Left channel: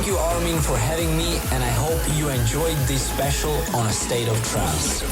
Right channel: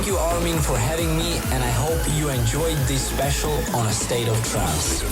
Thank you, Armin, for having me, and I hope you enjoyed this special on A State of Trance.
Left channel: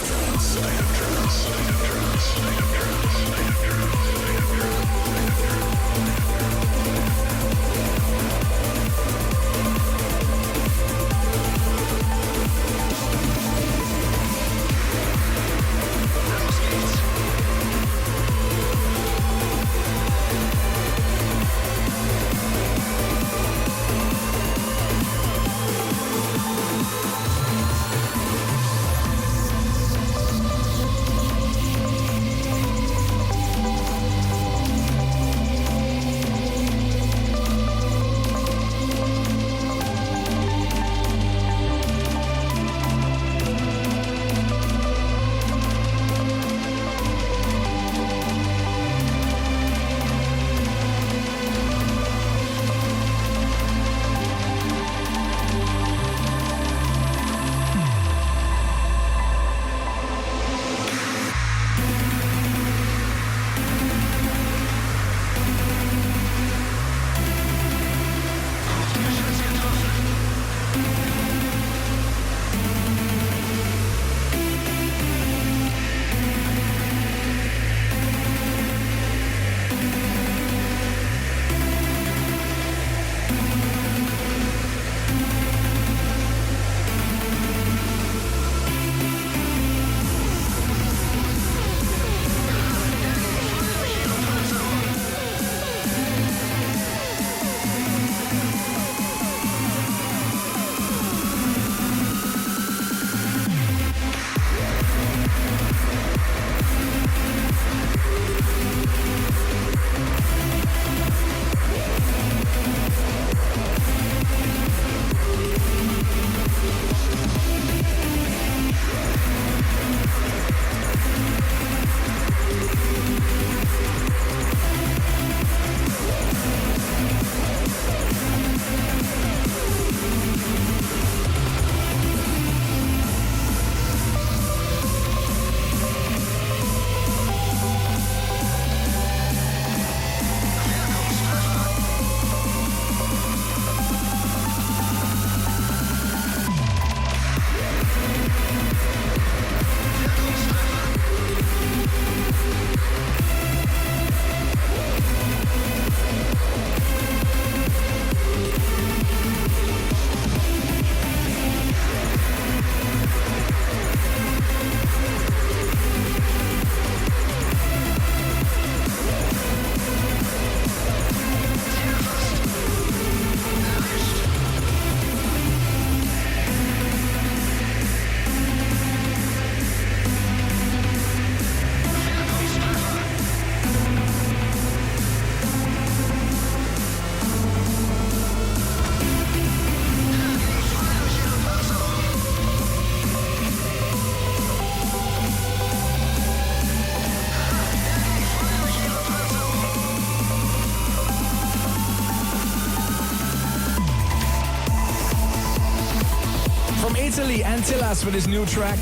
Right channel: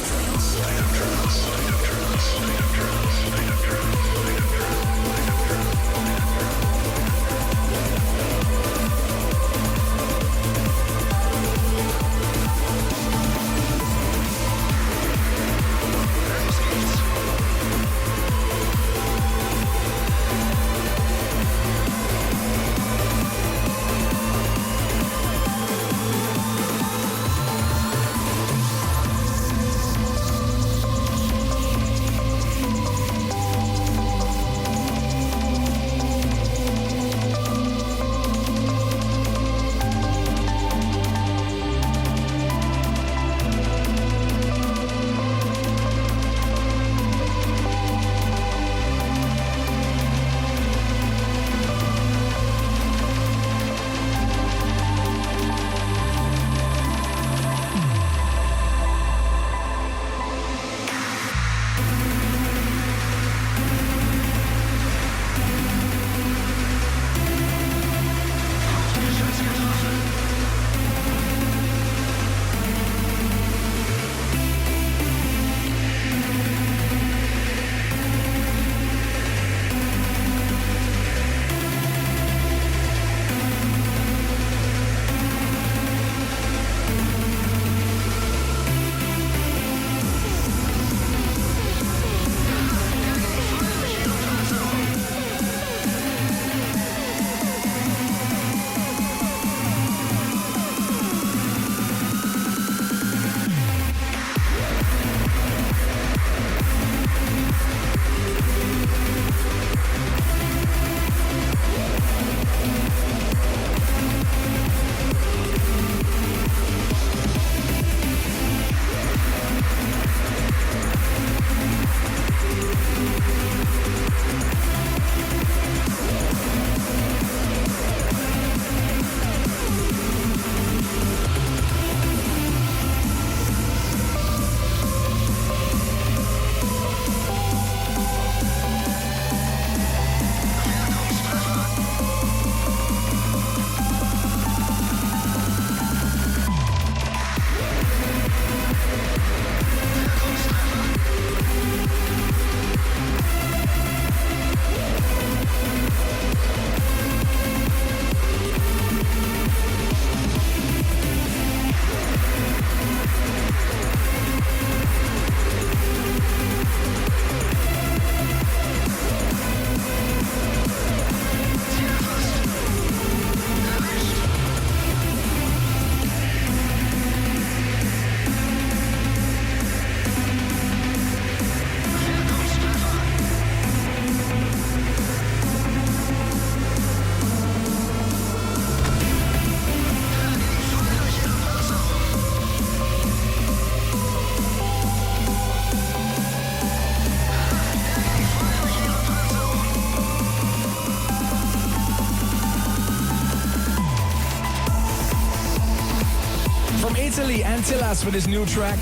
Italy, Antillas with his new track,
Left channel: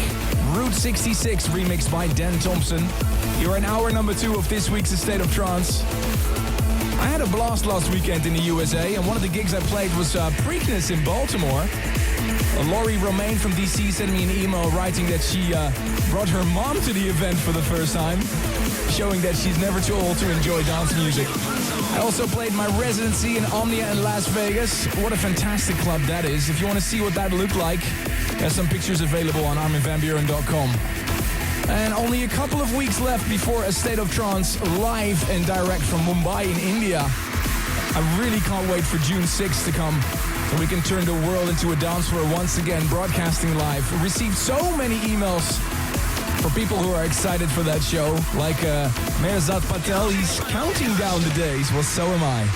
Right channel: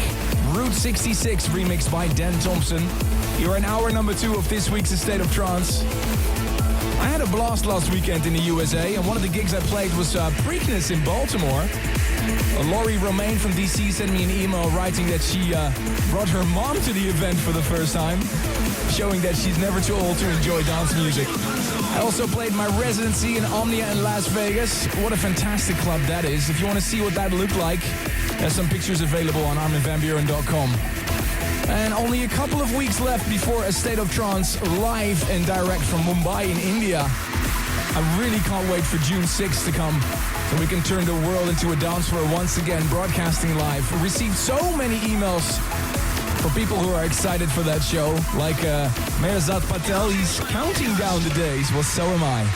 Route 66, remixed by Dan Thompson. You're in hour number 2 of this week's A State of Trance. I had a blast last weekend in the USA, and one of the gigs I played was Preakness in Baltimore. Laurie Romaine from DC sent me an email writing that she brought her mom to the event for the first time, showing that she's never too old to enjoy dance music. I also played my residency in Omnia in Las Vegas. What a fantastic club that is. If you want to see what that looked like, there's some pictures available on arminvanburen.com. And only a couple of weeks left before A State of Trance live and direct from Mumbai in India. I really can't wait for June 6th to come, so we can turn the world into a dance floor once again, broadcasting live. We received so many emails for people who are excited for that show, like Mehrzad Patel. He's counting down the days. Well, so am I.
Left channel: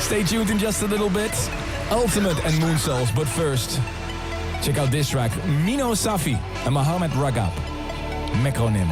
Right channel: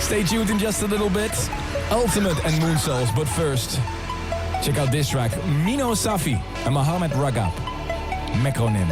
Stay tuned in just a little bit. Ultimate and Moonsouls, but first, check out this track. Mino Safi and Mohamed Ragab, Mekonim.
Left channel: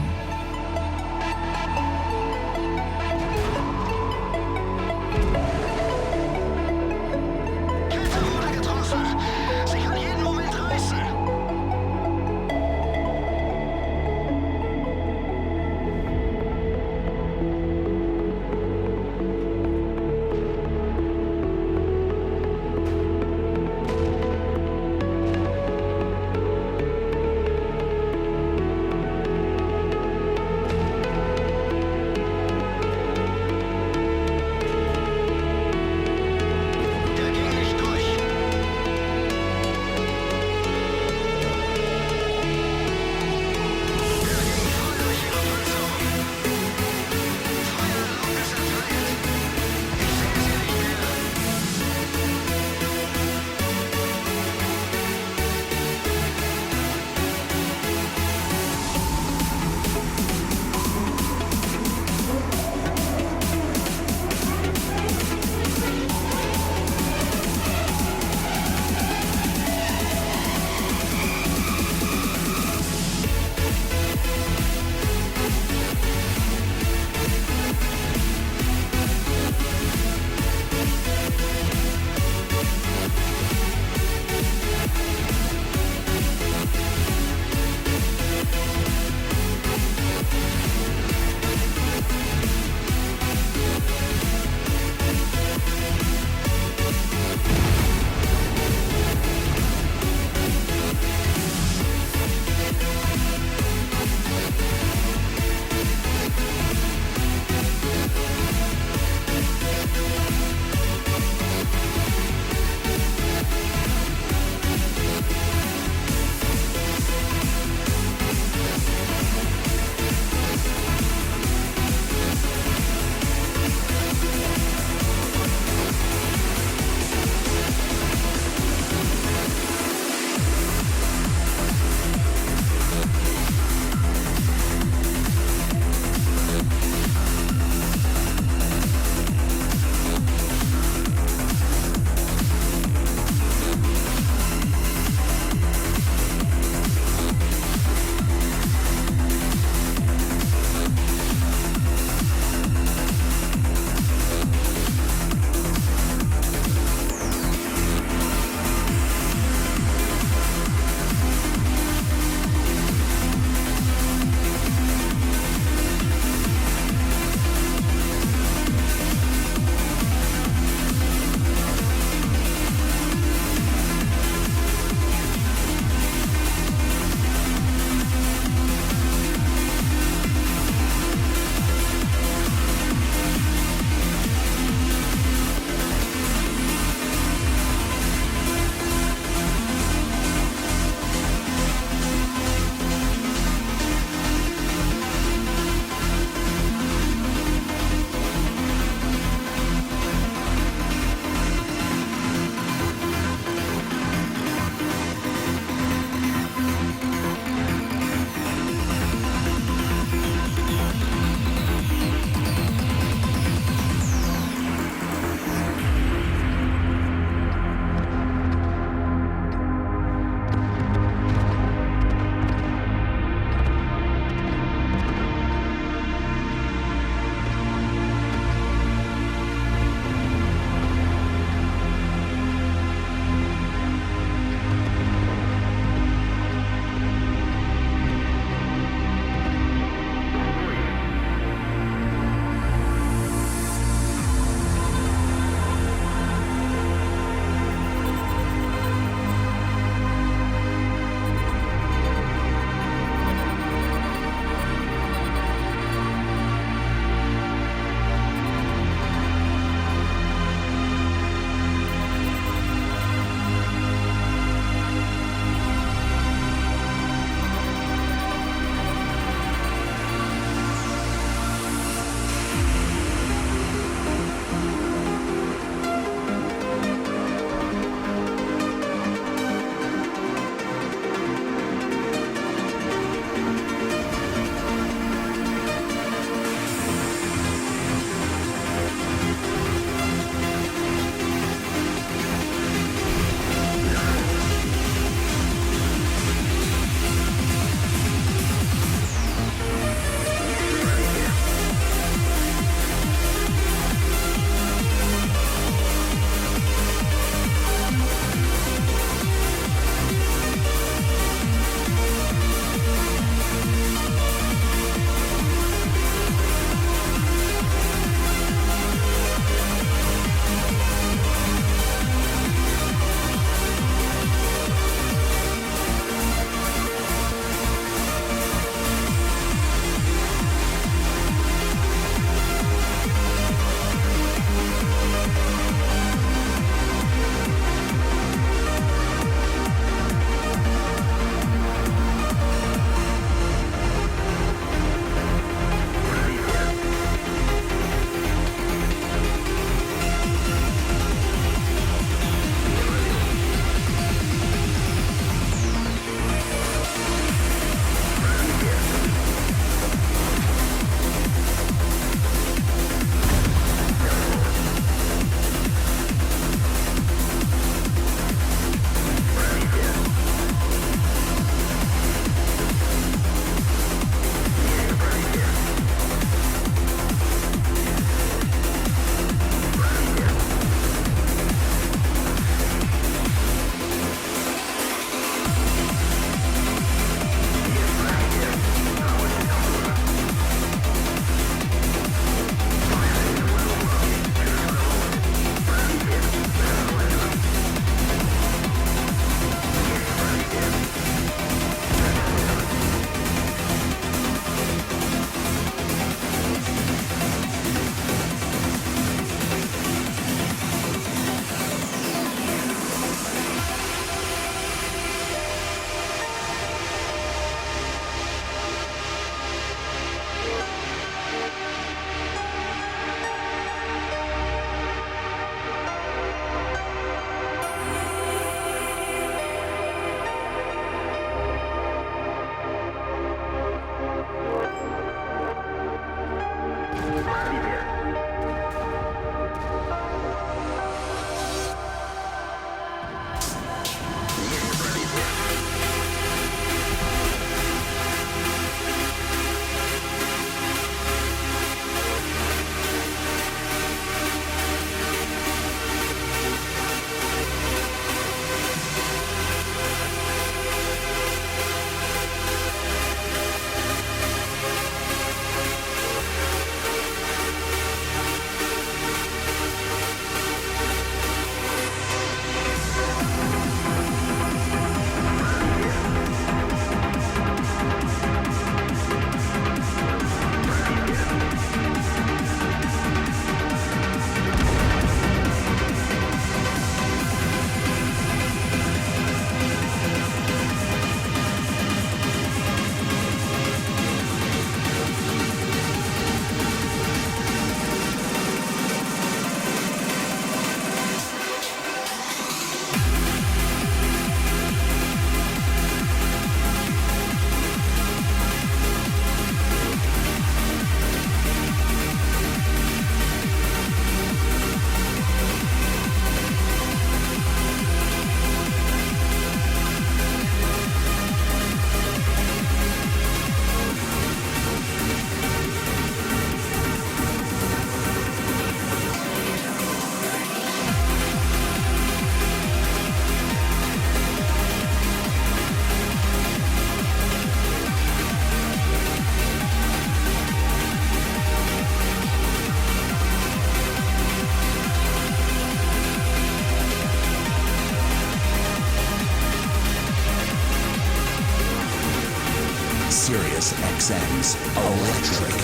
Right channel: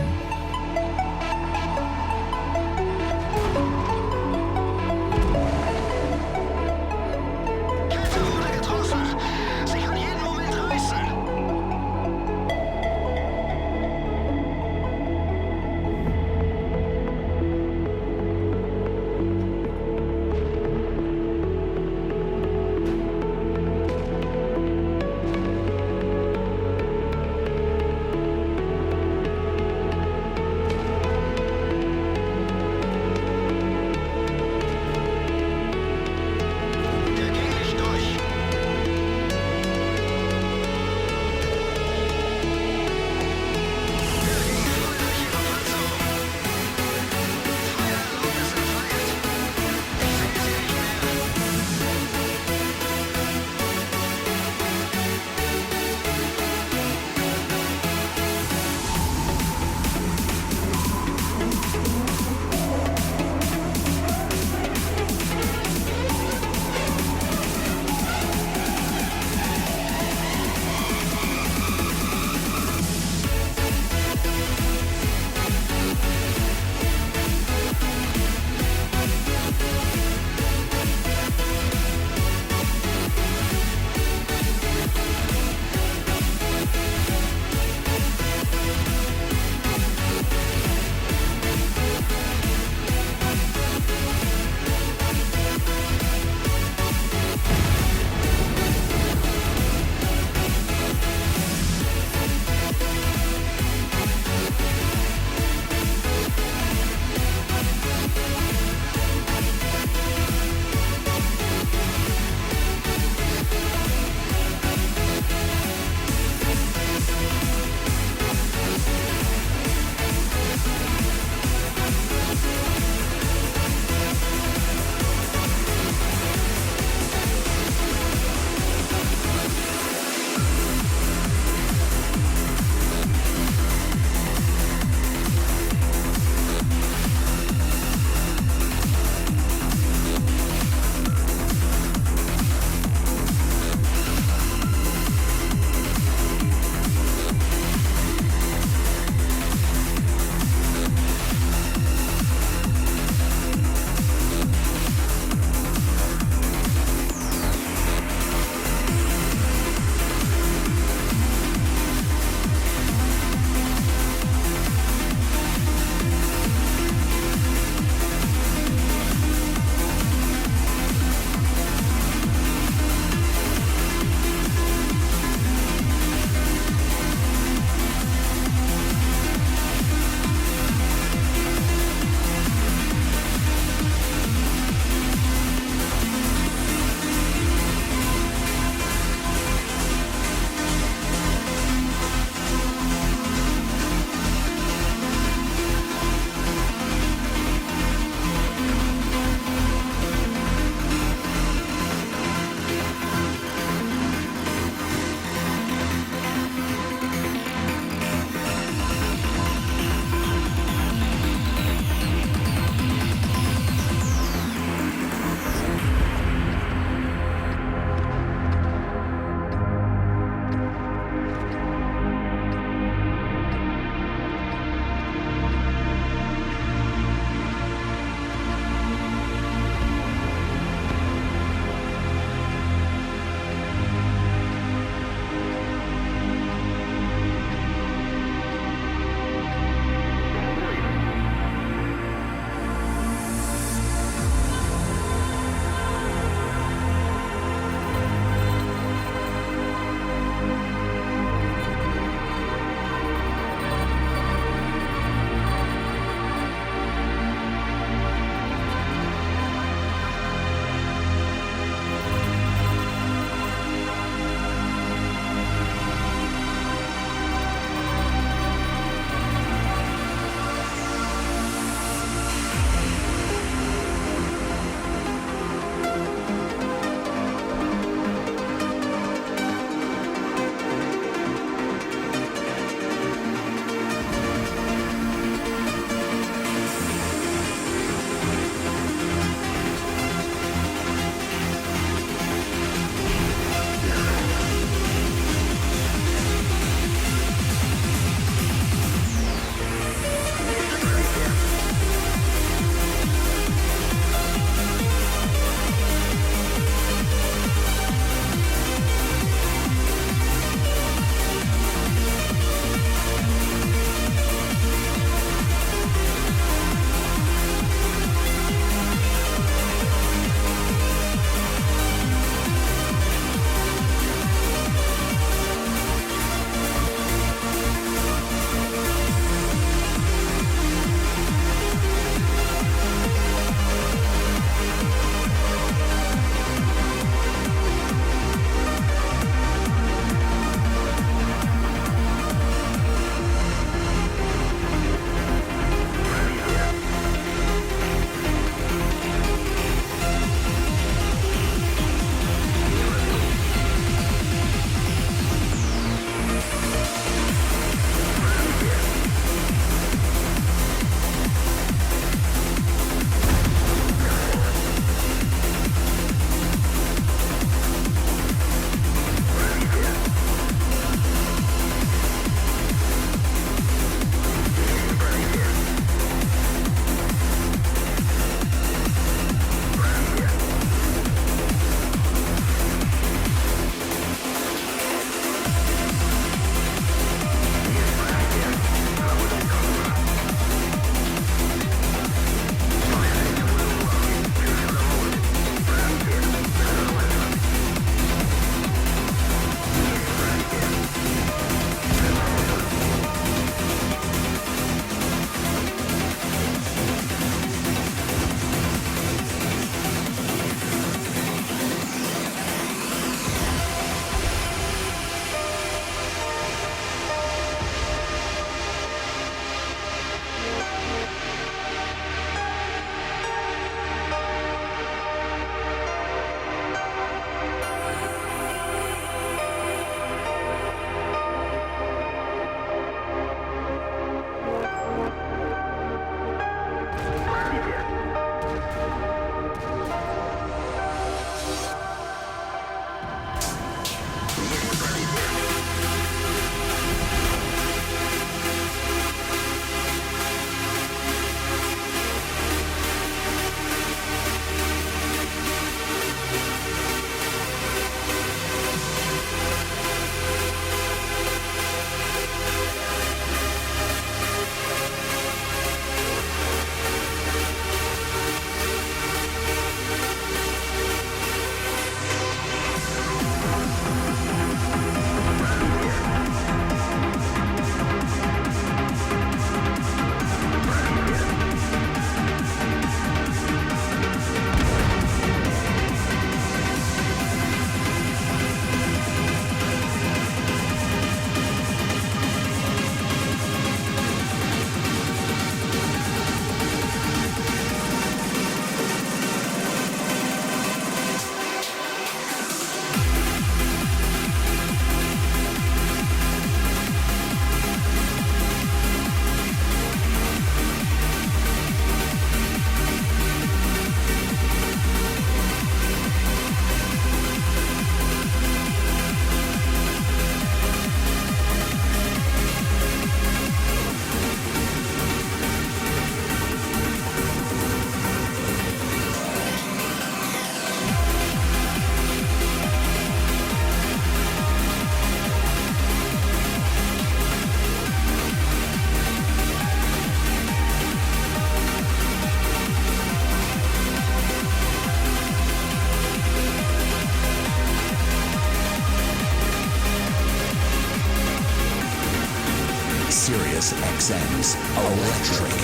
Sirius XM's Electric.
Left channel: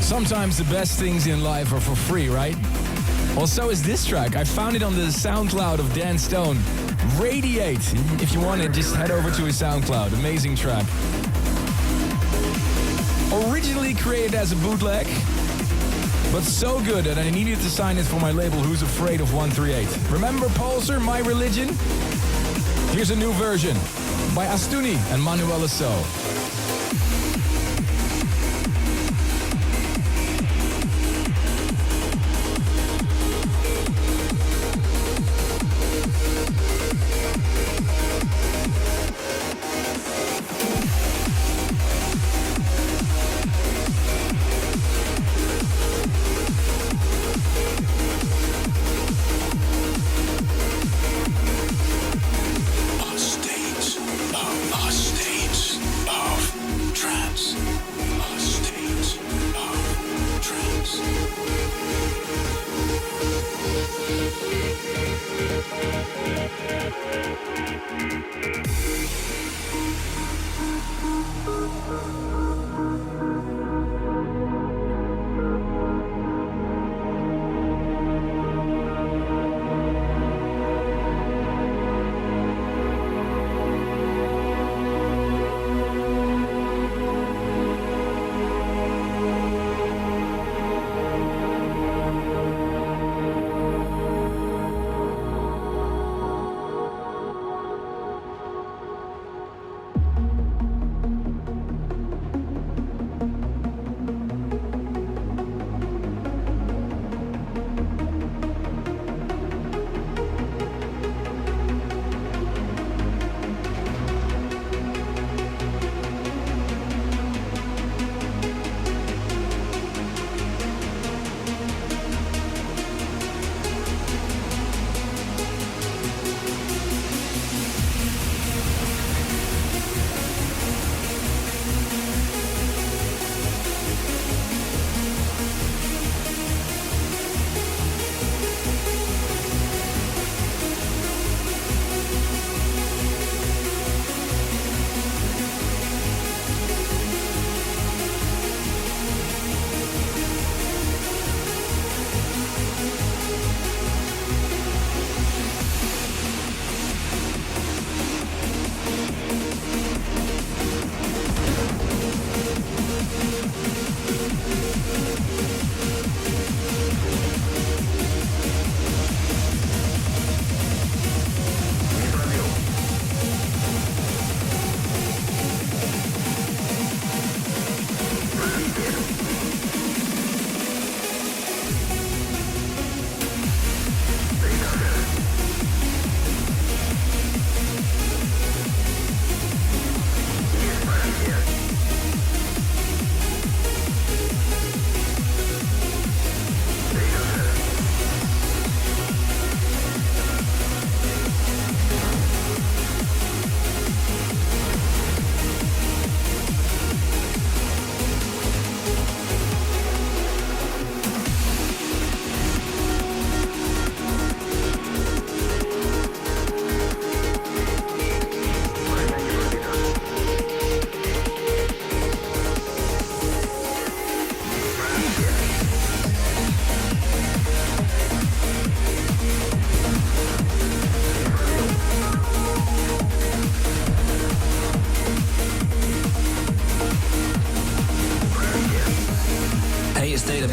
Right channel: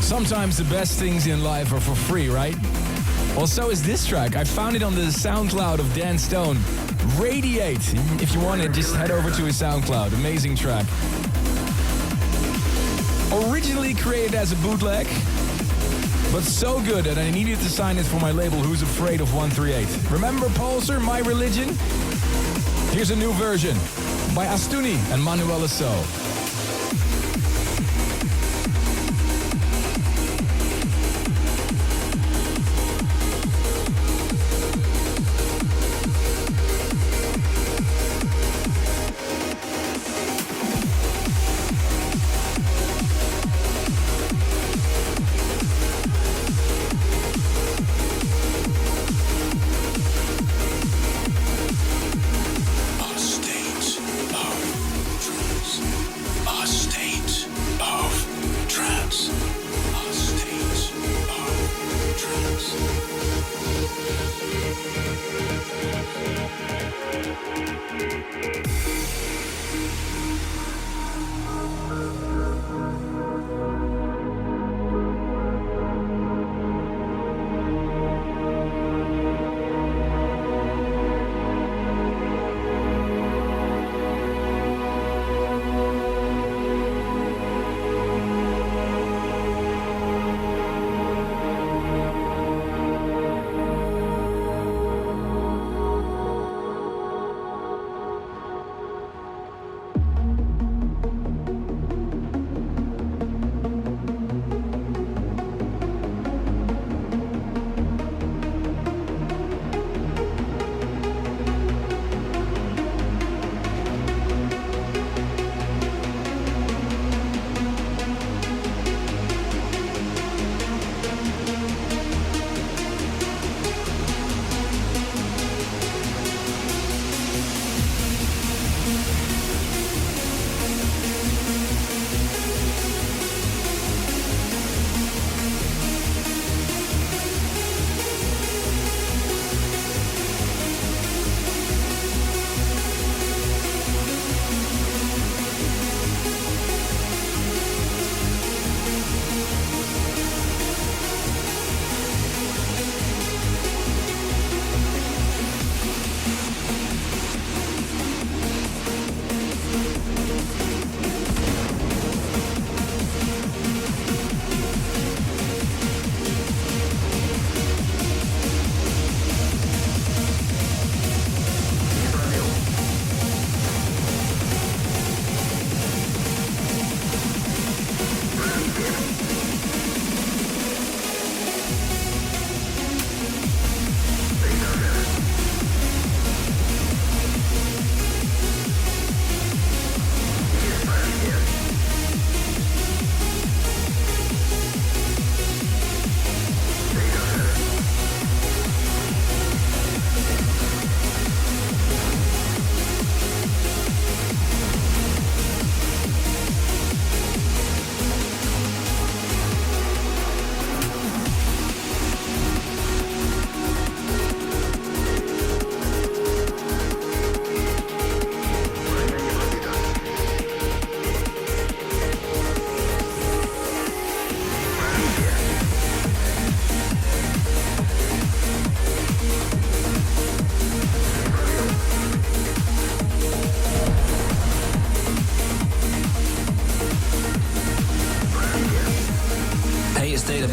Sometimes the best things in life are for free, right? Well, so is this track. I found it on the SoundCloud of Dan Stone. Radiate. If you want it, just head over to his SoundCloud. Amazing track. Originally created as a bootleg, but so good that I needed to sign it for my label Who's Afraid of 138. Remember Pulsar, My Religion? Here's a new version by Astuni and Manuela So.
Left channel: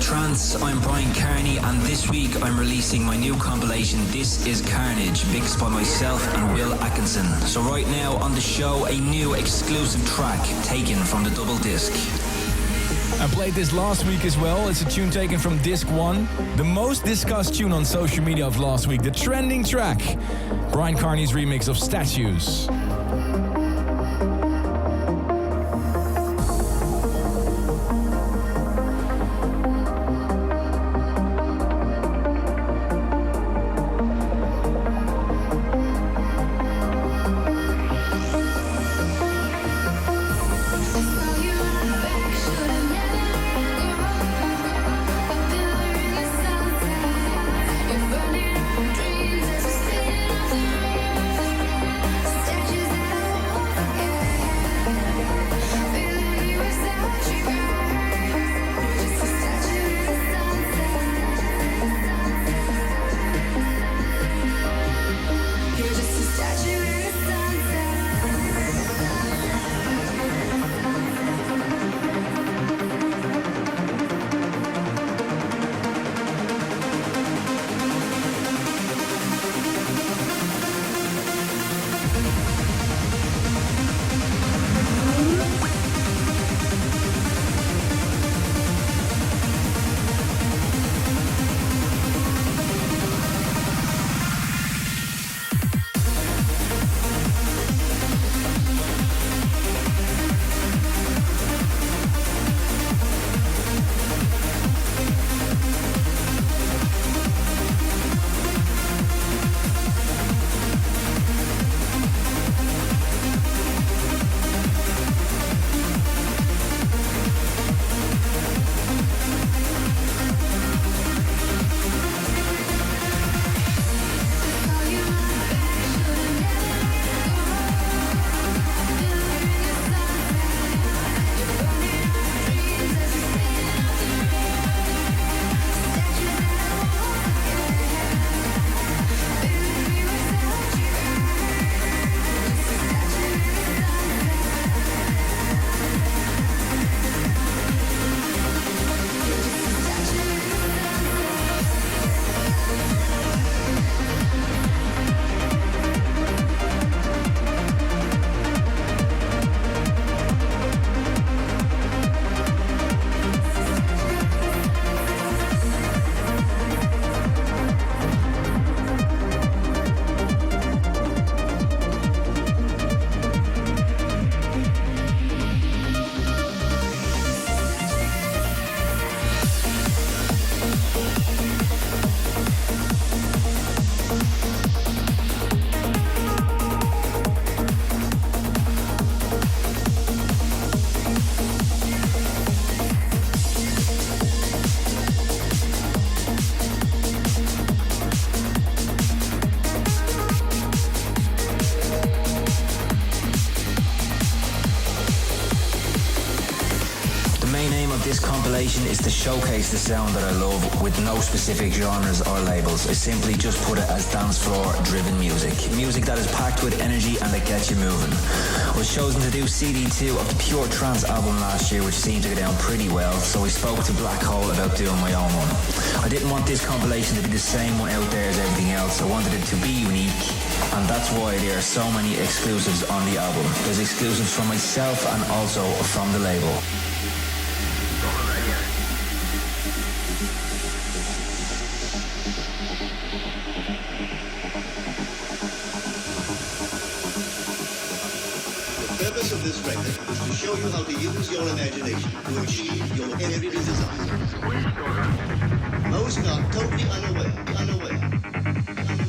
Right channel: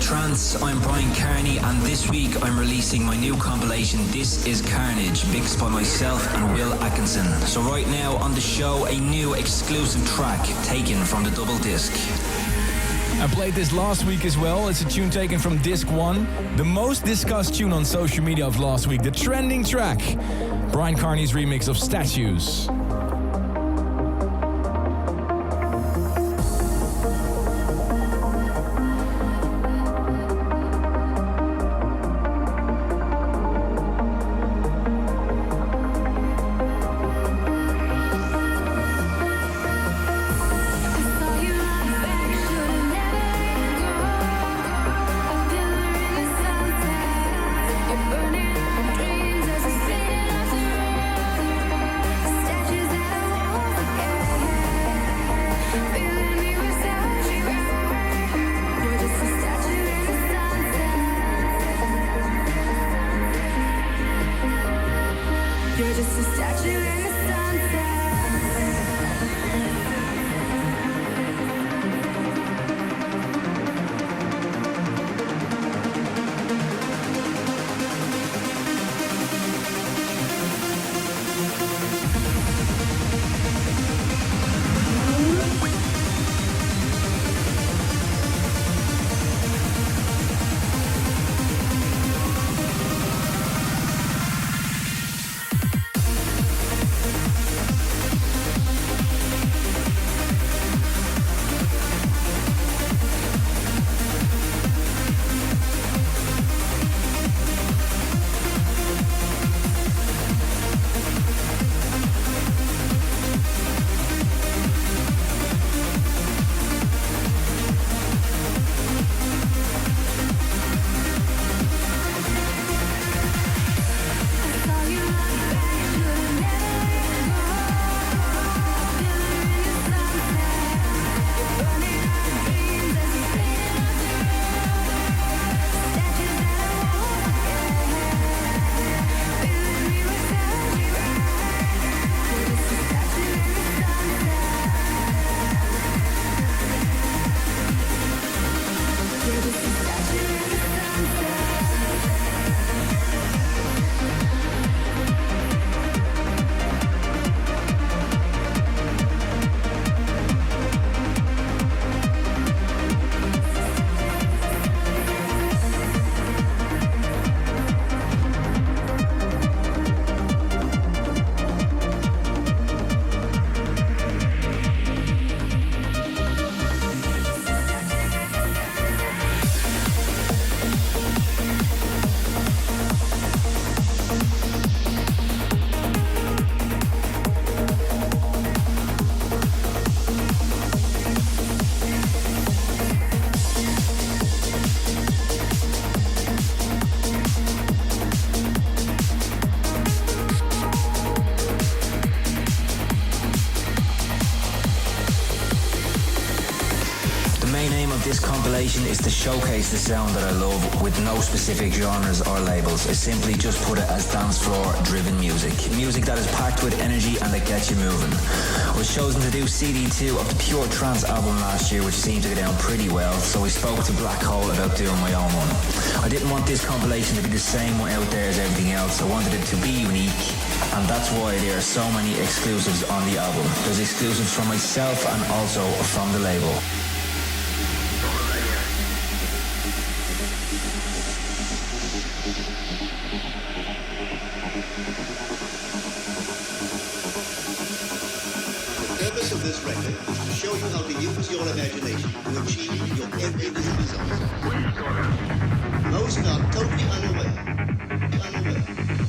Trance, I'm Brian Carney, and this week I'm releasing my new compilation This Is Carnage, mixed by myself and Will Atkinson. So right now on the show, a new exclusive track taken from the double disc. I played this last week as well. It's a tune taken from disc 1, the most discussed tune on social media of last week, the trending track, Brian Carney's remix of Statues. Statues This compilation is to showcase the sound that I love with no specific genres or labels. I simply just put it as dance floor driven music. Music that is packed with energy and that gets you moving. I was chosen to do CD2 of the Pure Trance album last year, which seemed to go down pretty well, so I spoke to Black Hole about doing my own one. I didn't want this compilation to be the same one out there as everything else. I wanted it to be unique, and that's why there are so many exclusives on the album. There's exclusives from myself and also from the label. The purpose of this record is to show you how to use your imagination to achieve your every desire. Most are totally unaware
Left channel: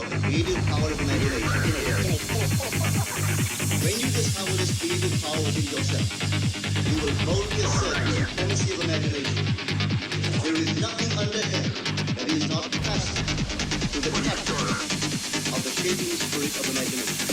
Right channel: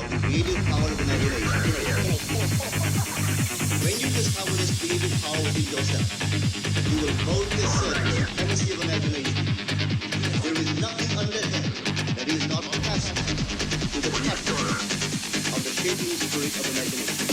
of the creative power of imagination. When you discover this creative power within yourself, you will boldly assert the supremacy of imagination. There is nothing under heaven that is not passive to the touch of the shaping spirit of imagination.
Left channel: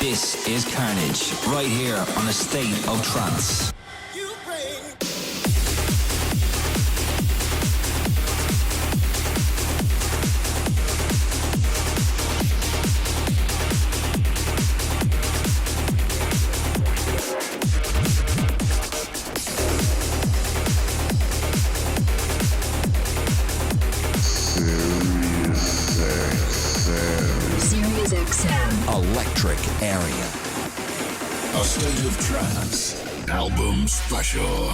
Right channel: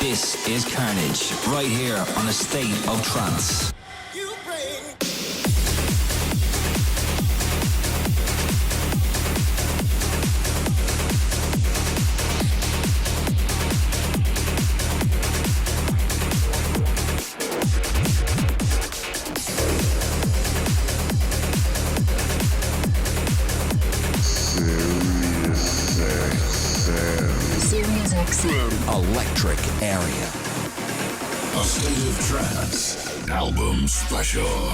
This is Carnage, right here on A State of Trance. electric area. A State of Trance album special.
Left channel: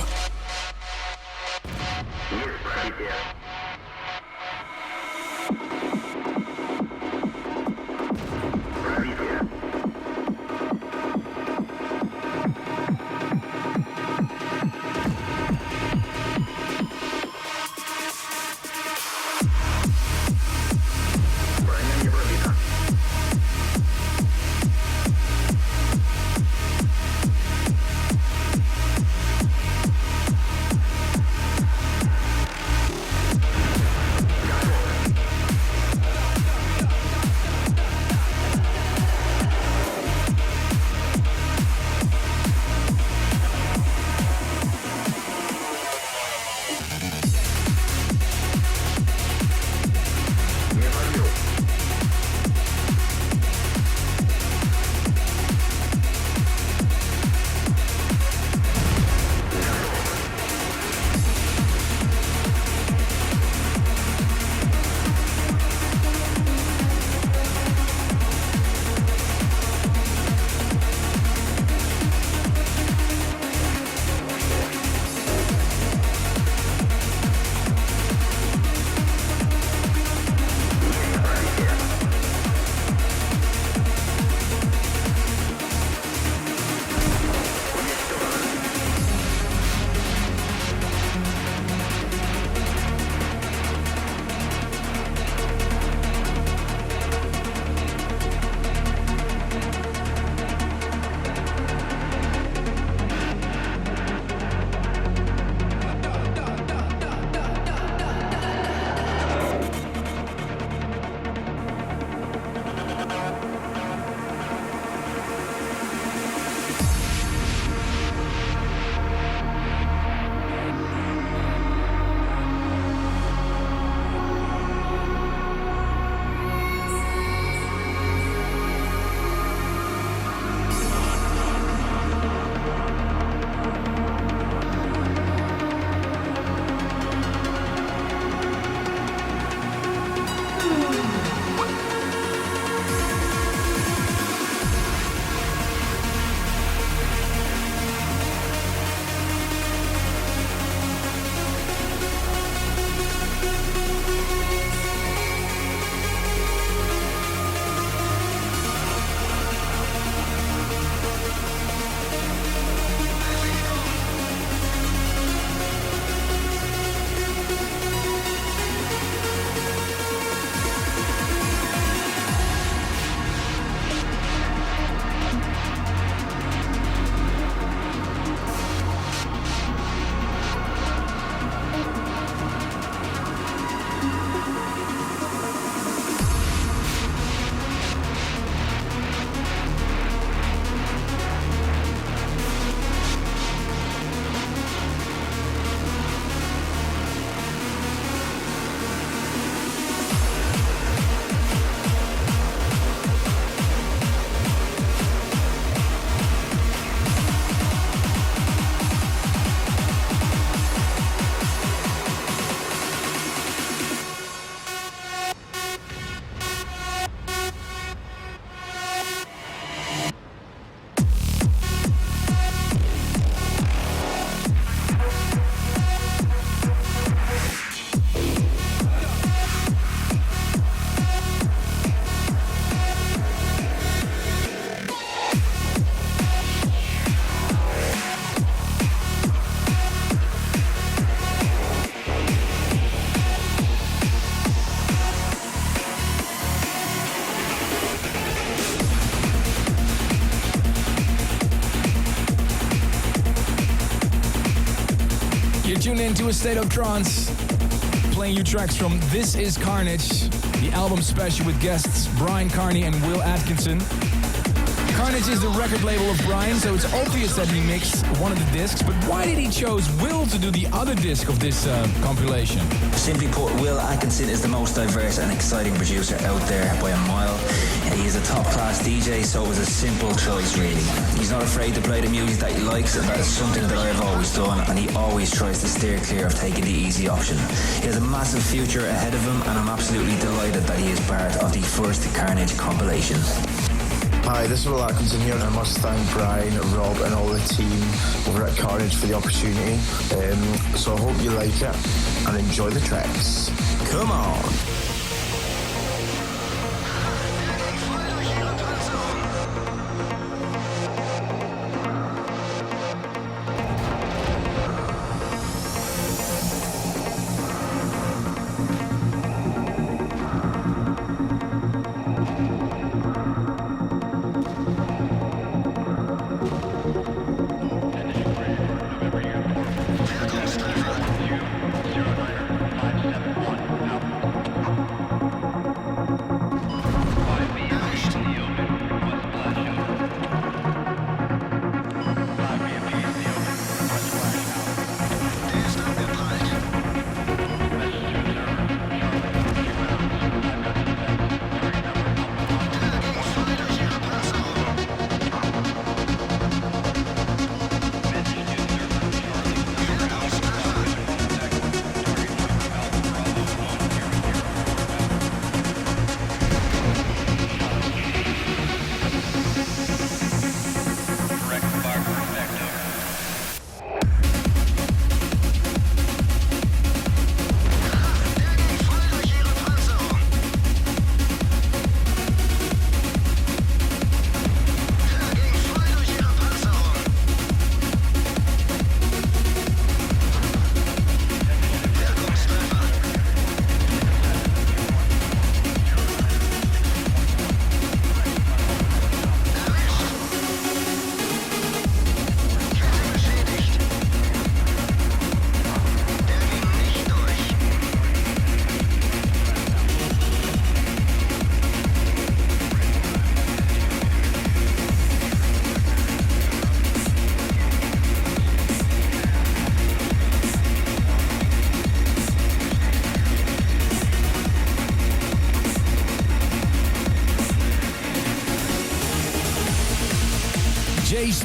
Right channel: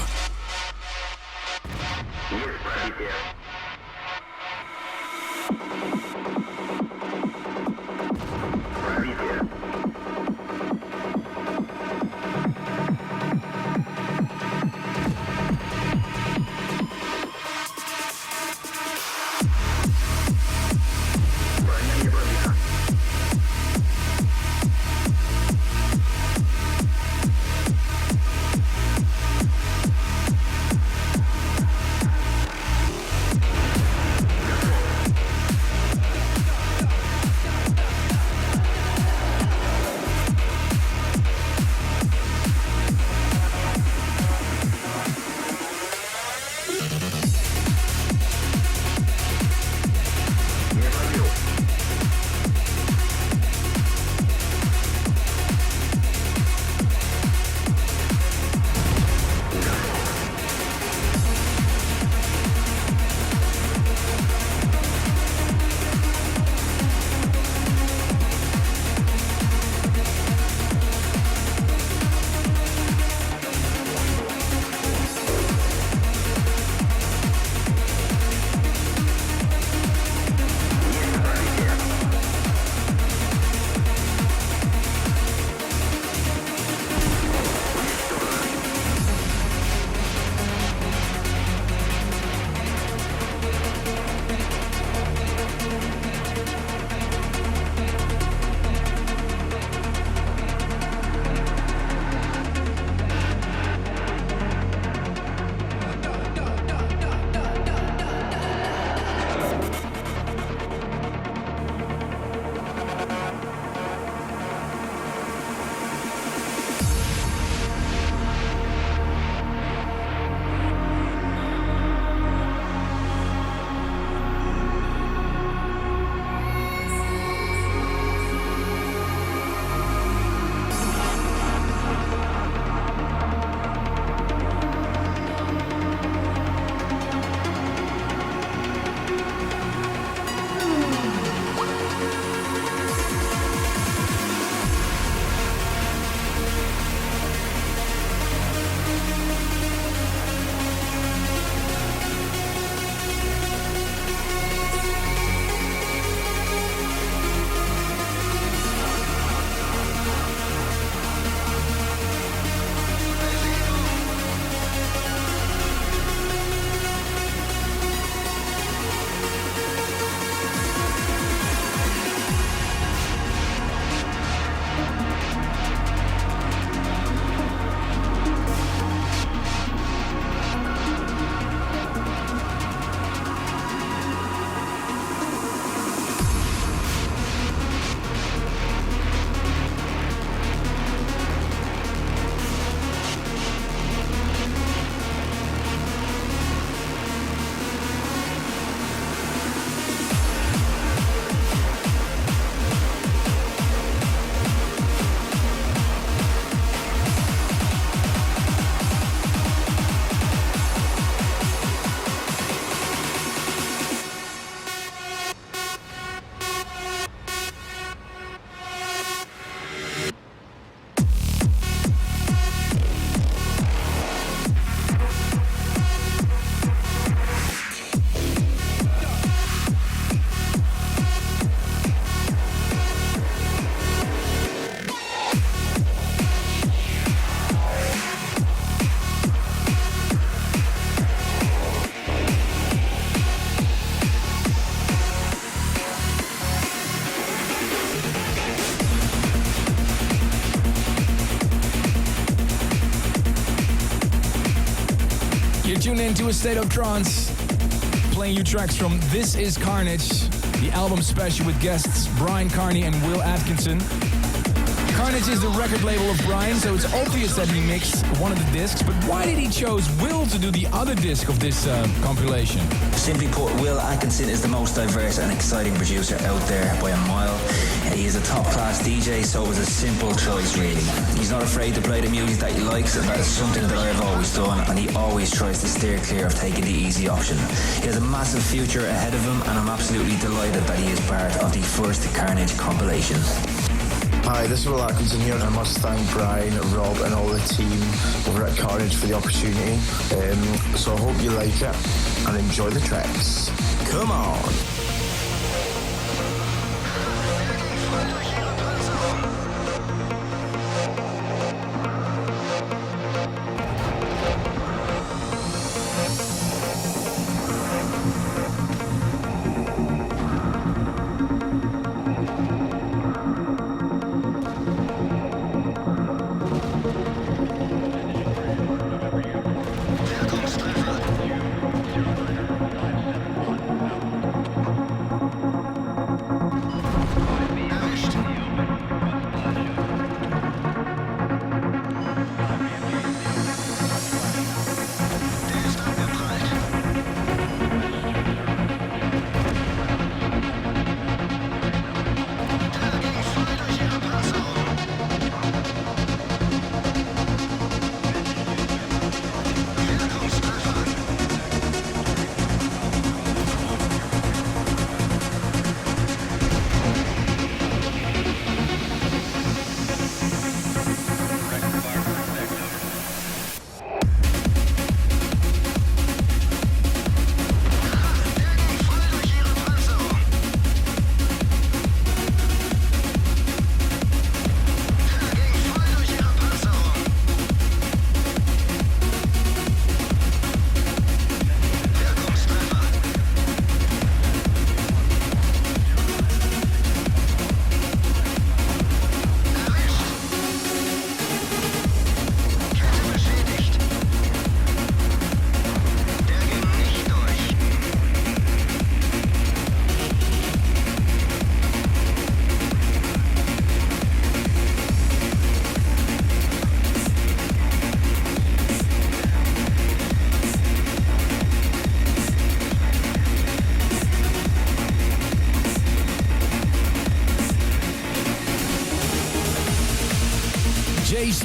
Tune in to A State of Trance, playing you tracks from This Is Carnage, the album special with guests Brian Carney and Will Atkinson. Carnage is the record label of Brian, so it's obvious that he mixed one of the discs, but why did he chose Will to do the other disc of this compilation? Simply put, Will Atkinson is the most diverse and exciting producer out there by a mile. He is a top-class DJ, so it was a simple choice, really. He's not afraid to play the music that he likes, and that is something that I have always done, and he always tries to steer clear of taking the easy option. He has a massive future ahead of him, and I'm absolutely delighted that he is part of the first Carnage compilation. Hi, this is Will Atkinson here, and I must thank Brian, Rob, and all the team over at Carnage for the opportunity. So I hope you like it and enjoy the tracks. Come on!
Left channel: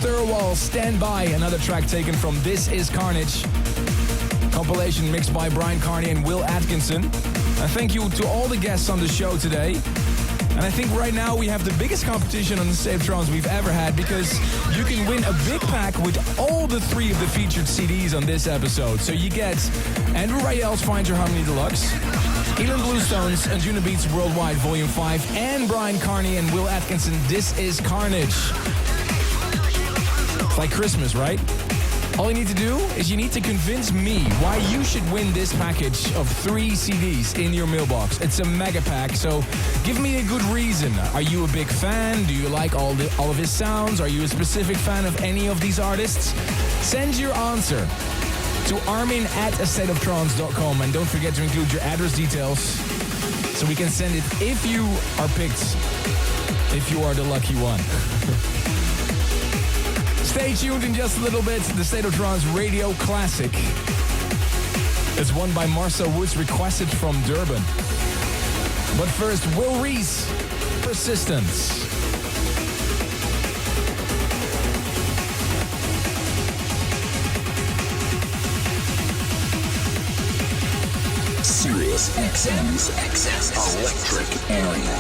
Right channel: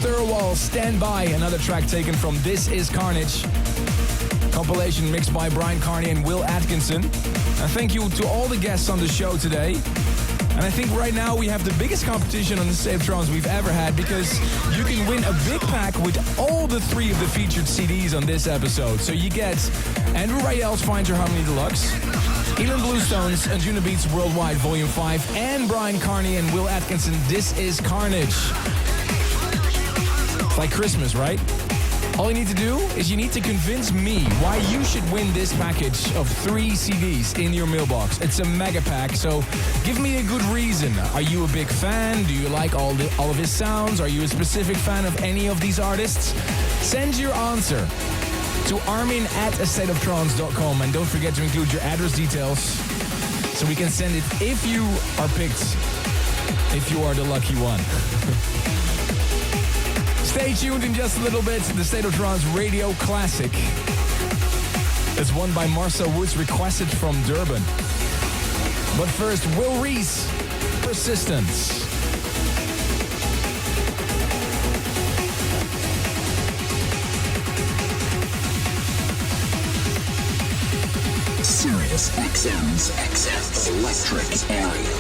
Thurwall, Stand By, another track taken from This Is Carnage. Compilation mixed by Brian Carney and Will Atkinson. And thank you to all the guests on the show today. And I think right now we have the biggest competition on the State of Trance we've ever had, because you can win a big pack with all the 3 of the featured CDs on this episode. So you get Andrew Rayel's Find Your Harmony Deluxe, Elan Bluestone's Anjuna Beats Worldwide Volume 5, and Brian Carney and Will Atkinson, This Is Carnage. It's like Christmas, right? All you need to do is you need to convince me why you should win this package of 3 CDs in your mailbox. It's a mega pack, so give me a good reason. Are you a big fan? Do you like all of his sounds? Are you a specific fan of any of these artists? Send your answer to armin@astateoftrance.com, and don't forget to include your address details so we can send it if you are picked, if you are the lucky one. Stay tuned in just a little bit. The State of Trance Radio Classic. It's won by Marcel Woods, requested from Durban. But first, Will Reese, Persistence. Sirius XM's Electric Area.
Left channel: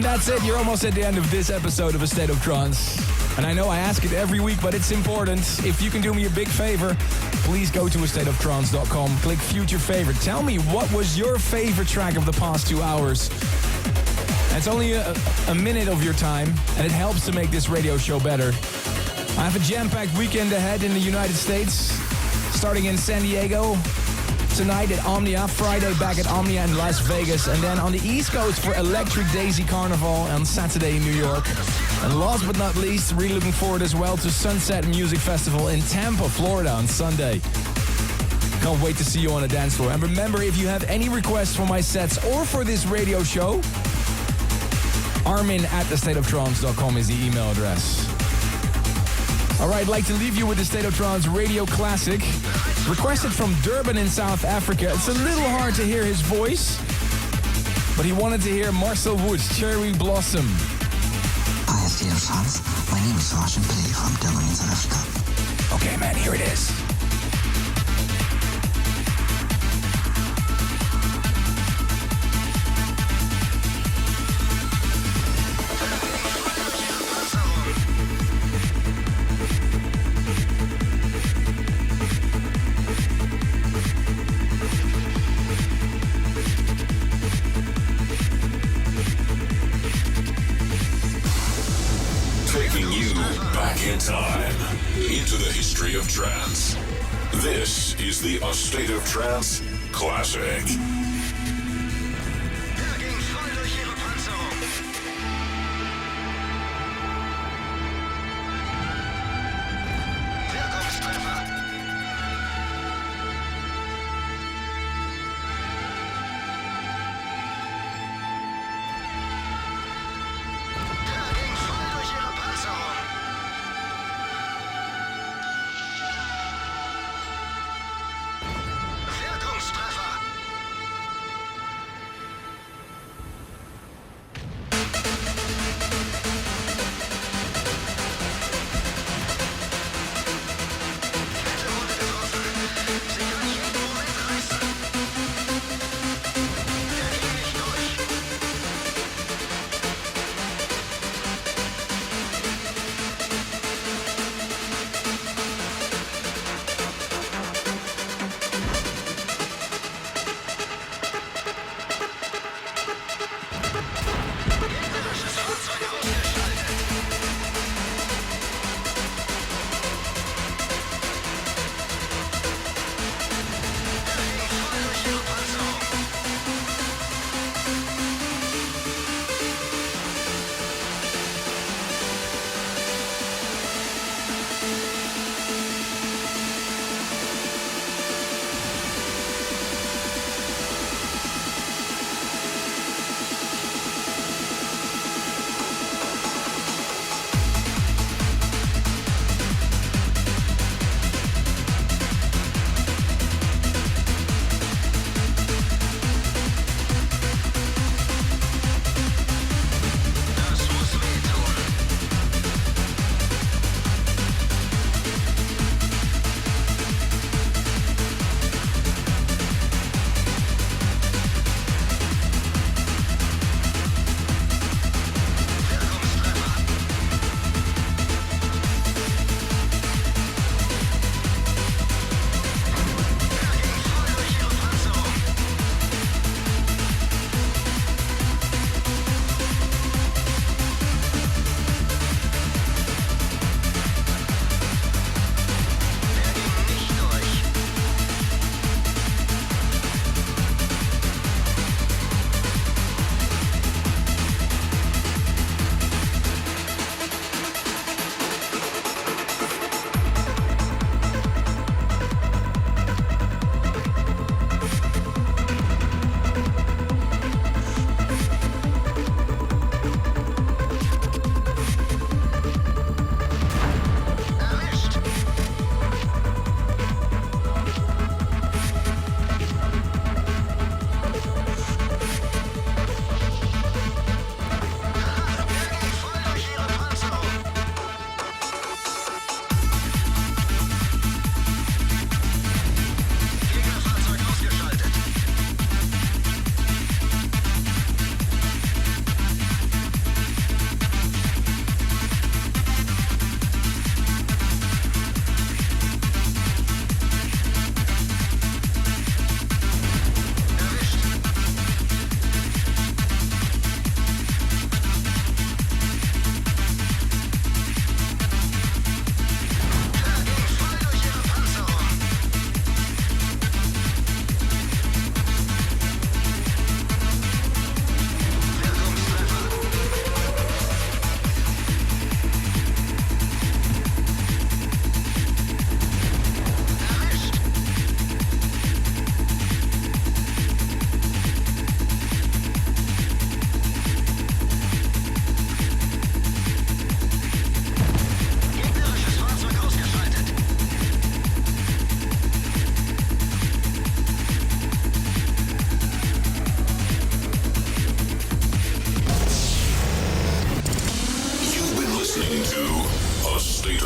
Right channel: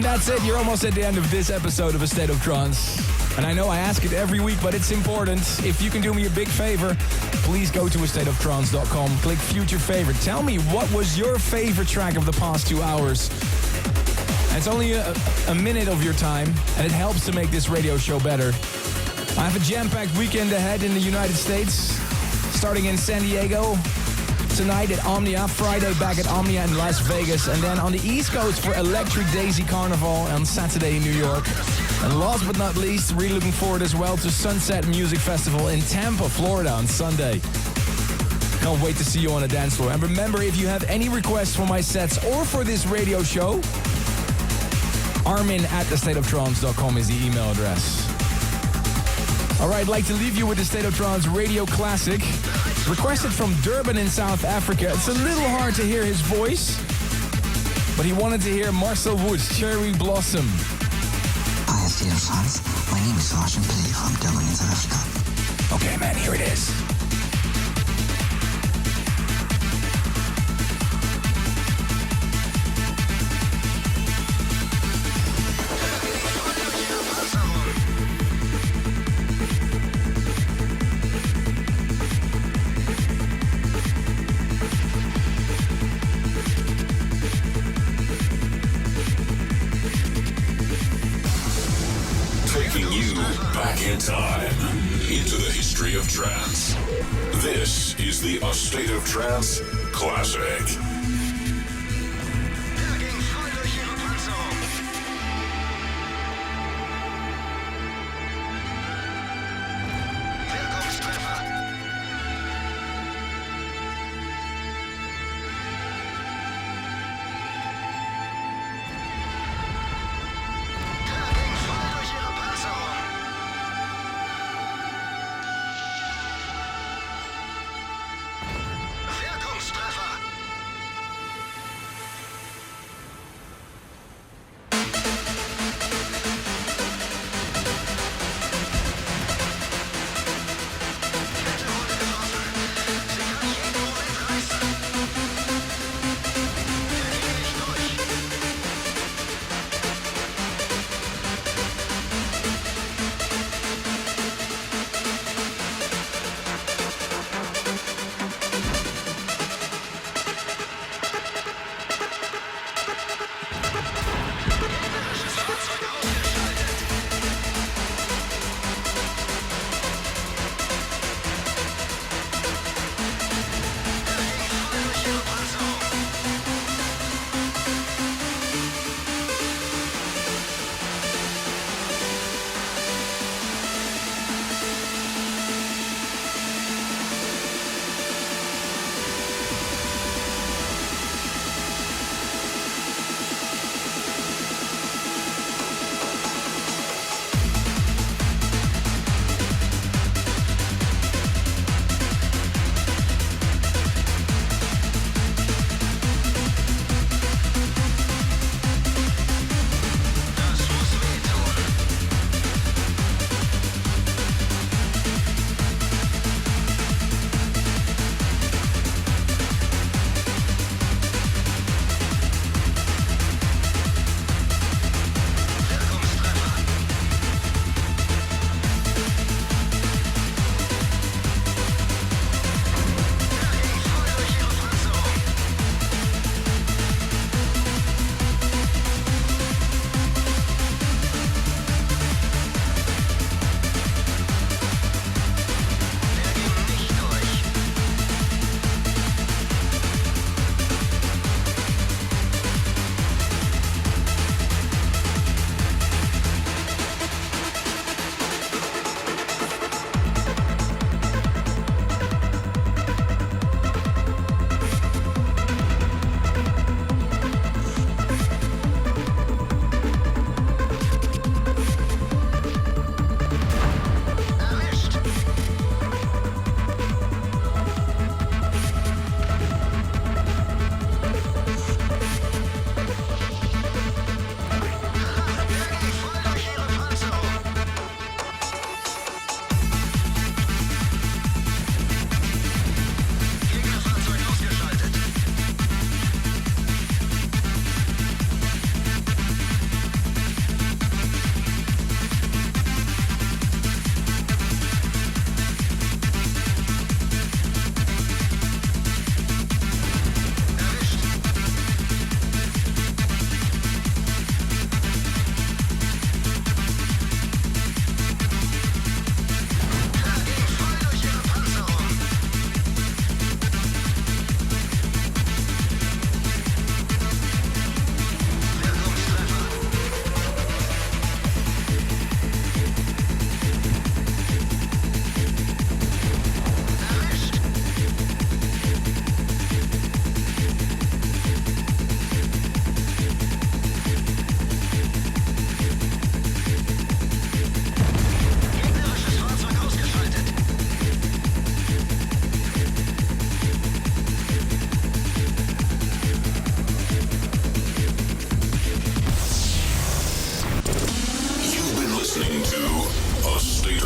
And that's it. You're almost at the end of this episode of A State of Trance. And I know I ask it every week, but it's important. If you can do me a big favor, please go to astateoftrance.com. Click Future Favorite. Tell me, what was your favorite track of the past 2 hours? And it's only a minute of your time, and it helps to make this radio show better. I have a jam-packed weekend ahead in the United States, starting in San Diego tonight at Omnia, Friday back at Omnia in Las Vegas, and then on the East Coast for Electric Daisy Carnival on Saturday in New York. And last but not least, really looking forward as well to Sunset Music Festival in Tampa, Florida on Sunday. Can't wait to see you on the dance floor. And remember, if you have any requests for my sets or for this radio show, armin@thestateoftrance.com is the email address. Alright, I'd like to leave you with the State of Trance radio classic, requested from Durban in South Africa. It's a little hard to hear his voice, but he wanted to hear Marcel Wood's Cherry Blossom. Hi, State of Trance. My name is Sebastian Play from Durban in South Africa. Okay, man, here it is. Taking you back in time into the history of trance. This is the A State of Trance Classic.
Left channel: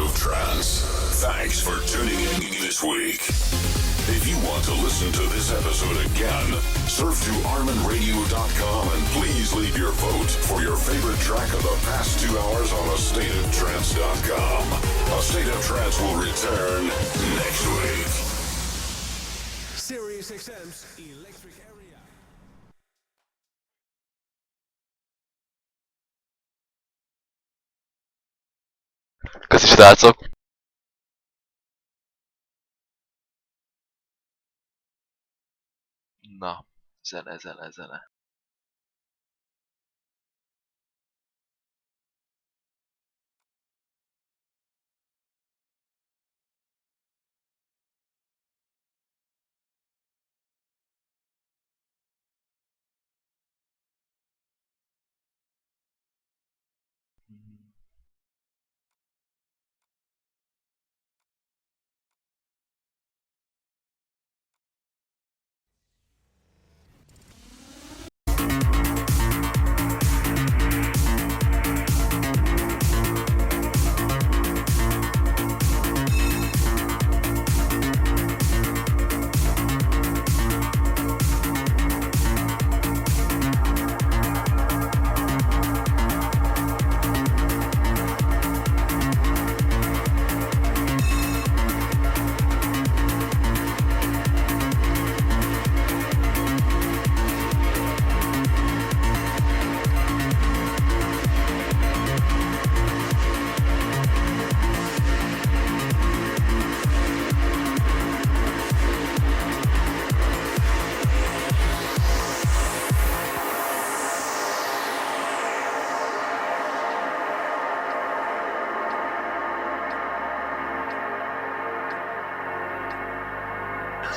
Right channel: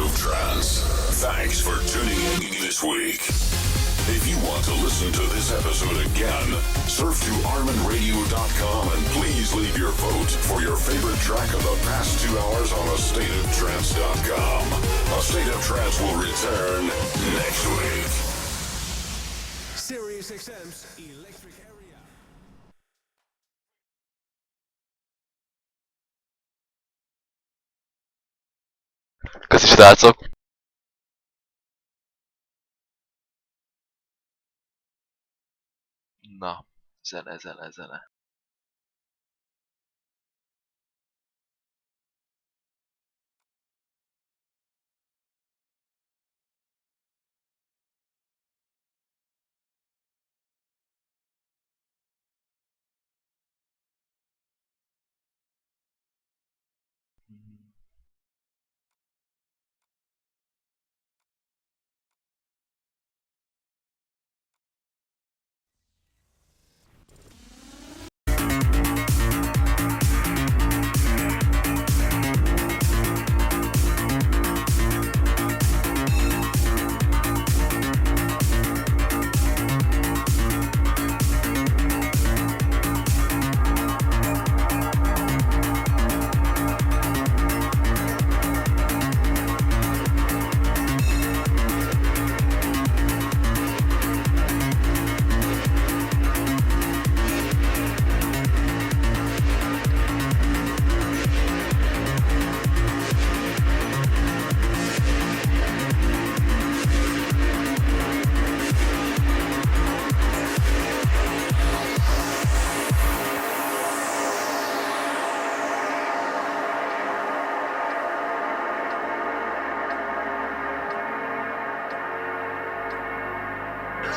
of Trance. Thanks for tuning in this week. If you want to listen to this episode again, surf to ArminRadio.com and please leave your vote for your favorite track of the past 2 hours on AstateOfTrance.com. A State of Trance will return next week. Sirius XM's Electric Area. Köszi srácok! Na, zene.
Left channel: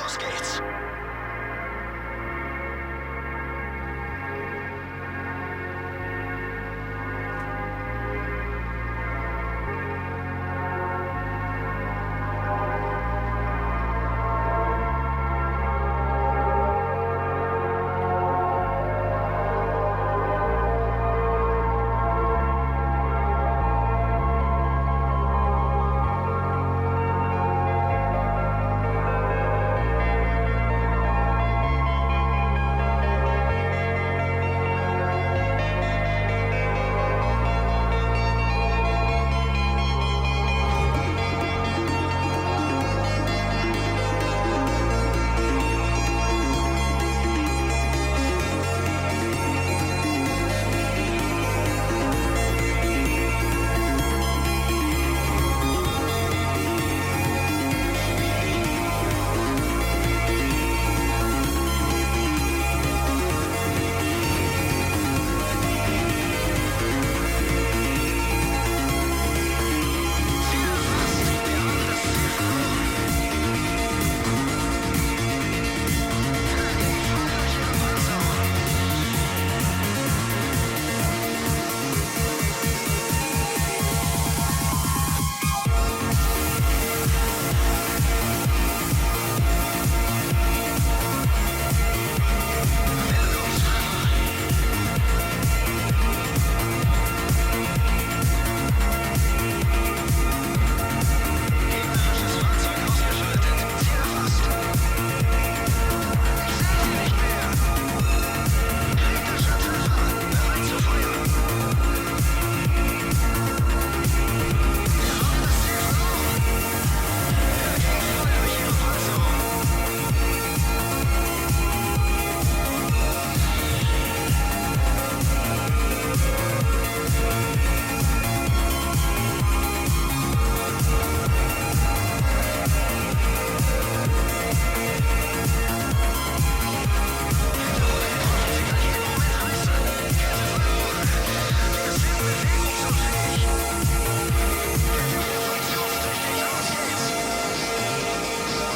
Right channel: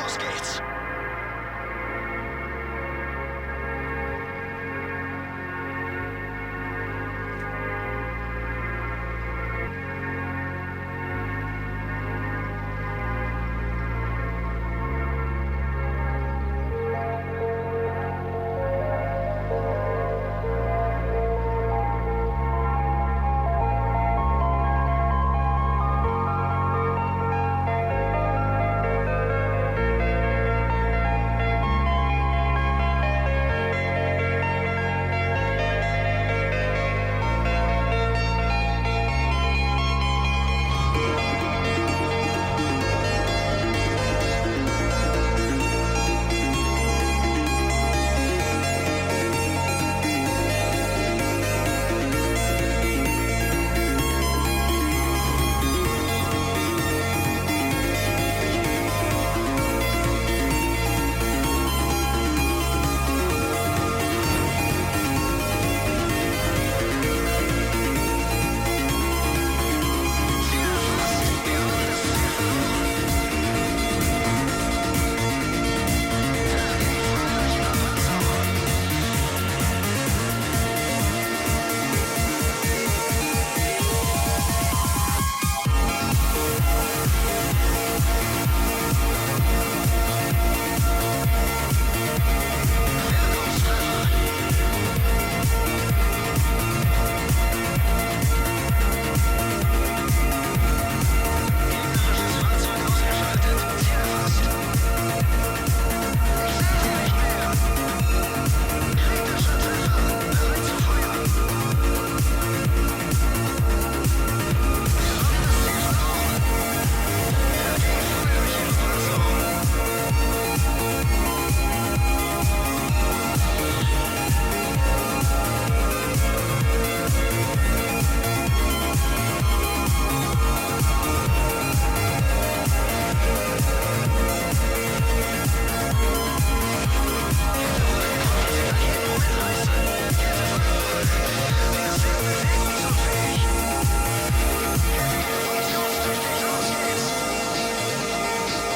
Los geht's!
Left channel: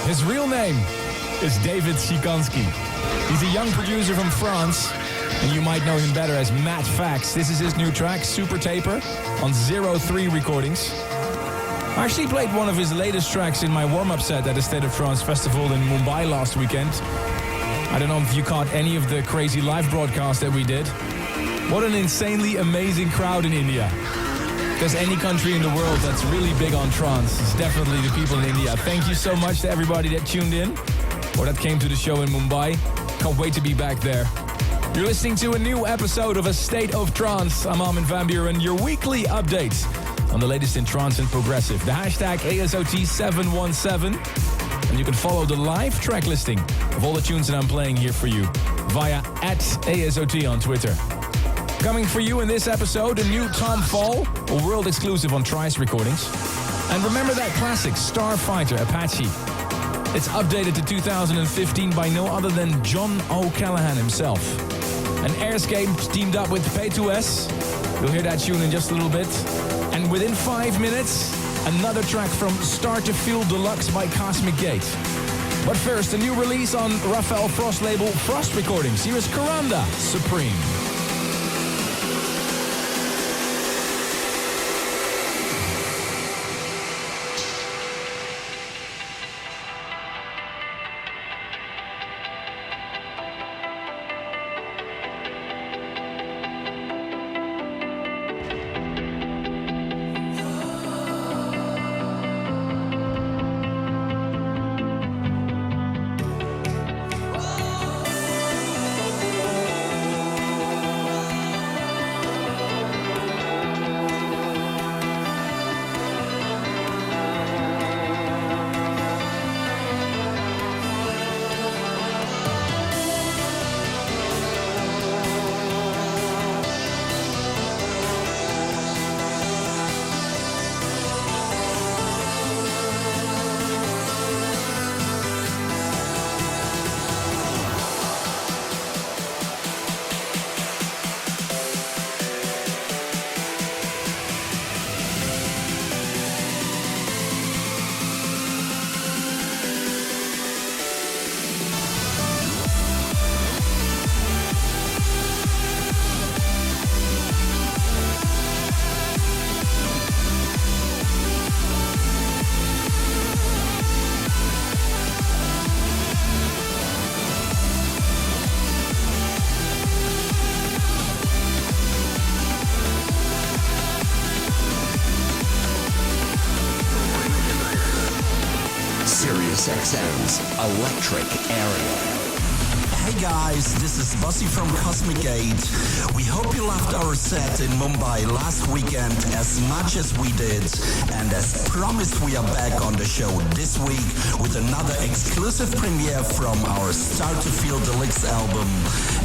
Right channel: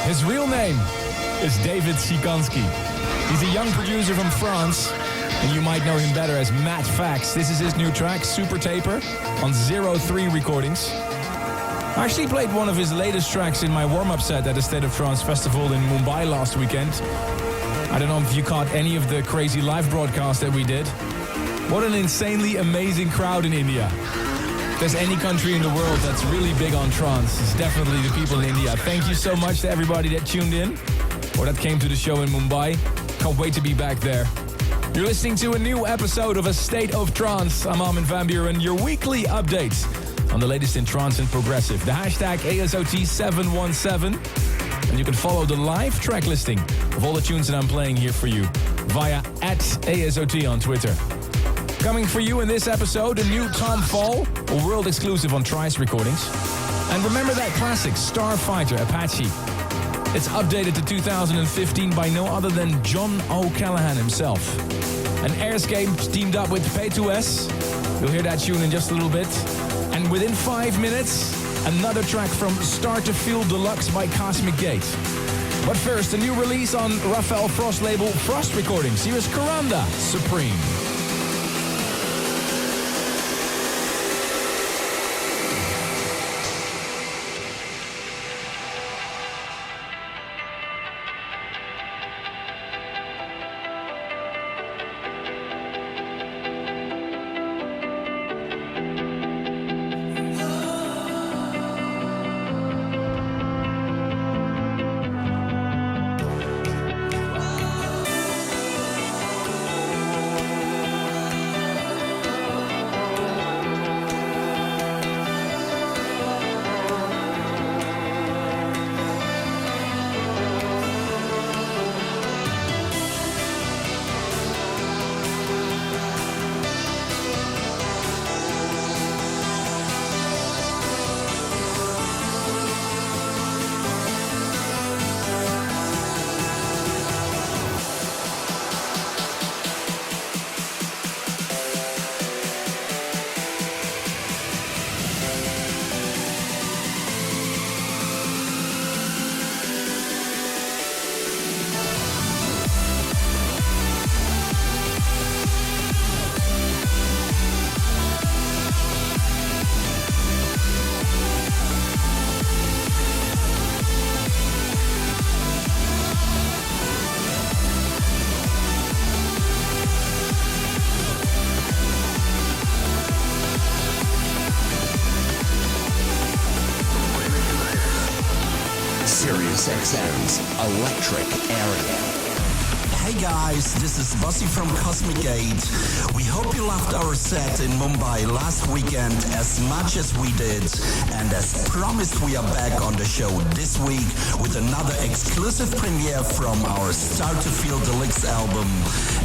His real name is David Sikanski. He's a young producer from France, and you might know him better as Matt Fax. This is his new track, Super Taper, on 03 Recordings. I actually played one of his latest tracks in my warm-up set at the State of Trance Festival in Mumbai last weekend. I don't know if you caught any of the crazy live broadcasts that we did. What an insanely amazing crowd in India. there's any country in the world that's really big on trance, it's definitely the people in India. Thank you so much to everybody that tuned in or that came to the show in Mumbai. Can't wait to be back there. You're listening to a new episode of A State of Trance. I'm Armin van Buuren, your weekly update on the latest in trance and progressive. The hashtag ASOT717. And you can follow the live track listing of all the tunes that I'm playing here for you via @ASOT on Twitter. Coming for you in this episode, a new Tom Fall, a world exclusive on Trice Recordings. And remember that classic Starfighter Apache. It's updated to 2015 by no other than John O'Callaghan himself. And Airscape teamed up with P2S. You'll hear that tune in just a little bit. And within 5 minutes, another track from Start to Feel Deluxe by Cosmic Gate. But first, a new release on Raphael Frost label Frost Recordings. Here is Karanda Supreme. SiriusXM's Electric Area. Hey guys, this is Bossy from Cosmic Gate. We hope you loved our set in Mumbai last weekend as much as we did. And as promised, we are back on the show this week with another exclusive premiere from our Start to Feel Deluxe album.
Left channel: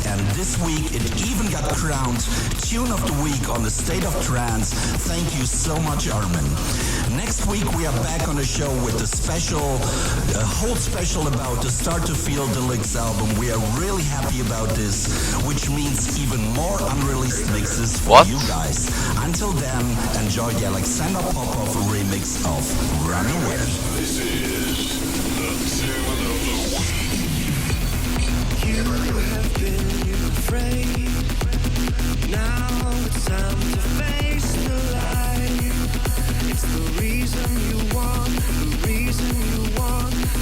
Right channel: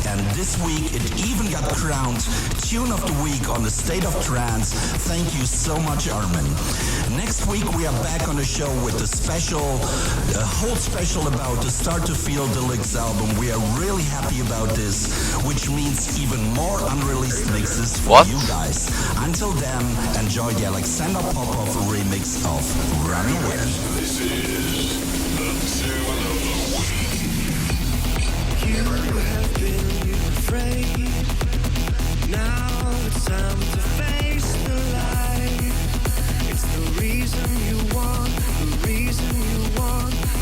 And this week it even got crowned Tune of the Week on the State of Trance. Thank you so much, Armin. Next week we are back on the show with a whole special about the Start to Feel Deluxe album. We are really happy about this, which means even more unreleased mixes for you guys. Until then, enjoy the Alexander Popov remix of Runaway. This is the Tune of the Week. You have been afraid. Now it's time to face the light. It's the reason you want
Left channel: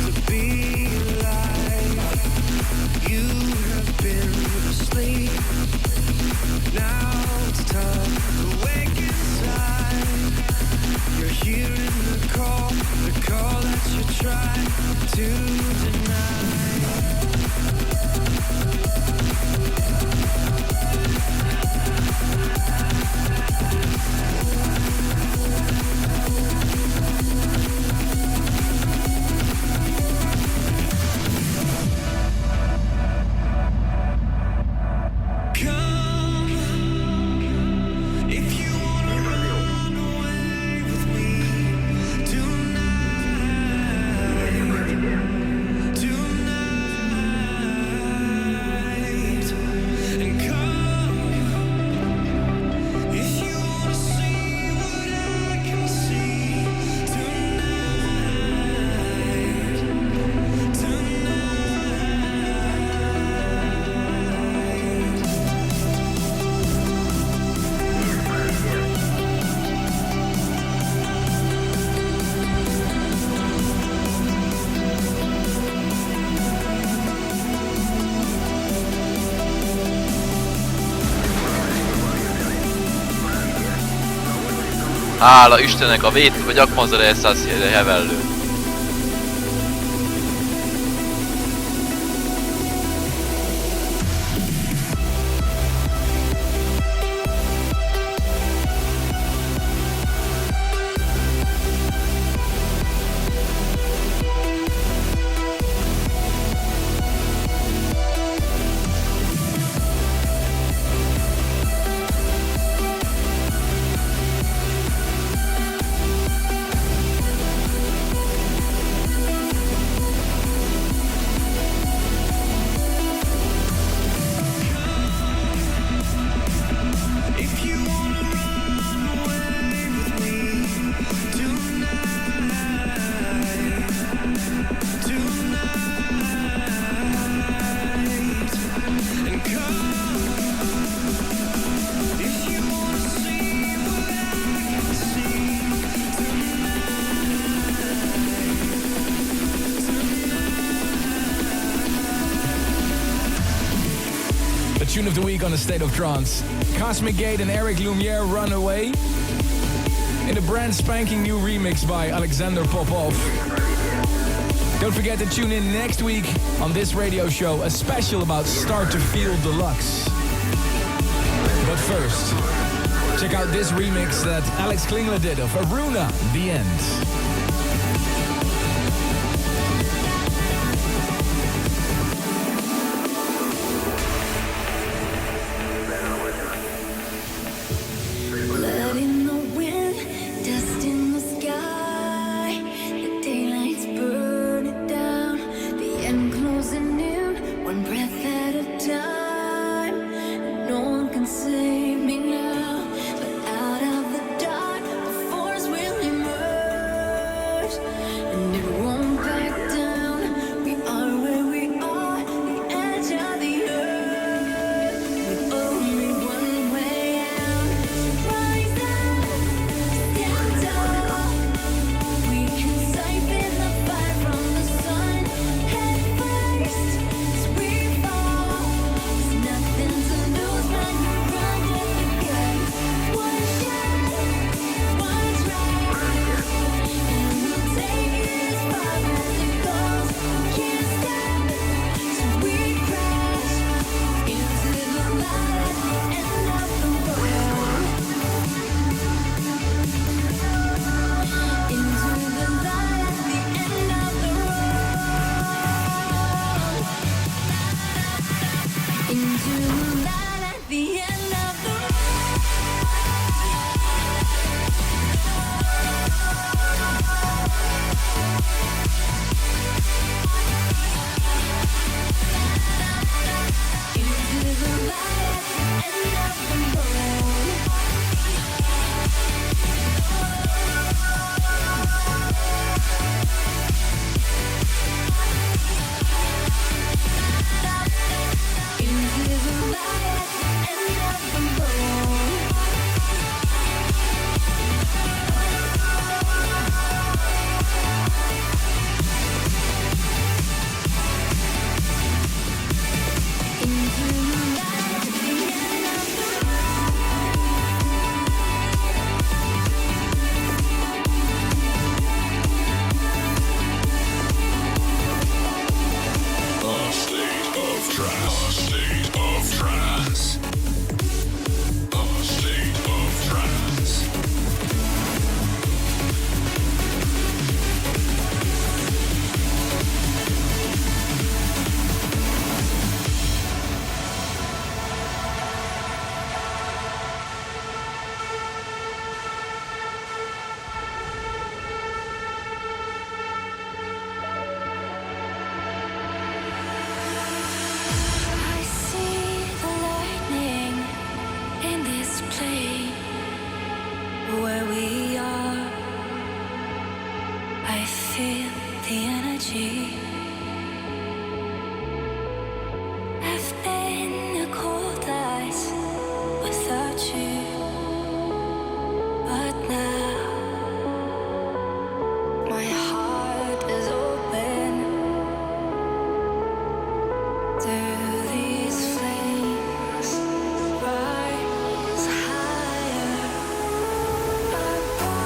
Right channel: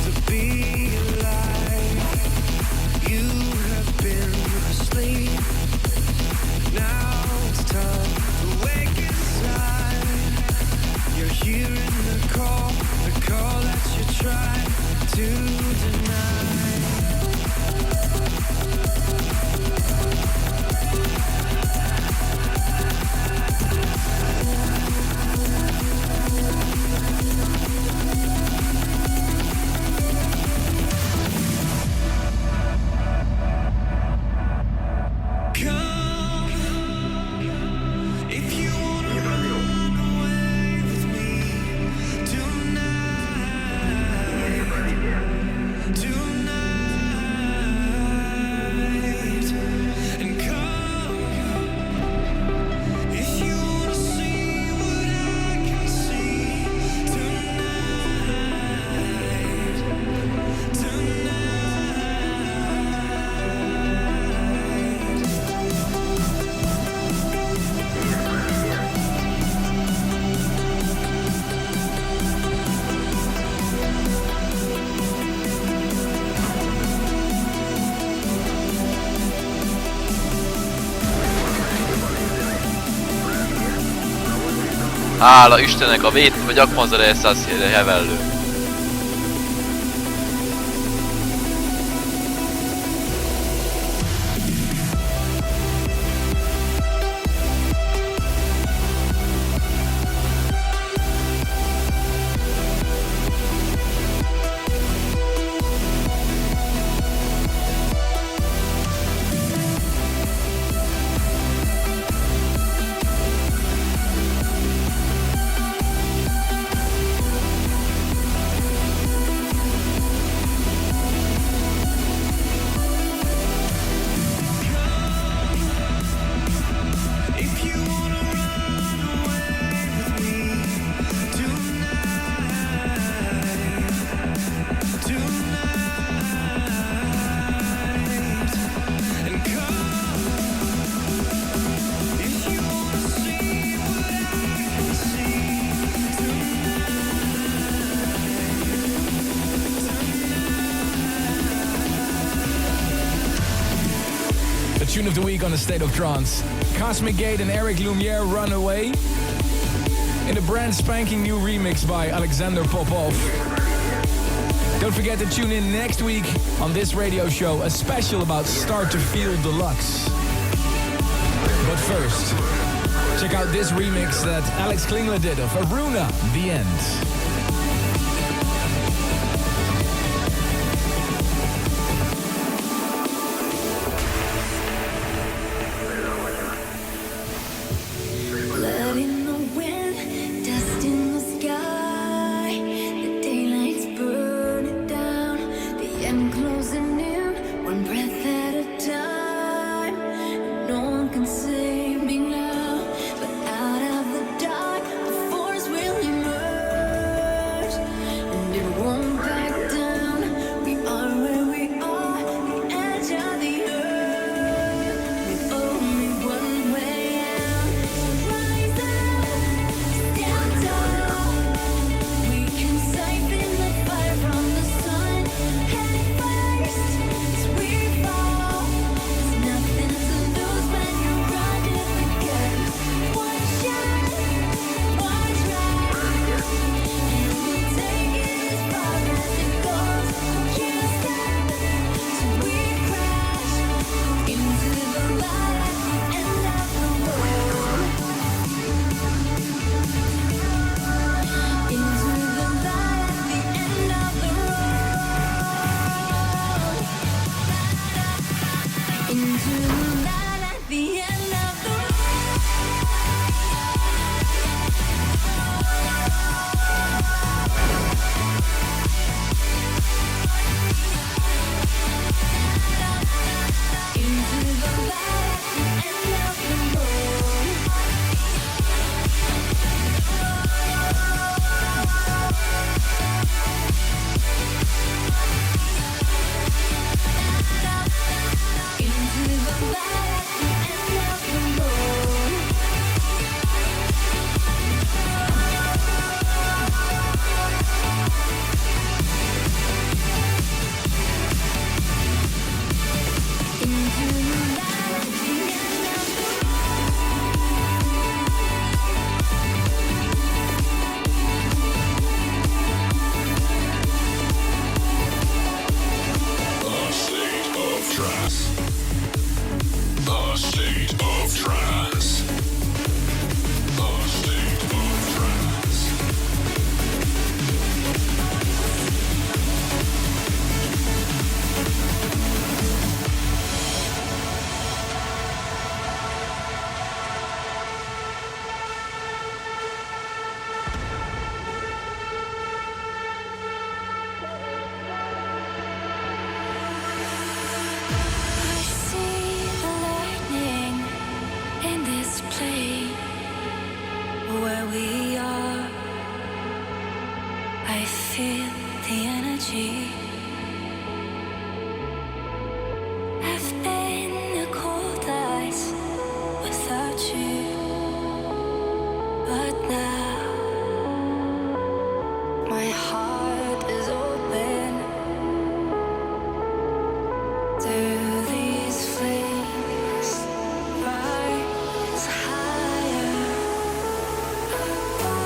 to be alive. You have been asleep. Now it's time to wake inside. You're hearing the call that you tried to deny. Tonight Hála Istennek a vét, vagy akmazareszás hevellő. Tune of the week on the State of Trance. Cosmic Gate and Eric Lumiere, Runaway. In a brand spanking new remix by Alexander Popov. Don't forget to tune in next week on this radio show, a special about Start to Feel Deluxe. But first, check out this remix that Alex Klingler did of Aruna, The End. Rise higher above.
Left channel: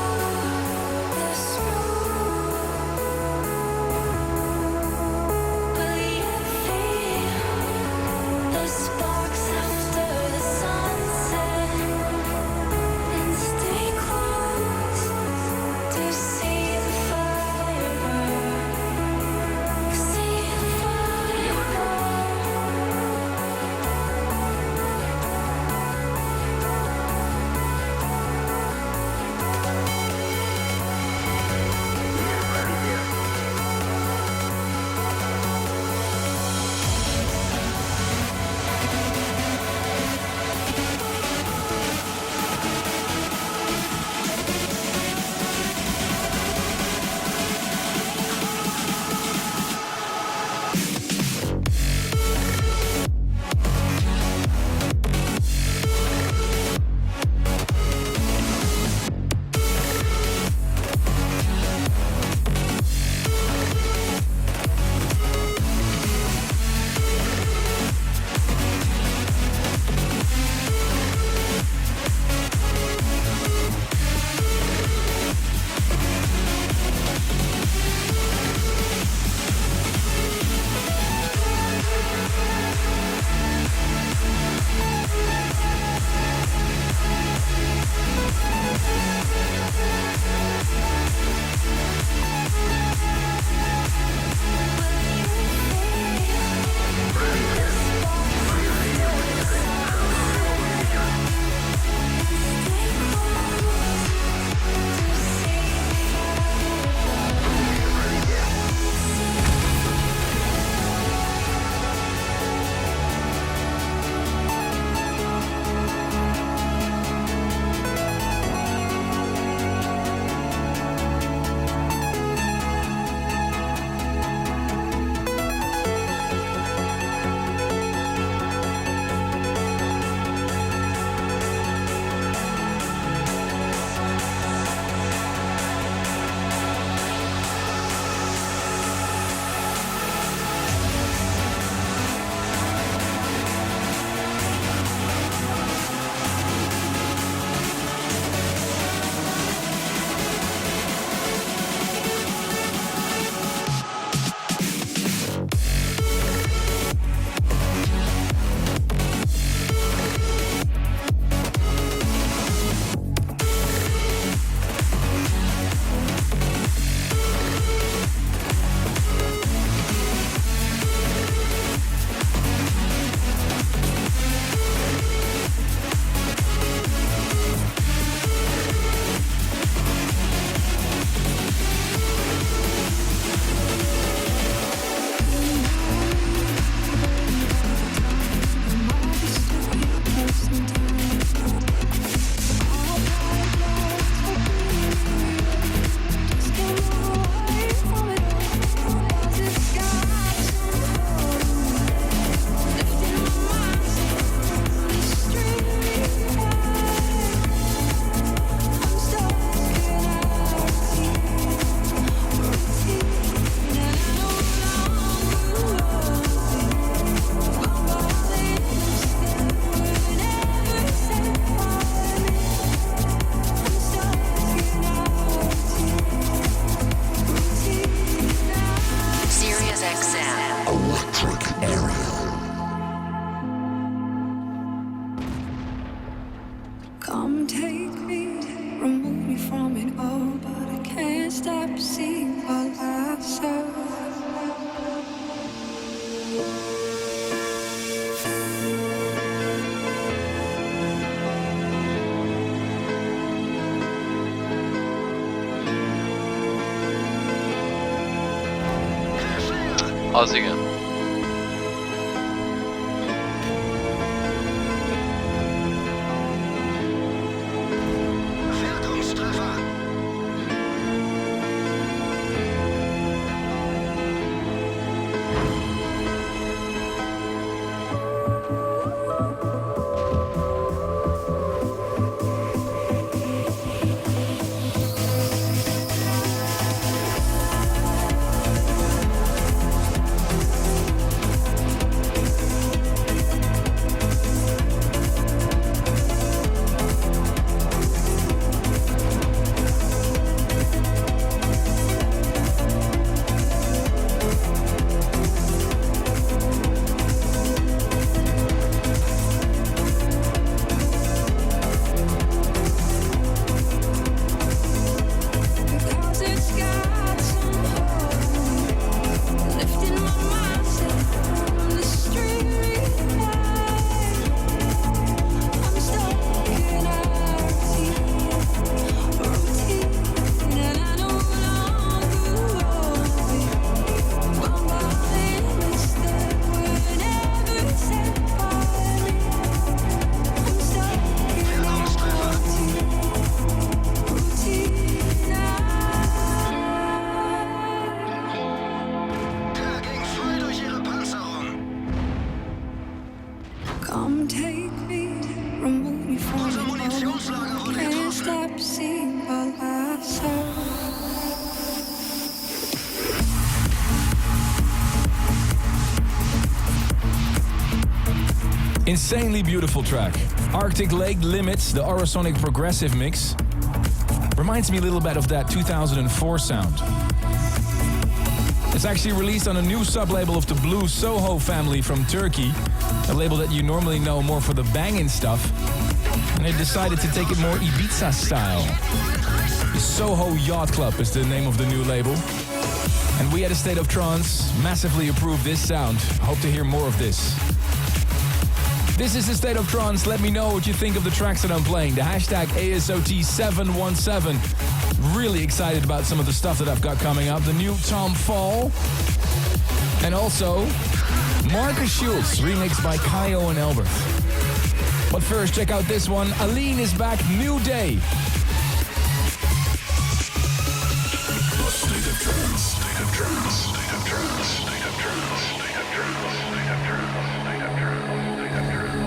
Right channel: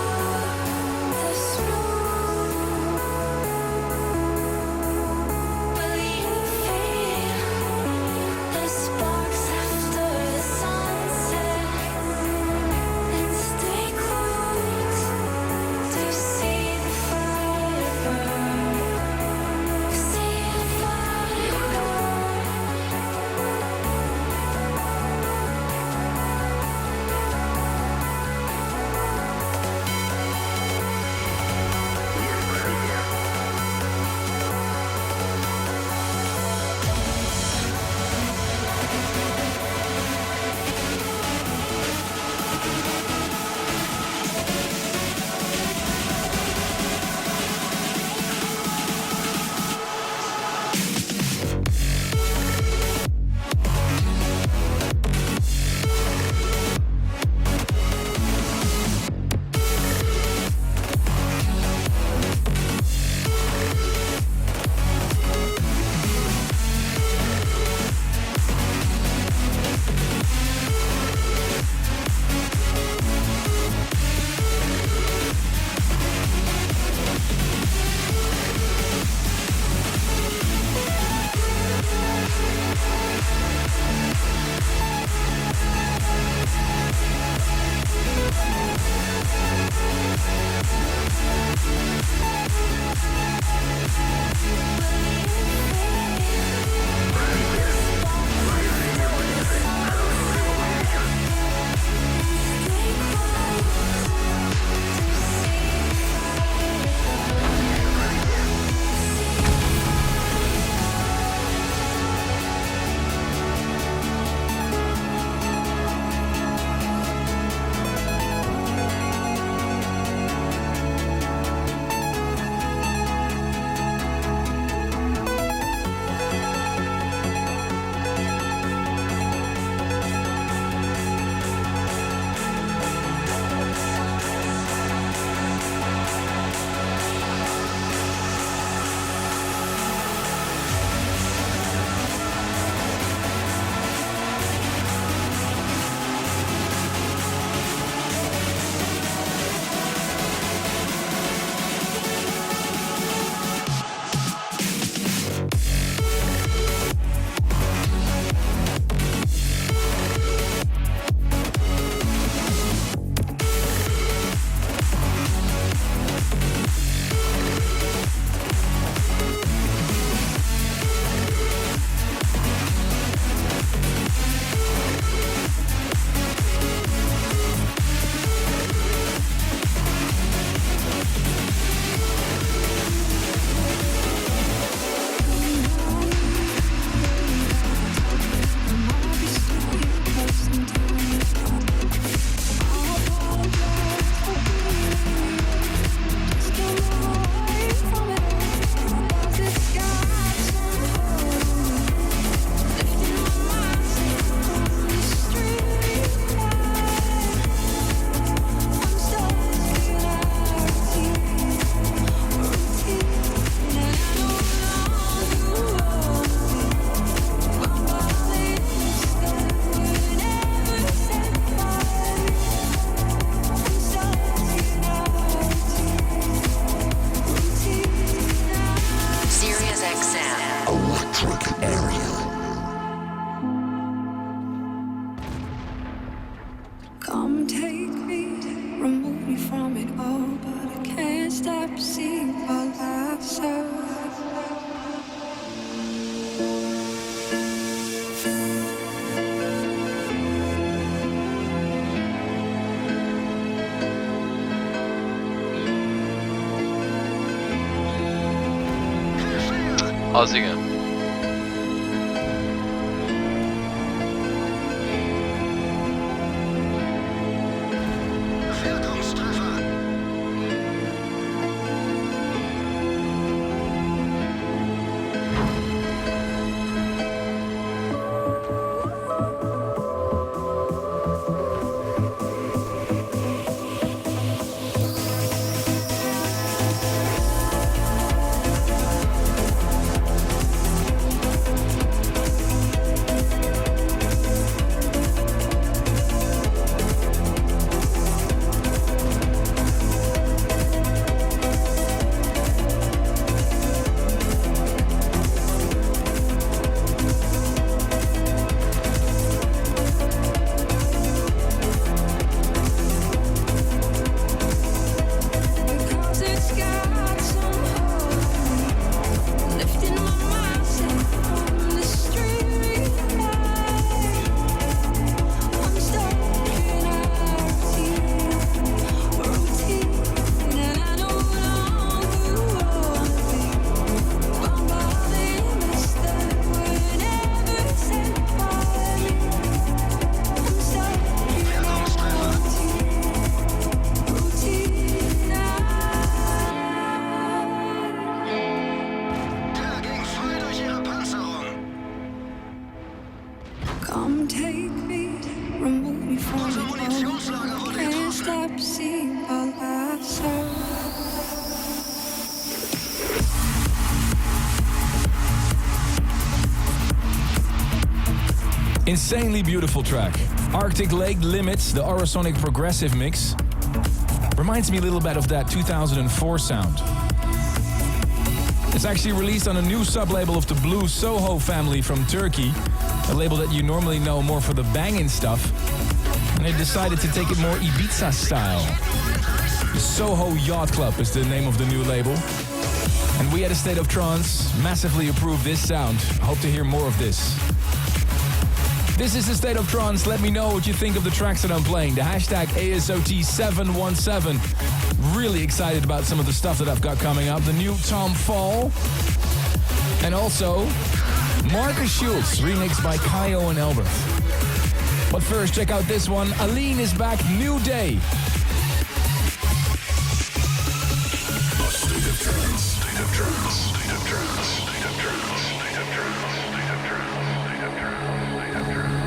see all I saw. Az igen. Come take me, remove me from the home. Can't stop seeing all I saw. Insanely beautiful track. Arctic Lake Limits, the Orasonic progressive mix. Reminds me a little bit of that 2004 sound. It's actually released on a new sub-label of the Blue Soho family from Turkey, a label that you normally know more for the banging stuff. And they decided to take it more Ibiza style. The Soho Yacht Club is the name of the new label. And we at A State of Trance massively approve this sound. Hope to hear more of this. This is A State of Trance. Let me know what you think of the tracks that I'm playing. The hashtag ASOT717. Really excited about some of the stuff that I've got coming up. The new Tom Fall. And also Marcus Schultz, remixed by Kaio and Albert. But first, check out this one. Aline is back, New Day. State of Trance, State of Trance, State of Trance, State of Trance, State of Trance, State of Trance, State of Trance, State of Trance.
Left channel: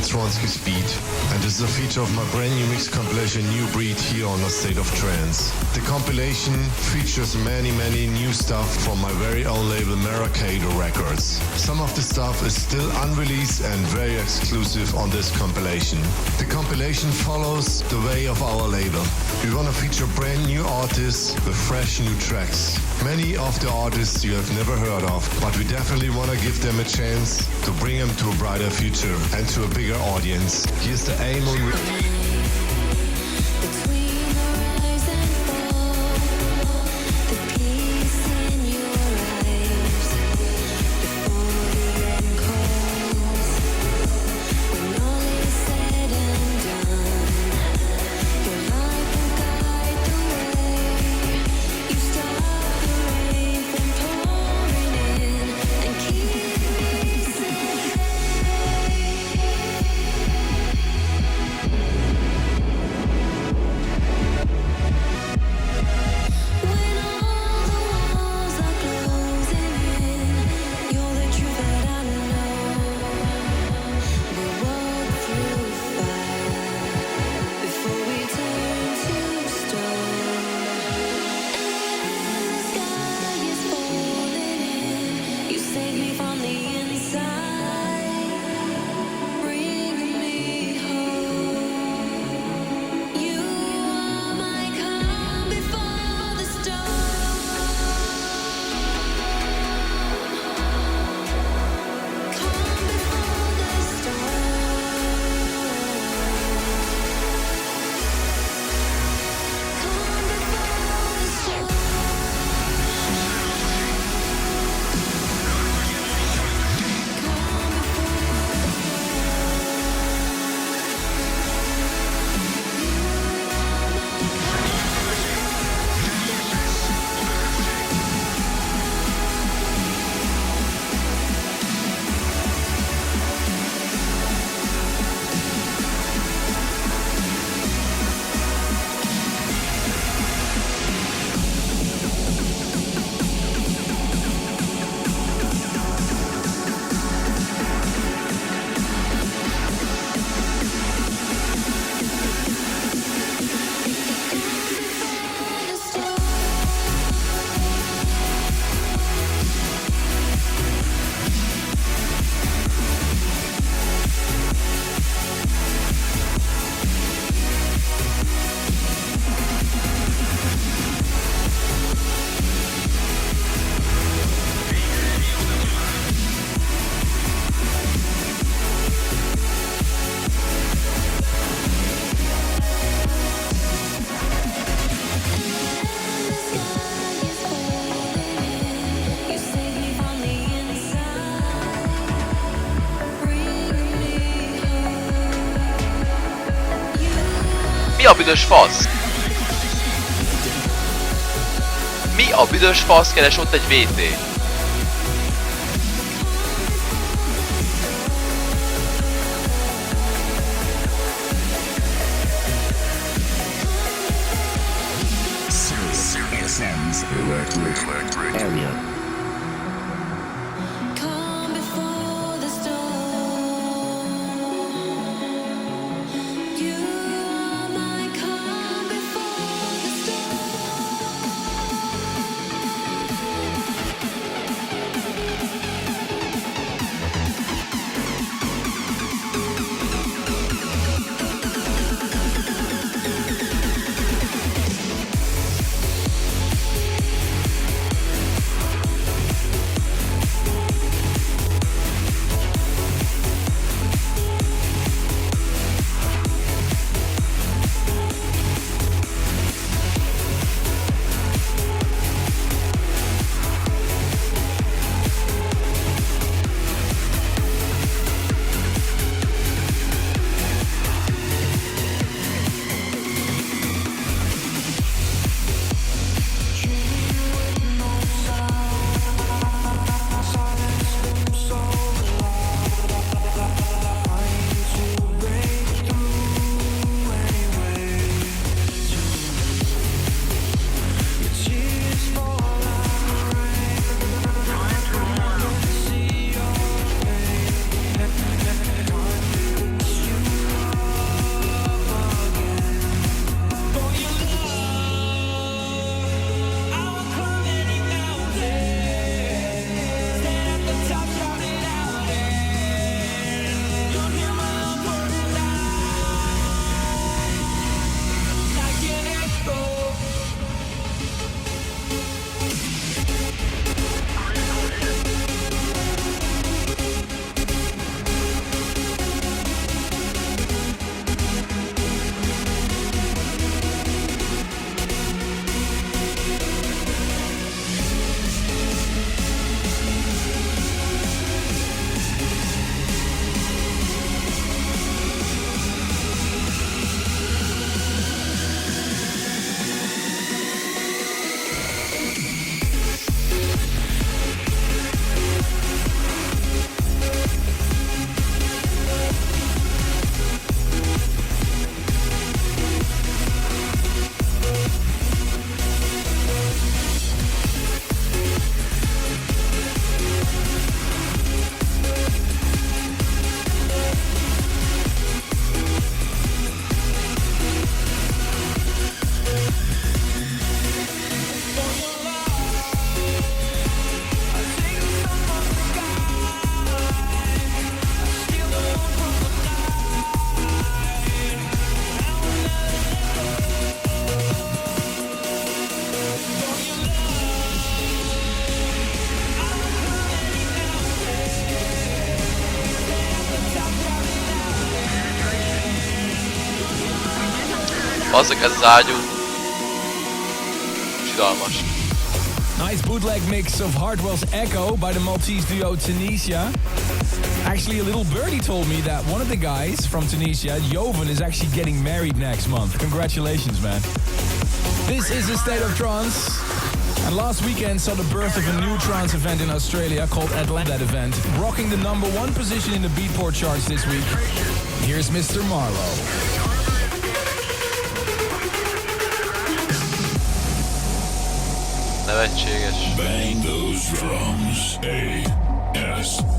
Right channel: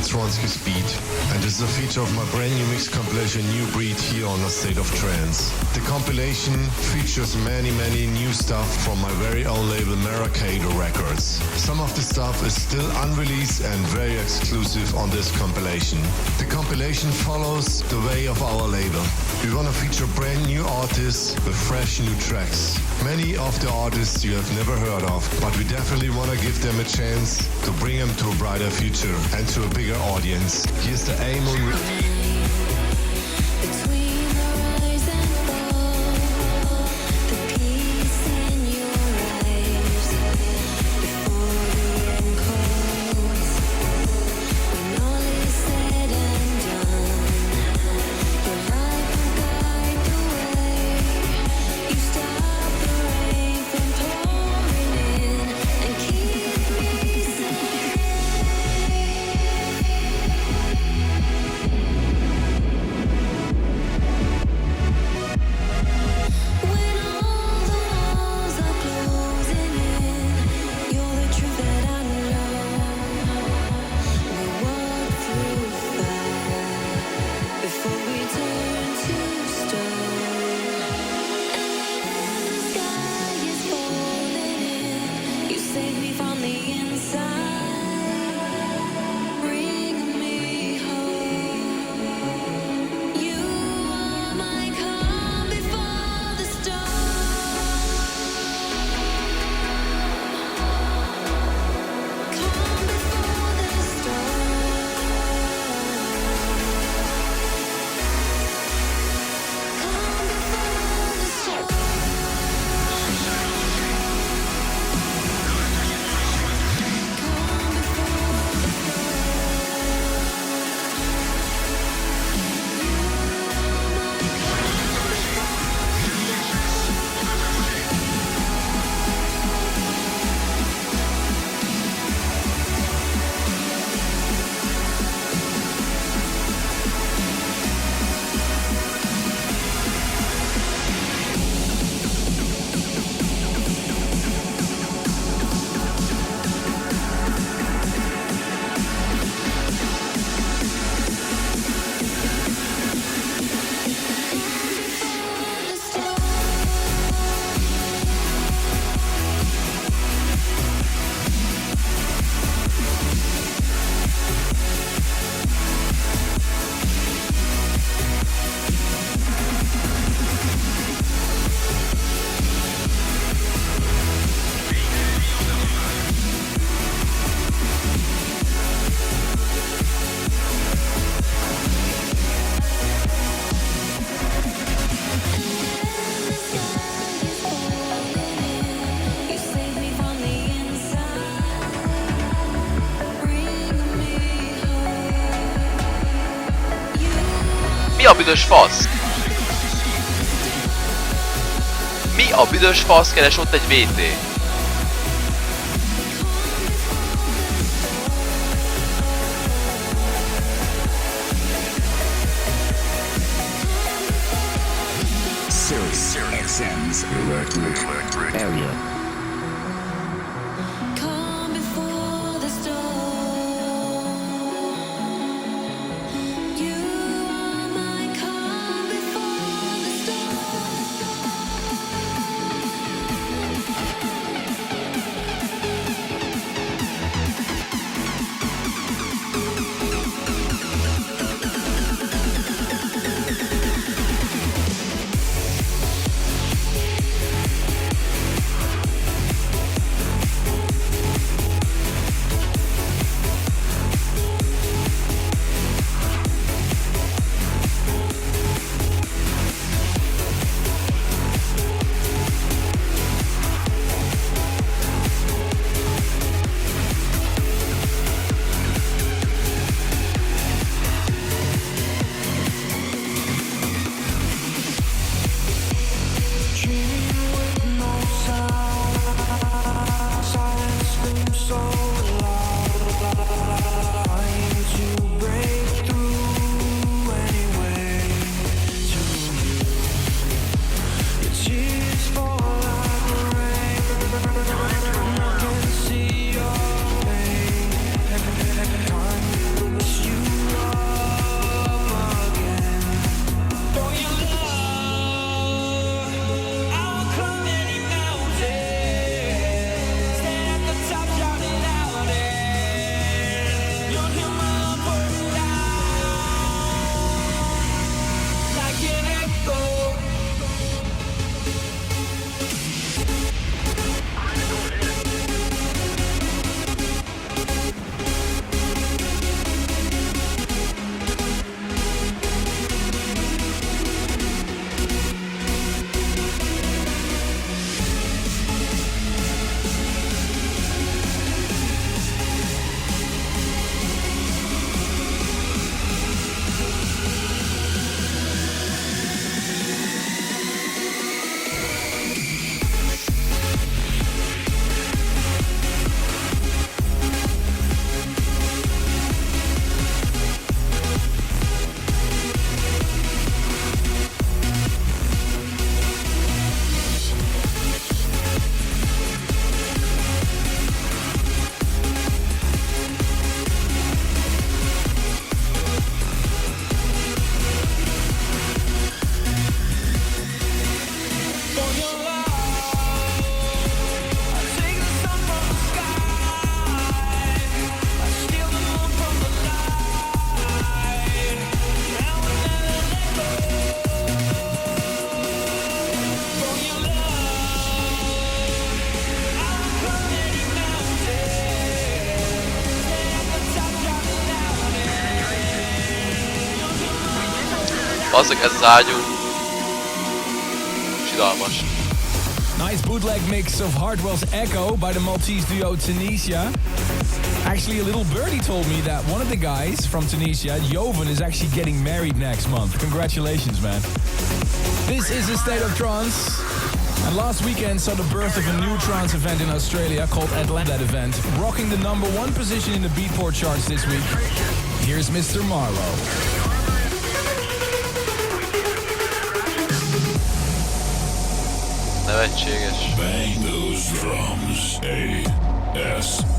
creates Ronsky's beat, and this is a feature of my brand new mix compilation New Breed here on A State of Trance. The compilation features many new stuff from my very own label Maracado Records. Some of the stuff is still unreleased and very exclusive on this compilation. The compilation follows the way of our label. We want to feature brand new artists with fresh new tracks. Many of the artists you have never heard of, but we definitely want to give them a chance to bring them to a brighter future and to a bigger audience. Here's the aim on Between the rise and fall, the peace in your eyes, before the end calls, when all is said and done, your light will guide the way. You stop the rain from pouring in and keep me safe. When all the walls are closing in, you're the truth that I know. We'll walk through fire before we turn to stone. And when the sky is falling in, you save me from the inside, bring me home. You are my calm before the storm. Calm before the storm. Calm before the storm. Calm before the storm. You are my calm before the storm. Before the storm. When the sky is falling in, you save me from the inside, bring me home. Mi a büdös fasz? Mi a büdös fasz keres ott egy VT? Sirius XM's Alert Area. Calm before the storm. You are my calm before the storm. Bazzak, ez az ágyú. Sidalmas. Nice bootleg mix of Hardwell's Echo by the Maltese duo Tunisia. Actually, a little birdie told me that one of the guys from Tunisia, Joven, is actually getting married next month. Congratulations, man. This is a State of Trance. And last weekend saw the birth of a new trance event in Australia called Atlanta event, rocking the #1 position in the Beatport charts this week. Here's Mr. Marlowe. Nevetséges. Bang those drums. A-S-O-T.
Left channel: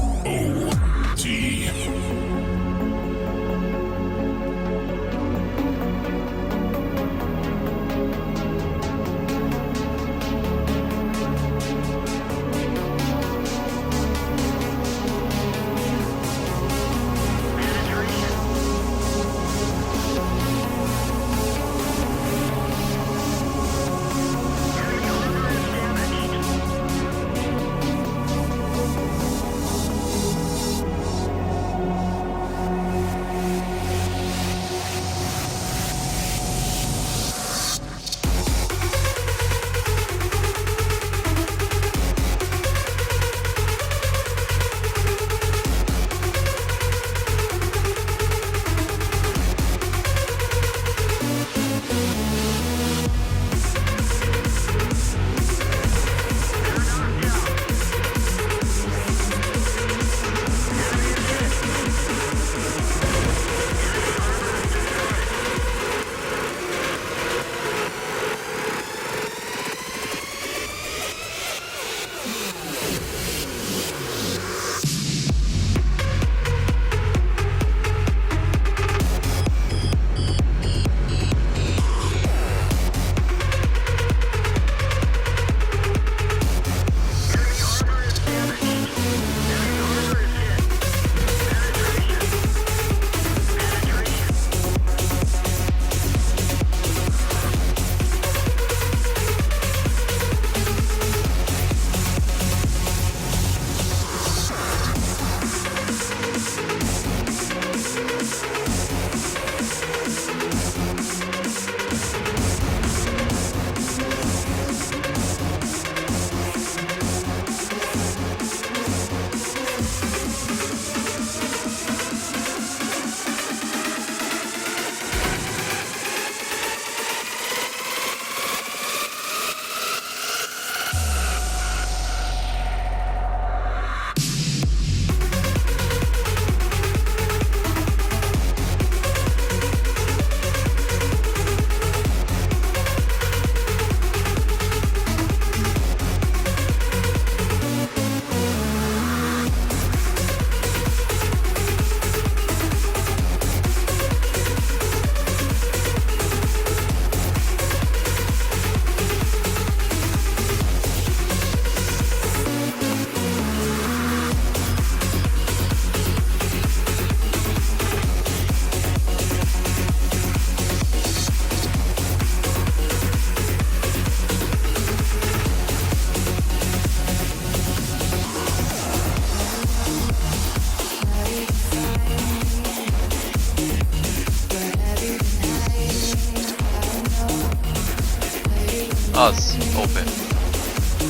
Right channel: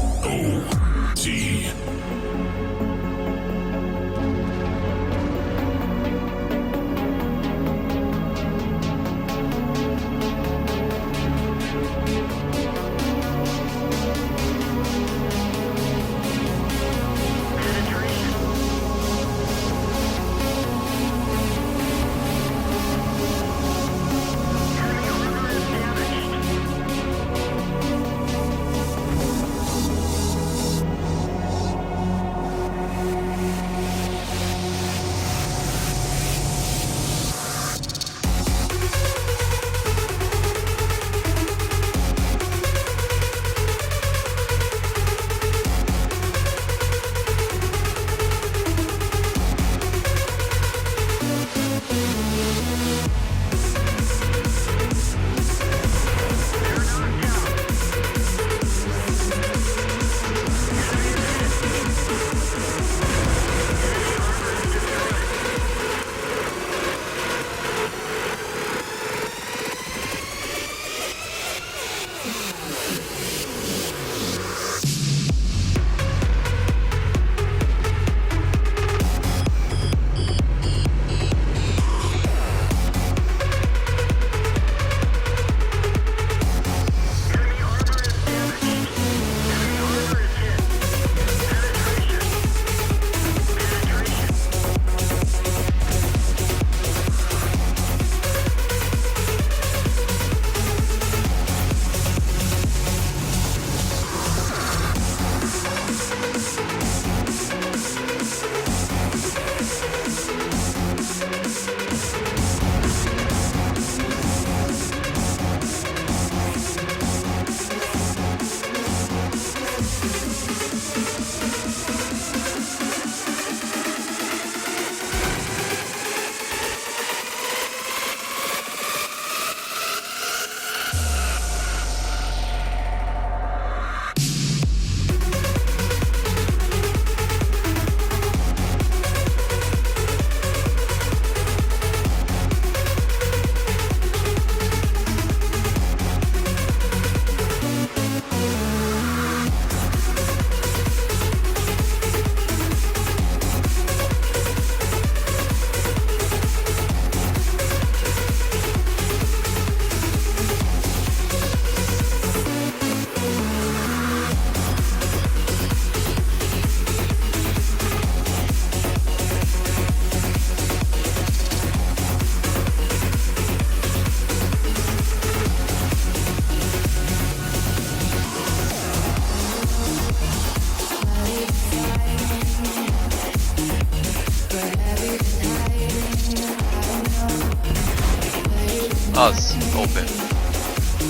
Az, OP.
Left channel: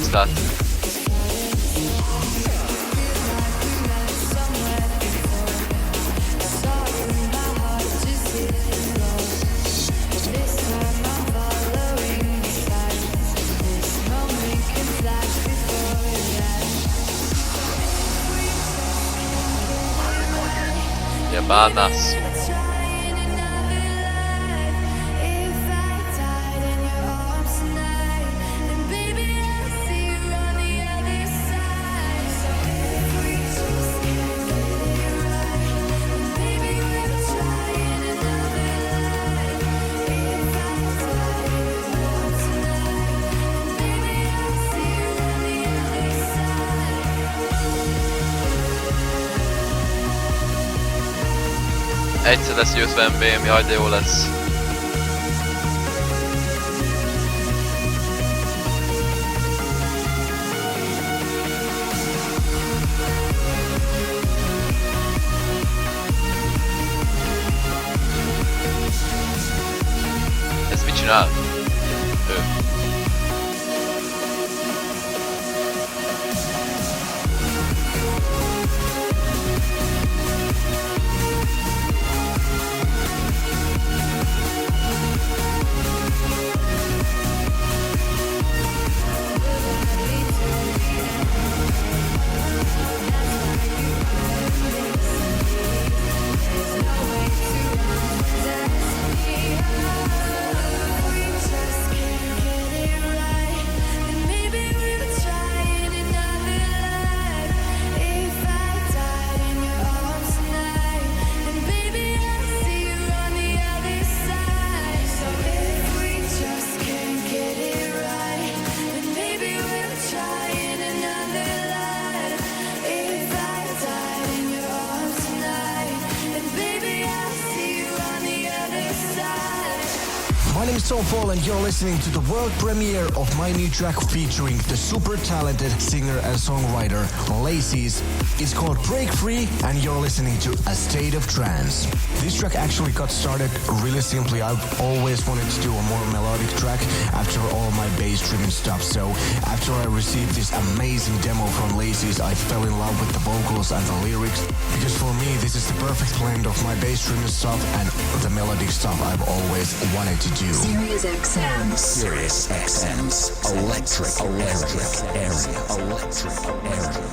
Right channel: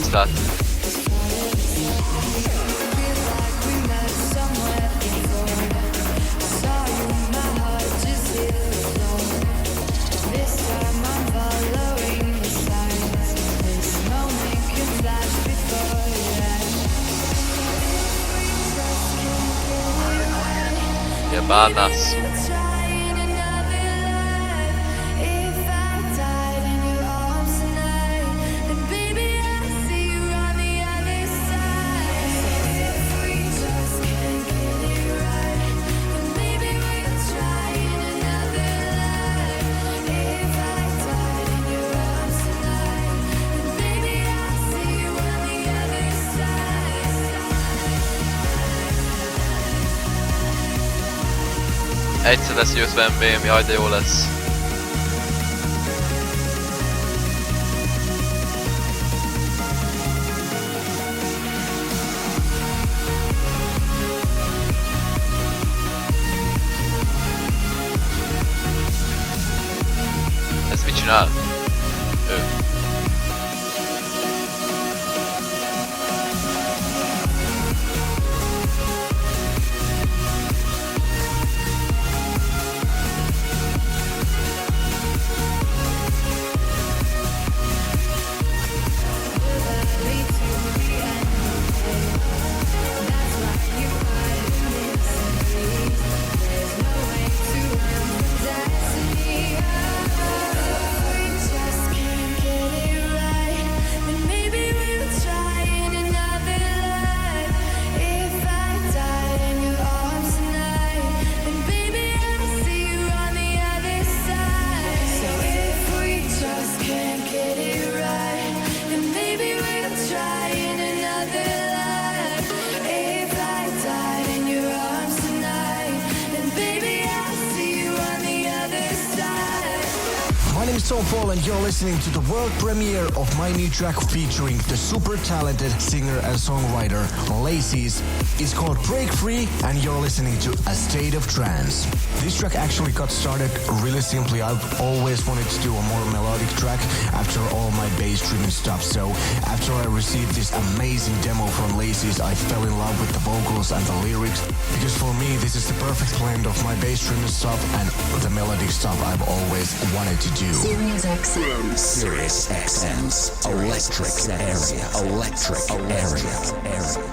Ezt láttuk. Ja bánászú. Egyszer lesz győzve MBM, jaj de jó lesz. original. My name is Tom Fall and you're listening to the world premiere of my new track featuring the super talented singer and songwriter Lacy's. It's called Break Free and you're listening to A State of Trance. This track actually got started really simply. I've always wanted to do a more melodic track after all my bass-driven stuff. So after I received this amazing demo from Lacy's, I fell in love with the vocals and the lyrics, because for me this is the perfect blend of my bass-driven stuff and the melodic stuff I've always wanted to do. Sirius XM's Electric Area. Electric Area.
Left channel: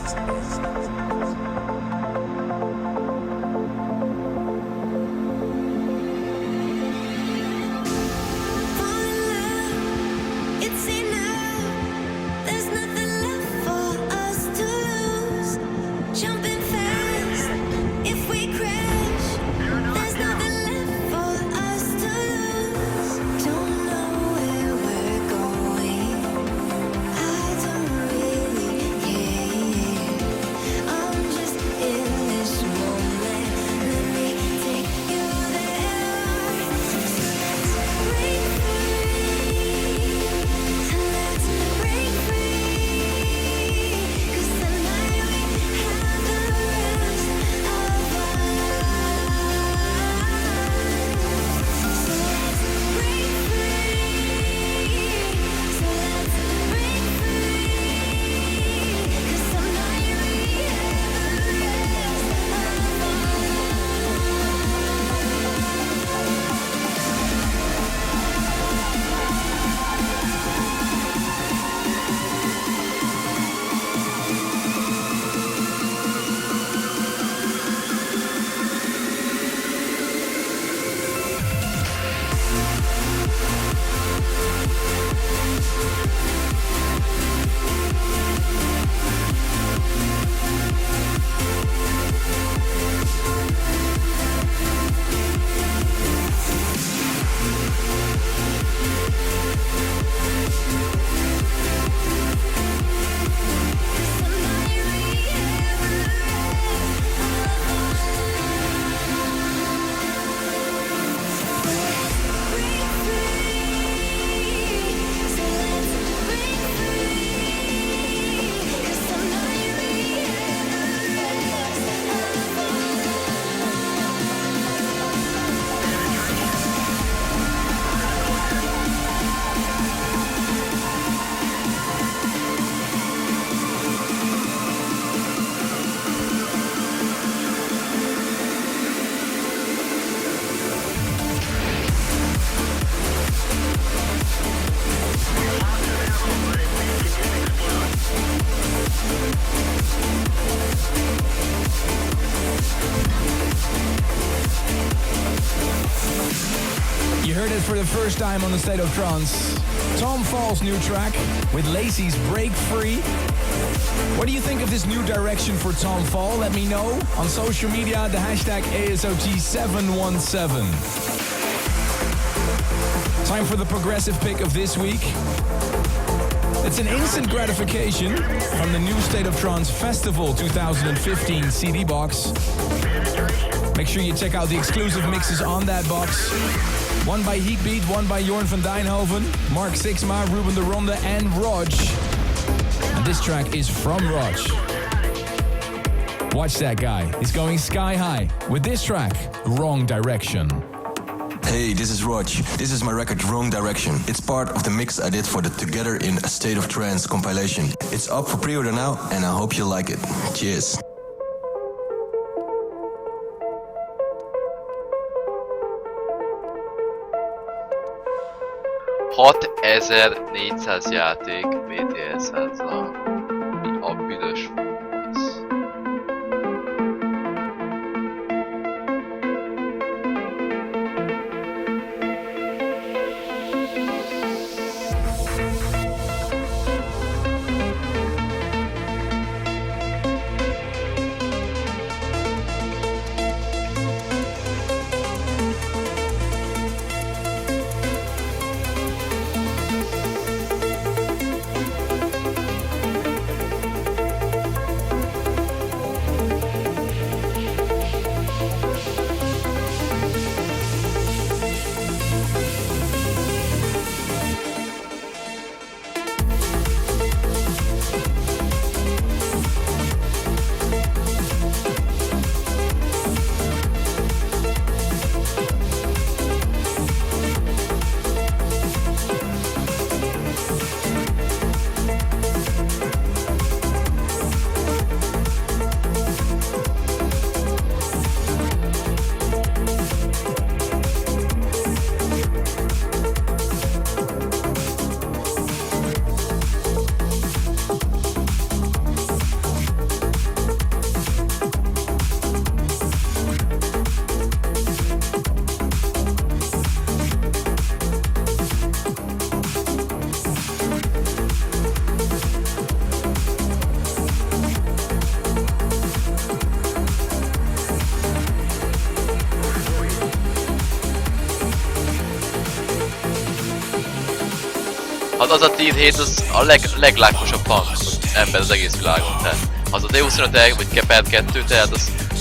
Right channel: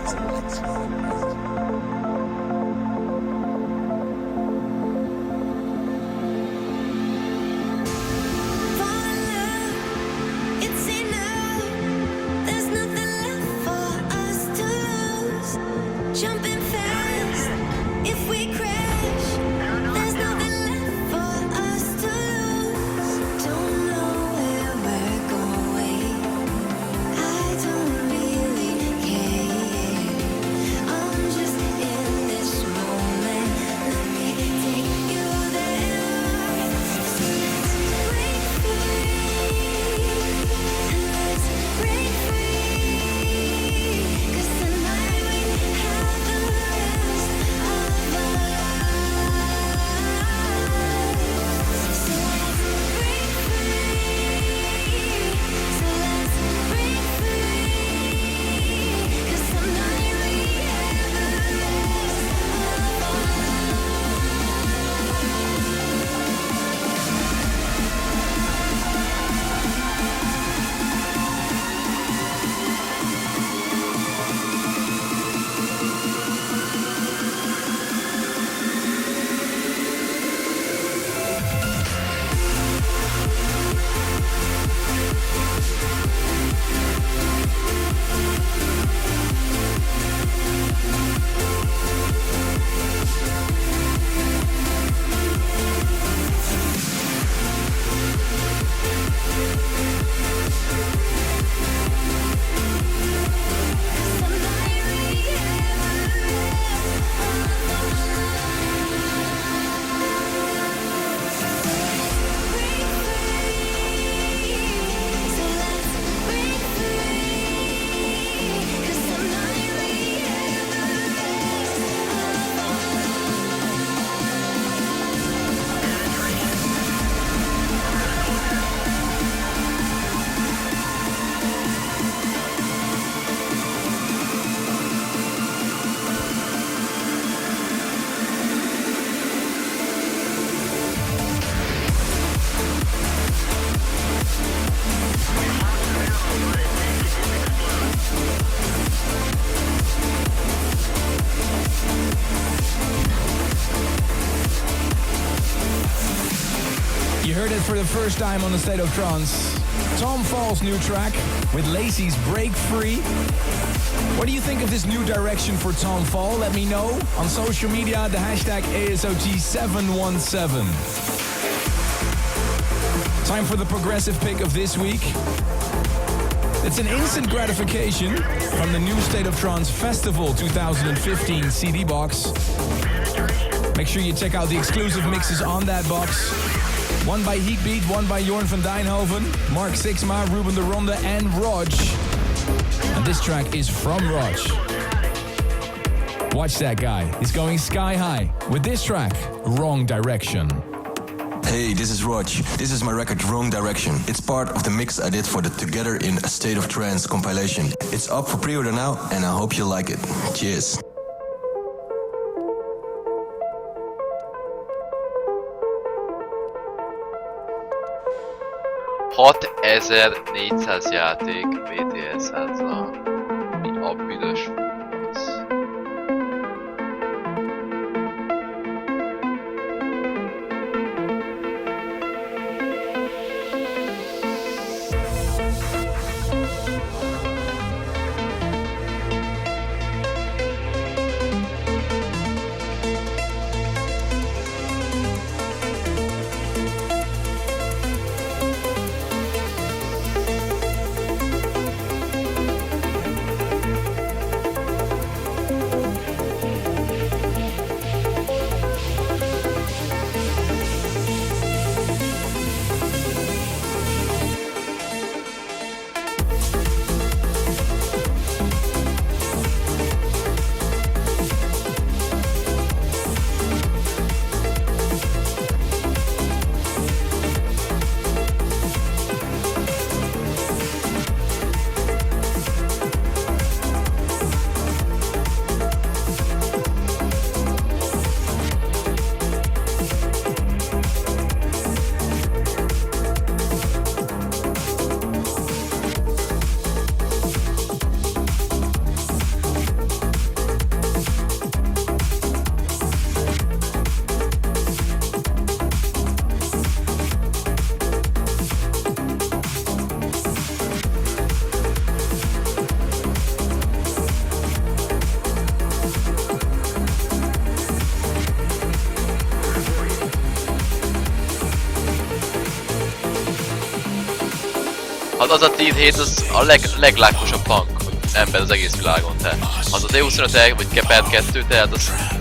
You heard it for the first time on the State of Trance. Tom Fall's new track with Lacy's Break Free. What do you think of this new direction for Tom Fall? Let me know on social media, the hashtag ASOT717. Time for the progressive pick of this week. It's an instant gratification from the new State of Trance Festival 2015 CD box. Make sure you check out the exclusive mixes on that box. One by Heatbeat, one by Jorn van Dijnhoven, Mark Sixma, Ruben de Ronde and Rog. And this track is from Rog. Watch that guy. He's going sky high with this track, Wrong Direction. Hey, this is Rog. This is my record Wrong Direction. It's part of the mix I did for the Together in a State of Trance compilation. It's up for pre-order now and I hope you like it. Cheers. $6400 játék BTS házla. Mi a büdös fasz? Az a Team Hate az a leglákosabb punk ember az egész világon, tehát az a D25 vagy Kepert 2, tehát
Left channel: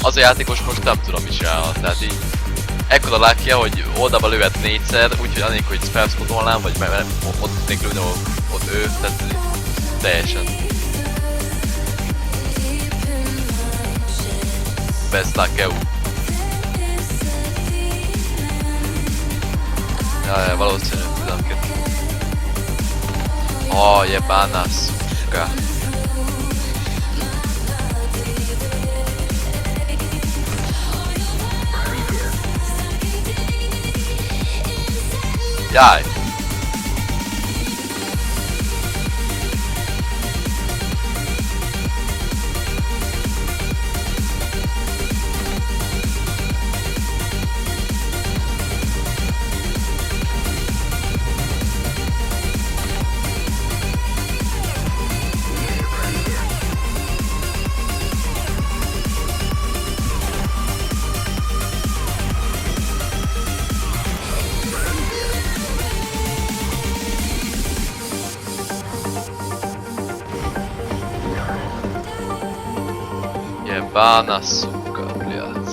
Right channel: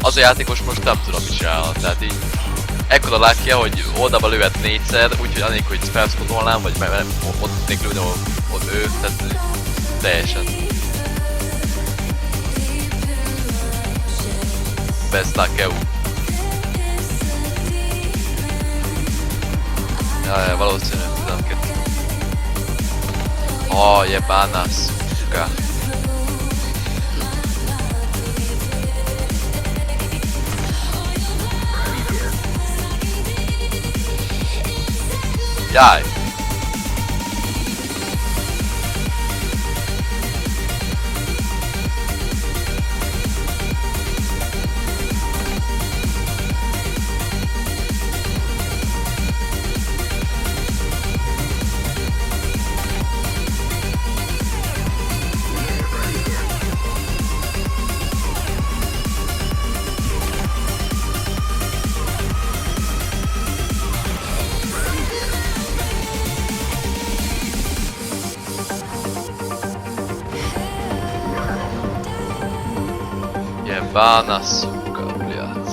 az a játékos most nem tudom mit csinálna, tehát így ekkora lákja, hogy oldalba lőhet 4-szer, úgyhogy annélkül, hogy felszpotolnám, vagy ott tudnék lőni, ott ő, tehát teljesen best luck EU. Ja, valószínű, 12. Oh, jebana suka. Jaj. Ебана, сука, блядь.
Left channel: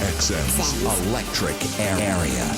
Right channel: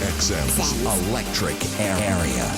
XM's Electric Area.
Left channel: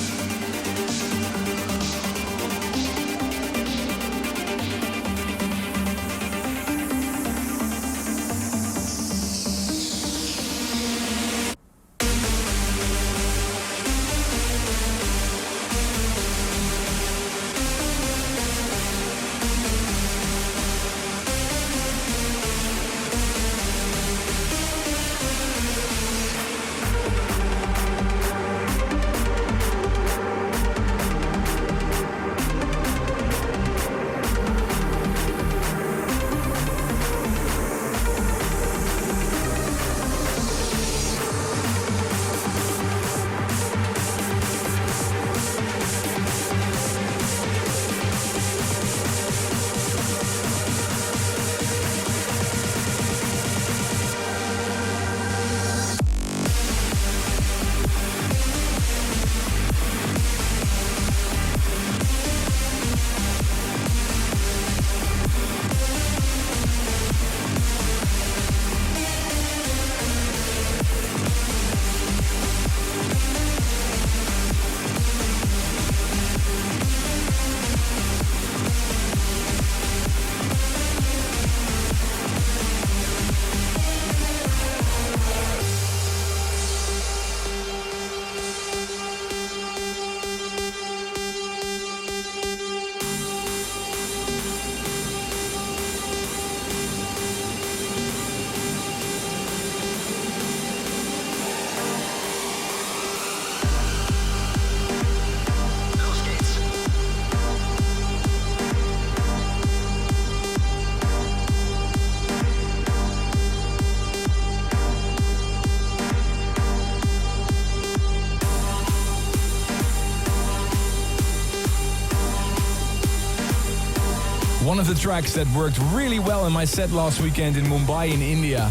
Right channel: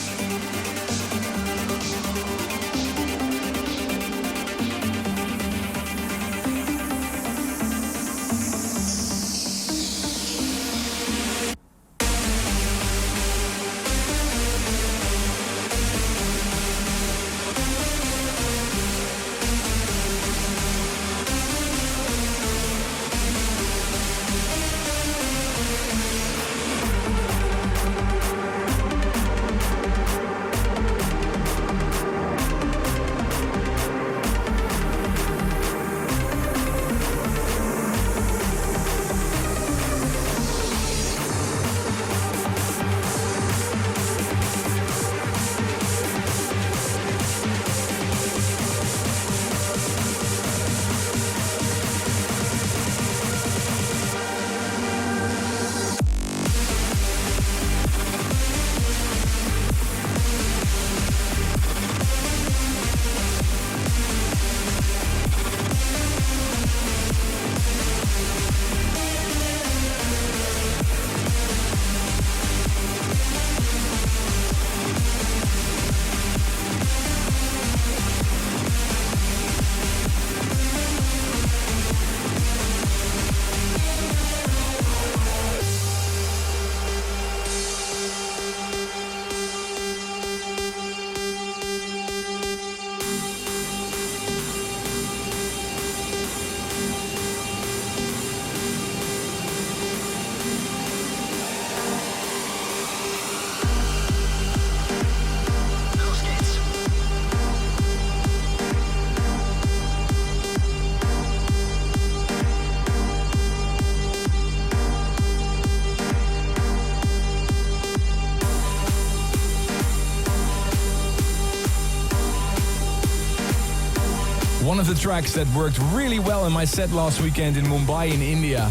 One of the tracks that worked really well in my set last weekend in Mumbai in India.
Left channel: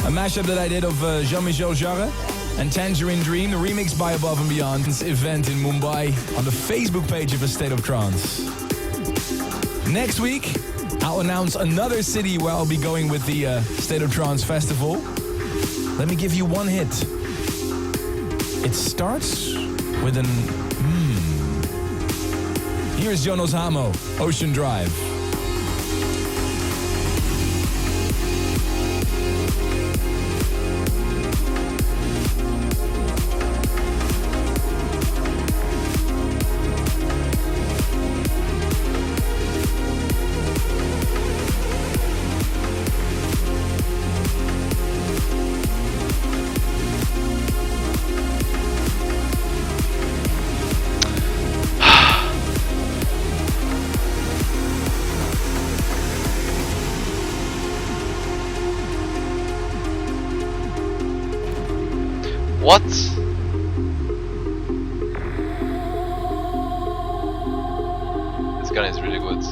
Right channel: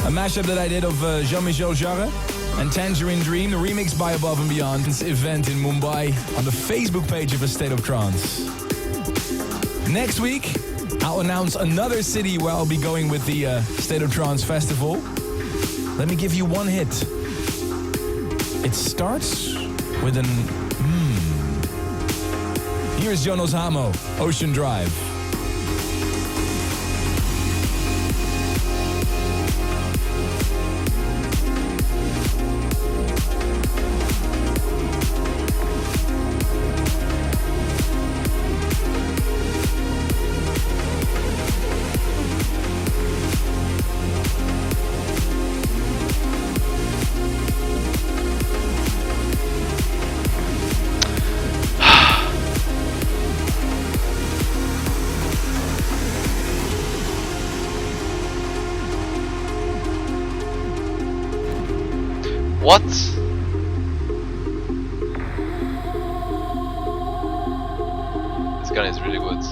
A mashup that I did of Jean-Michel Jarre and Tangerine Dream, the remix by Above and Beyond. This event in Mumbai on the Facebook page of A State of Trance. Next week, I'll announce another city where I'll be going with the State of Trance Festival. Let me give you one hit. It starts with an Here's Jonas Hamo, Ocean Drive. What? This gun is really good.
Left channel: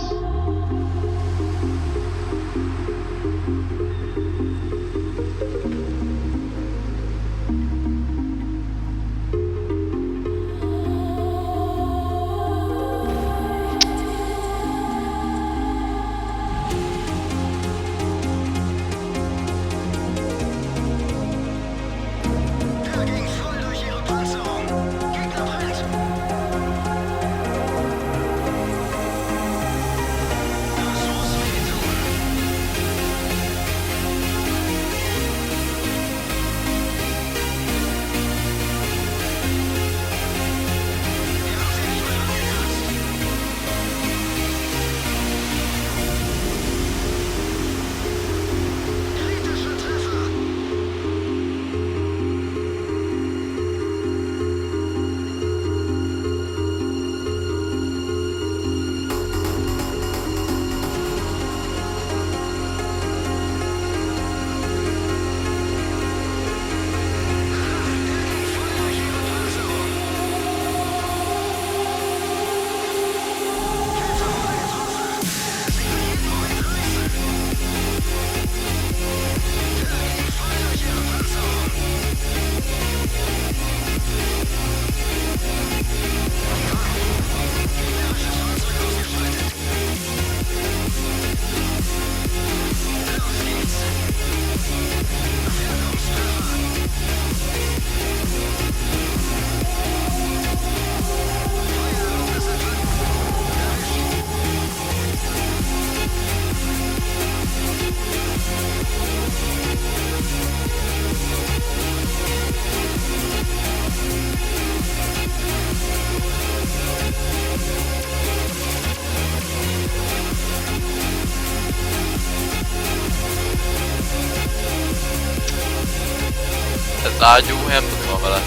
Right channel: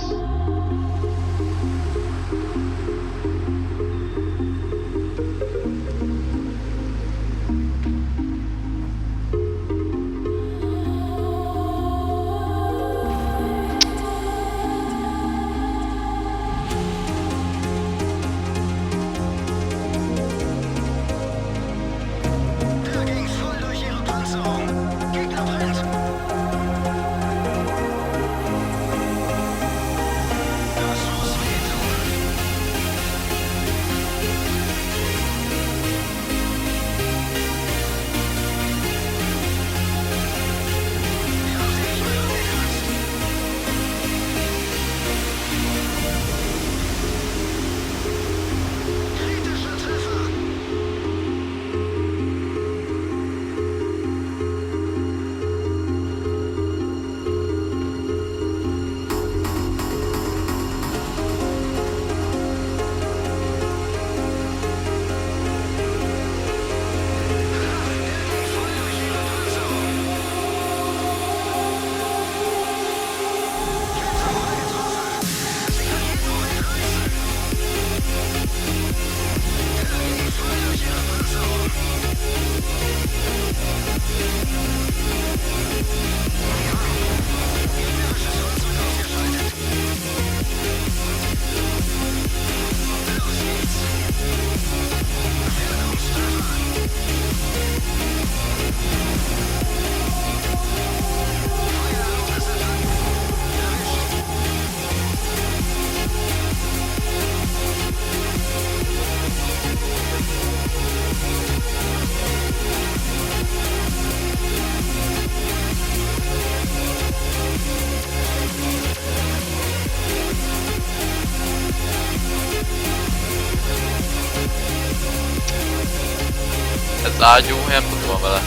Ez ágyú, nem tudom mi van vele.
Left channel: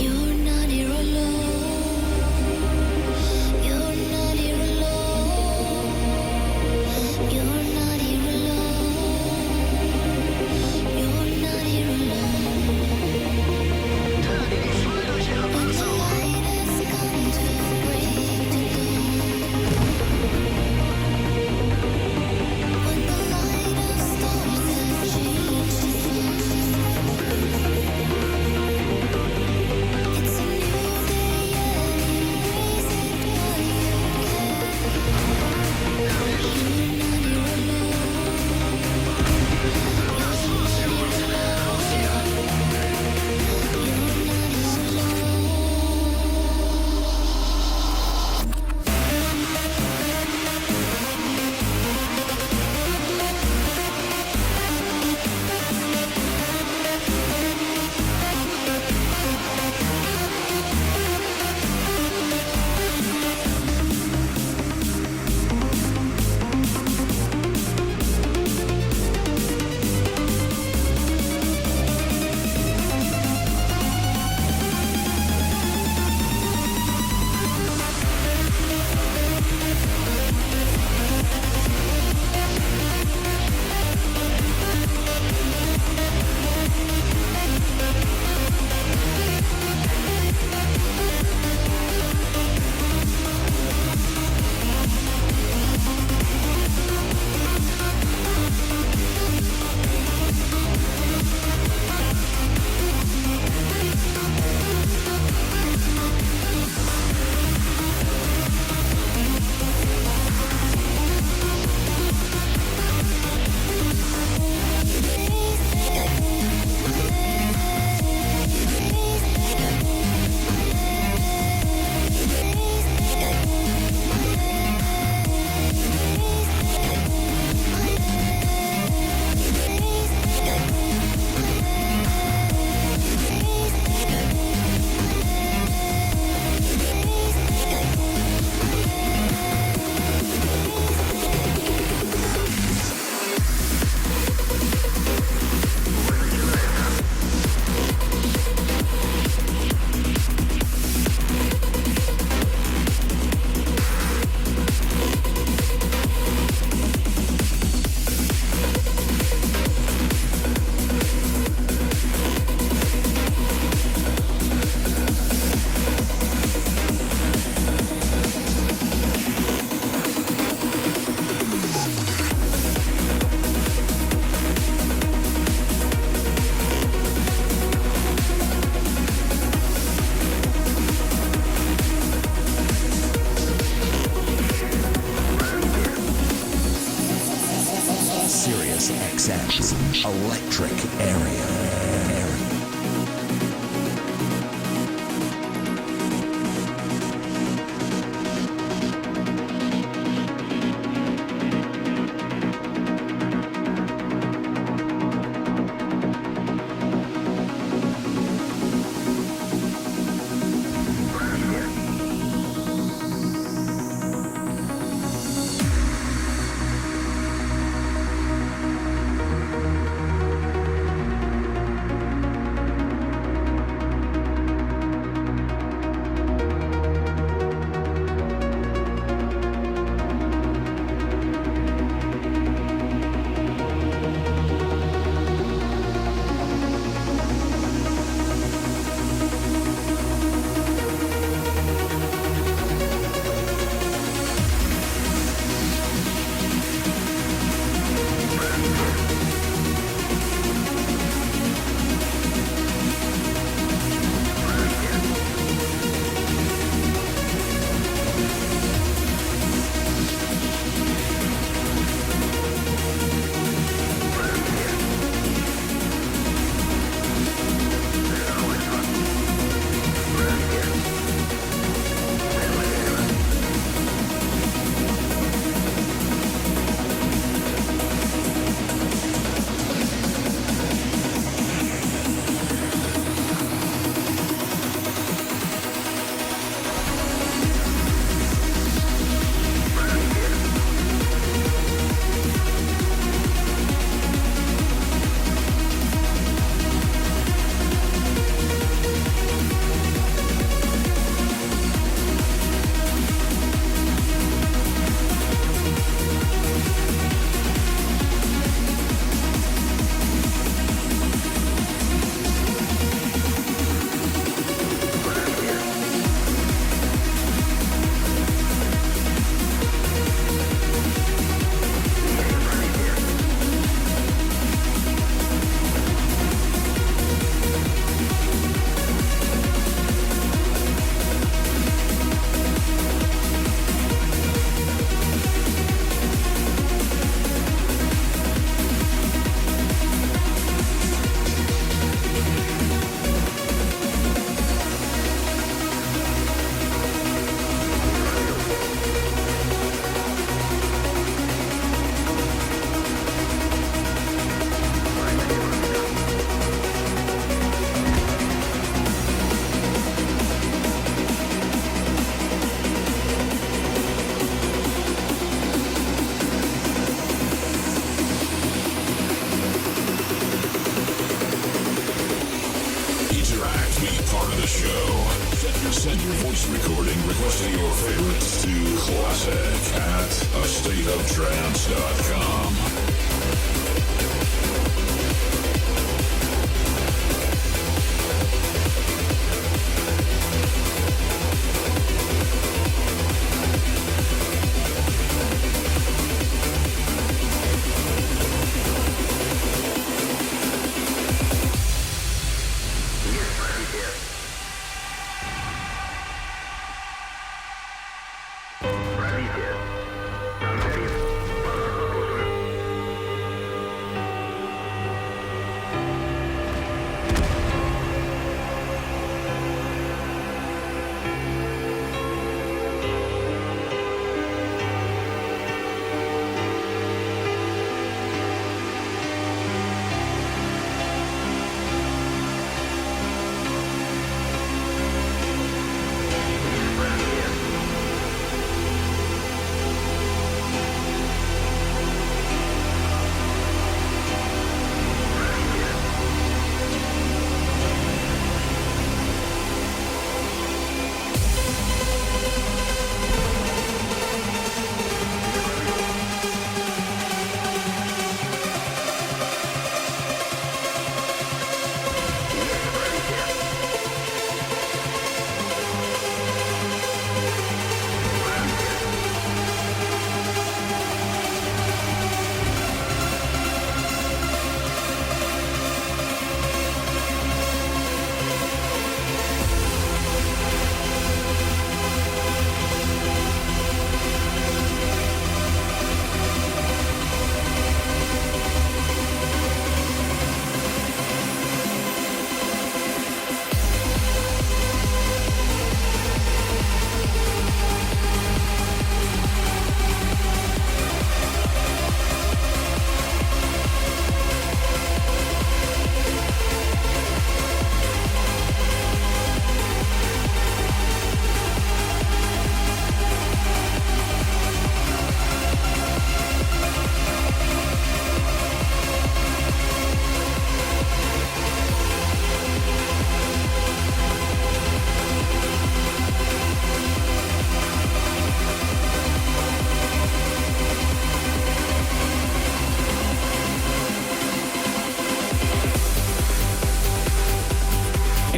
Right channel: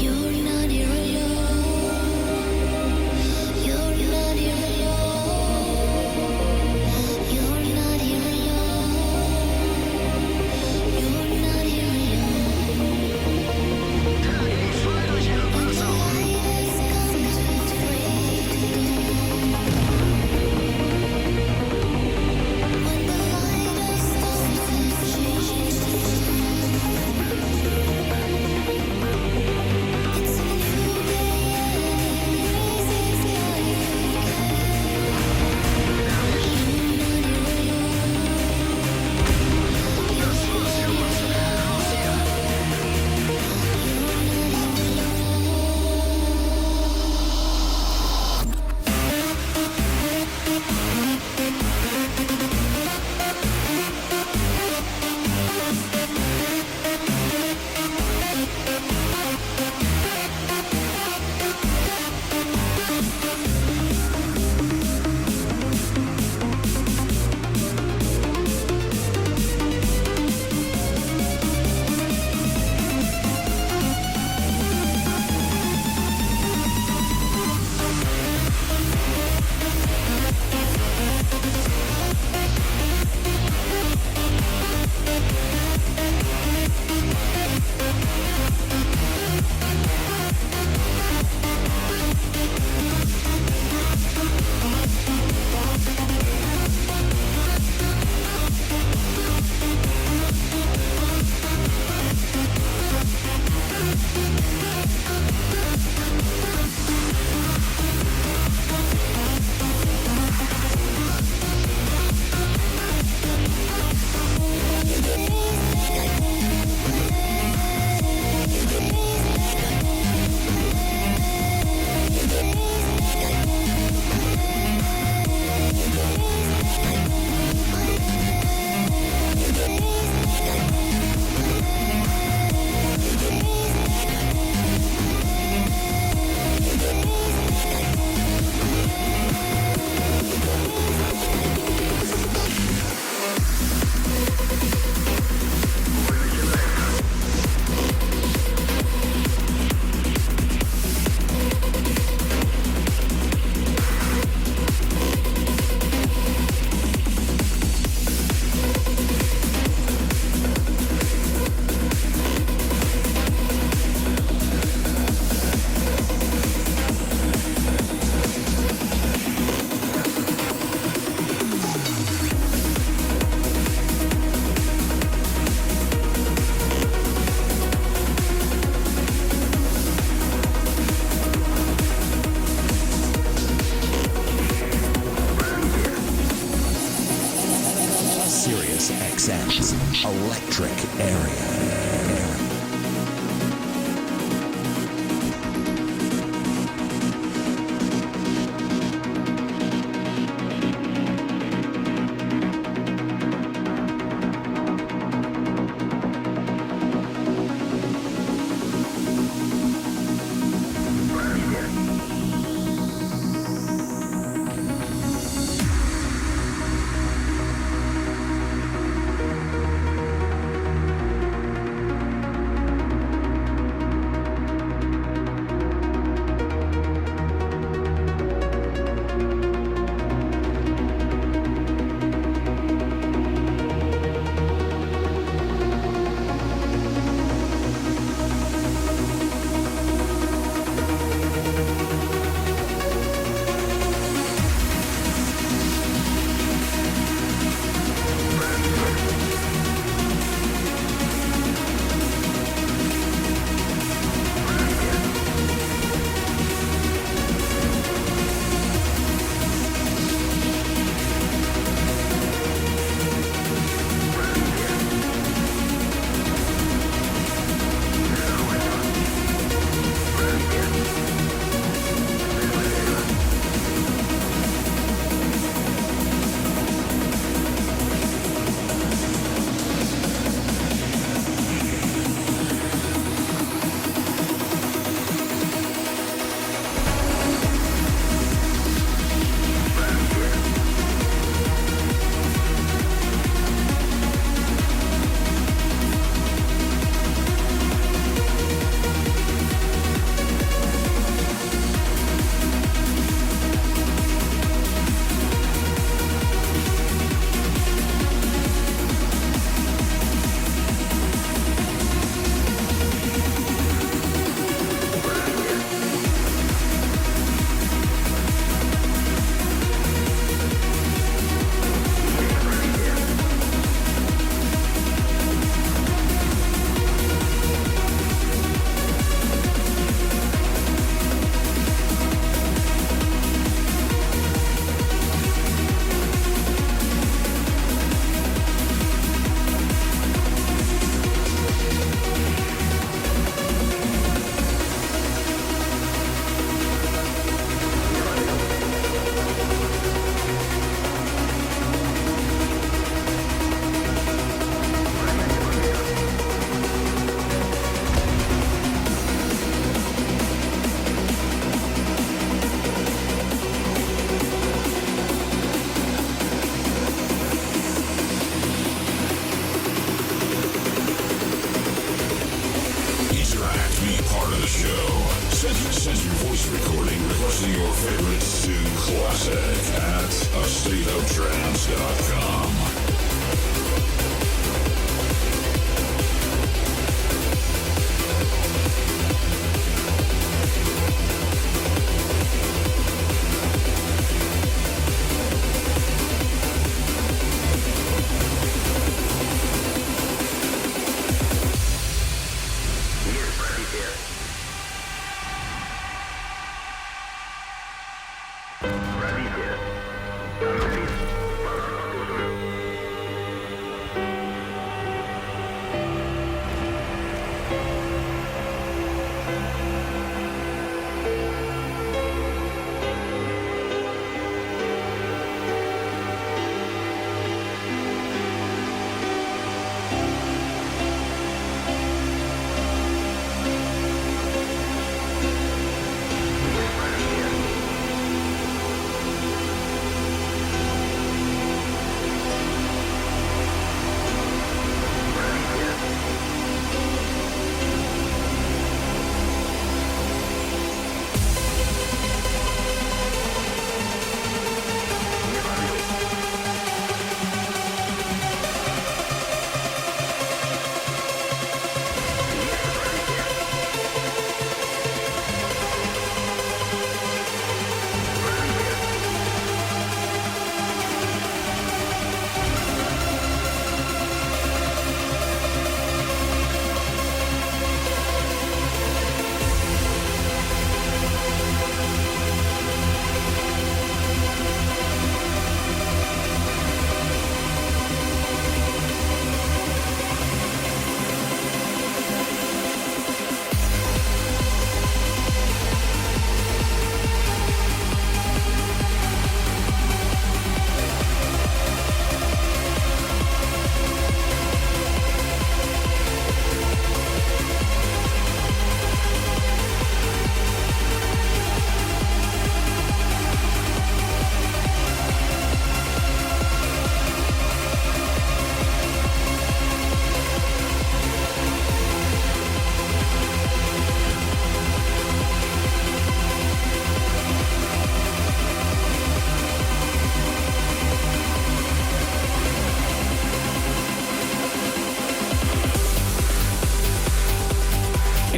You're not here alone. You're not here alone. You're not here alone. You're not here alone. When the light has come to break the dawn. When the light of stars has changed the sun. It's a new day and embrace it while you can. You're not here alone. You're not here alone. You're not here alone. Sirius XM's Electric Area. Send your voice recording requesting your favorites to classic@astateoftrance.com.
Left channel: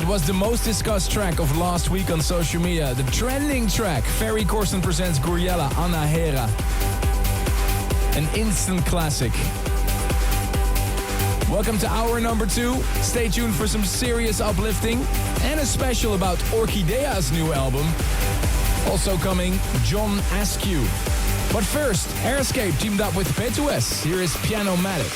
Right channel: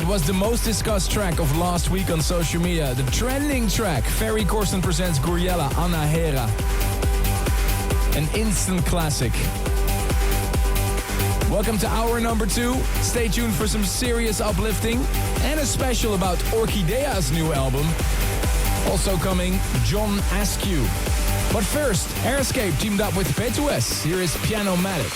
Was the most discussed track of last week on social media. The trending track, Ferry Corsten presents Guriella Anna Hera. An instant classic. Welcome to hour number 2. Stay tuned for some serious uplifting and a special about Orchidea's new album. Also coming, John Askew. But first, Airscape teamed up with P2S. Here is Pianomatic.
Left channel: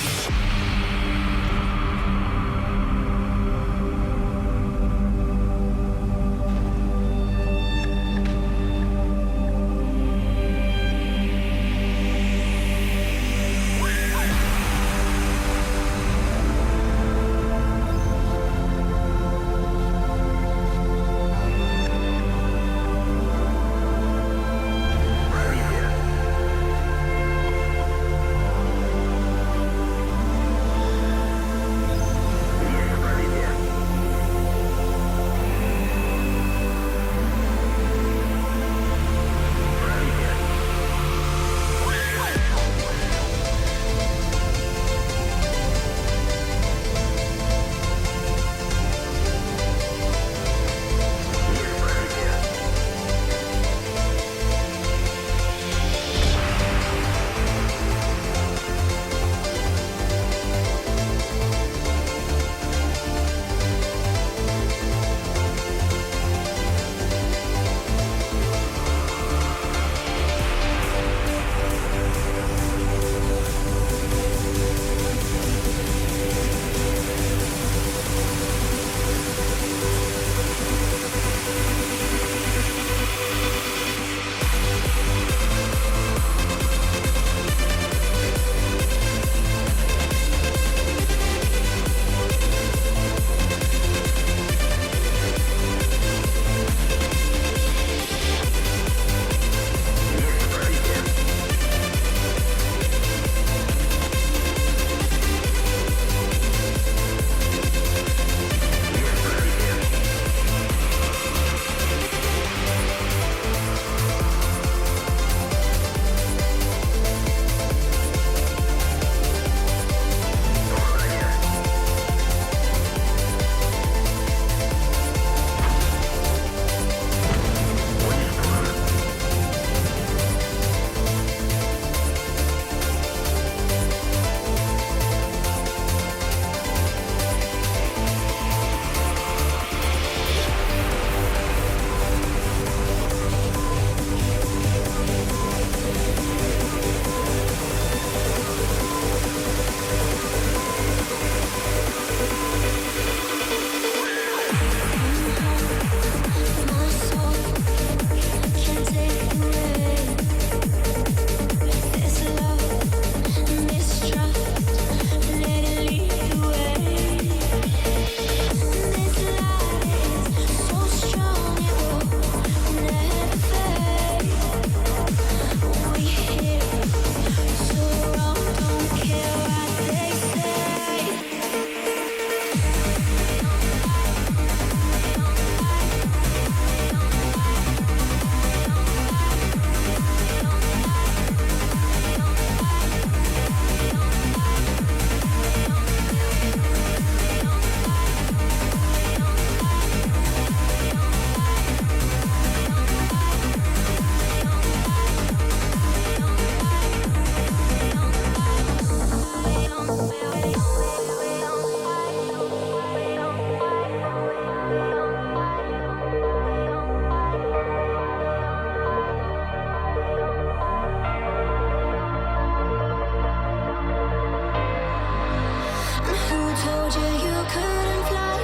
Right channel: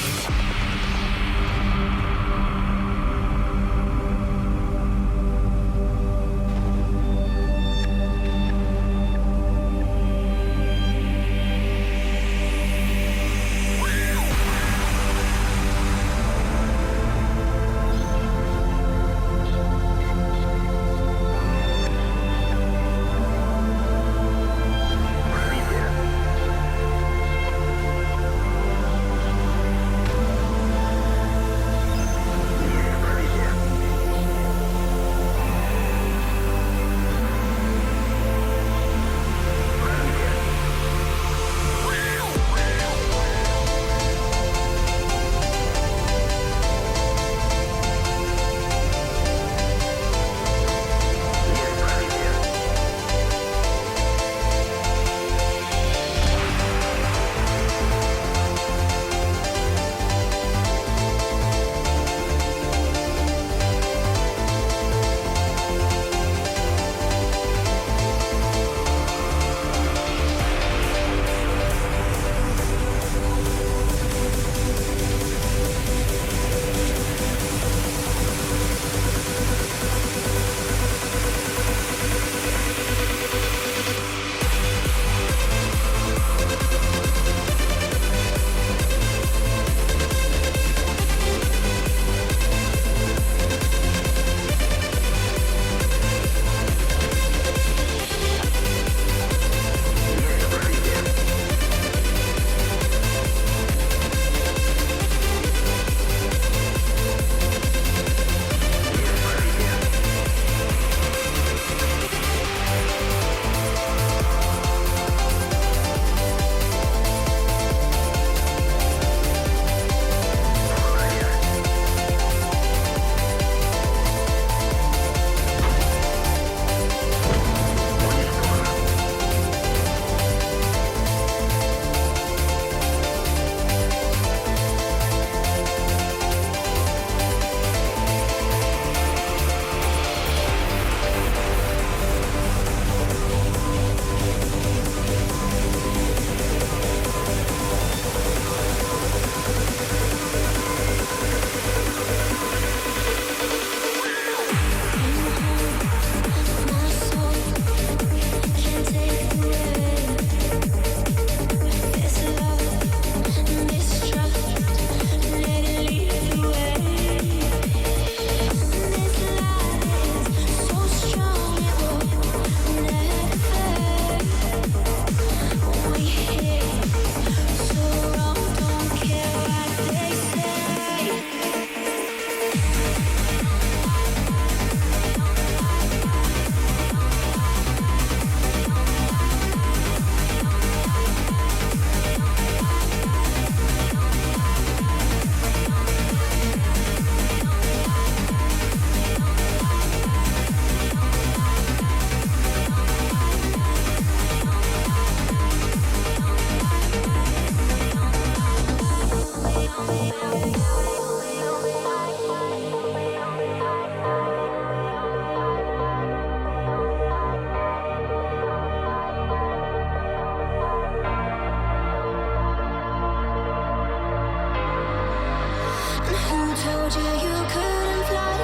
told you you couldn't fly?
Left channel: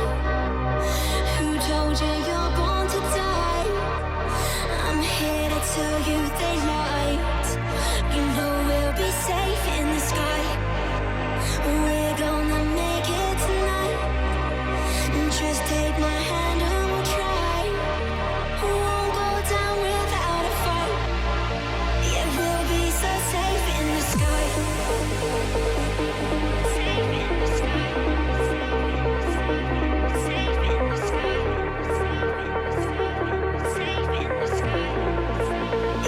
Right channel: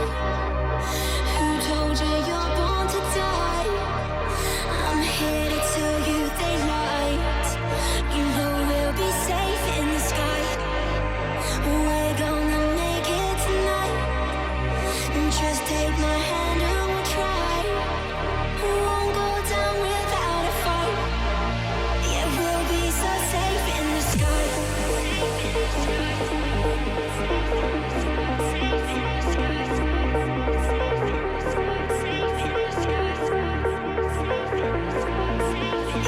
Who told you you're born to die? I'm here to tell you they lied. You know we'll be safe in the sky. We're gonna make it tonight. Just take my hand and we'll try. Won't go down without a fight. Yeah, we'll be so safe in the sky.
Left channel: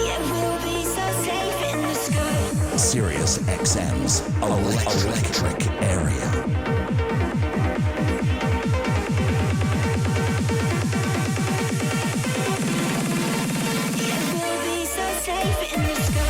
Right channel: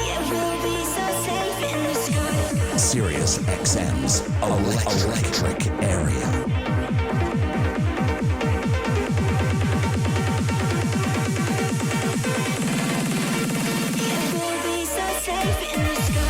Yeah, we'll be so safe in the sky. Sirius XM's electric area. Safe in the sky.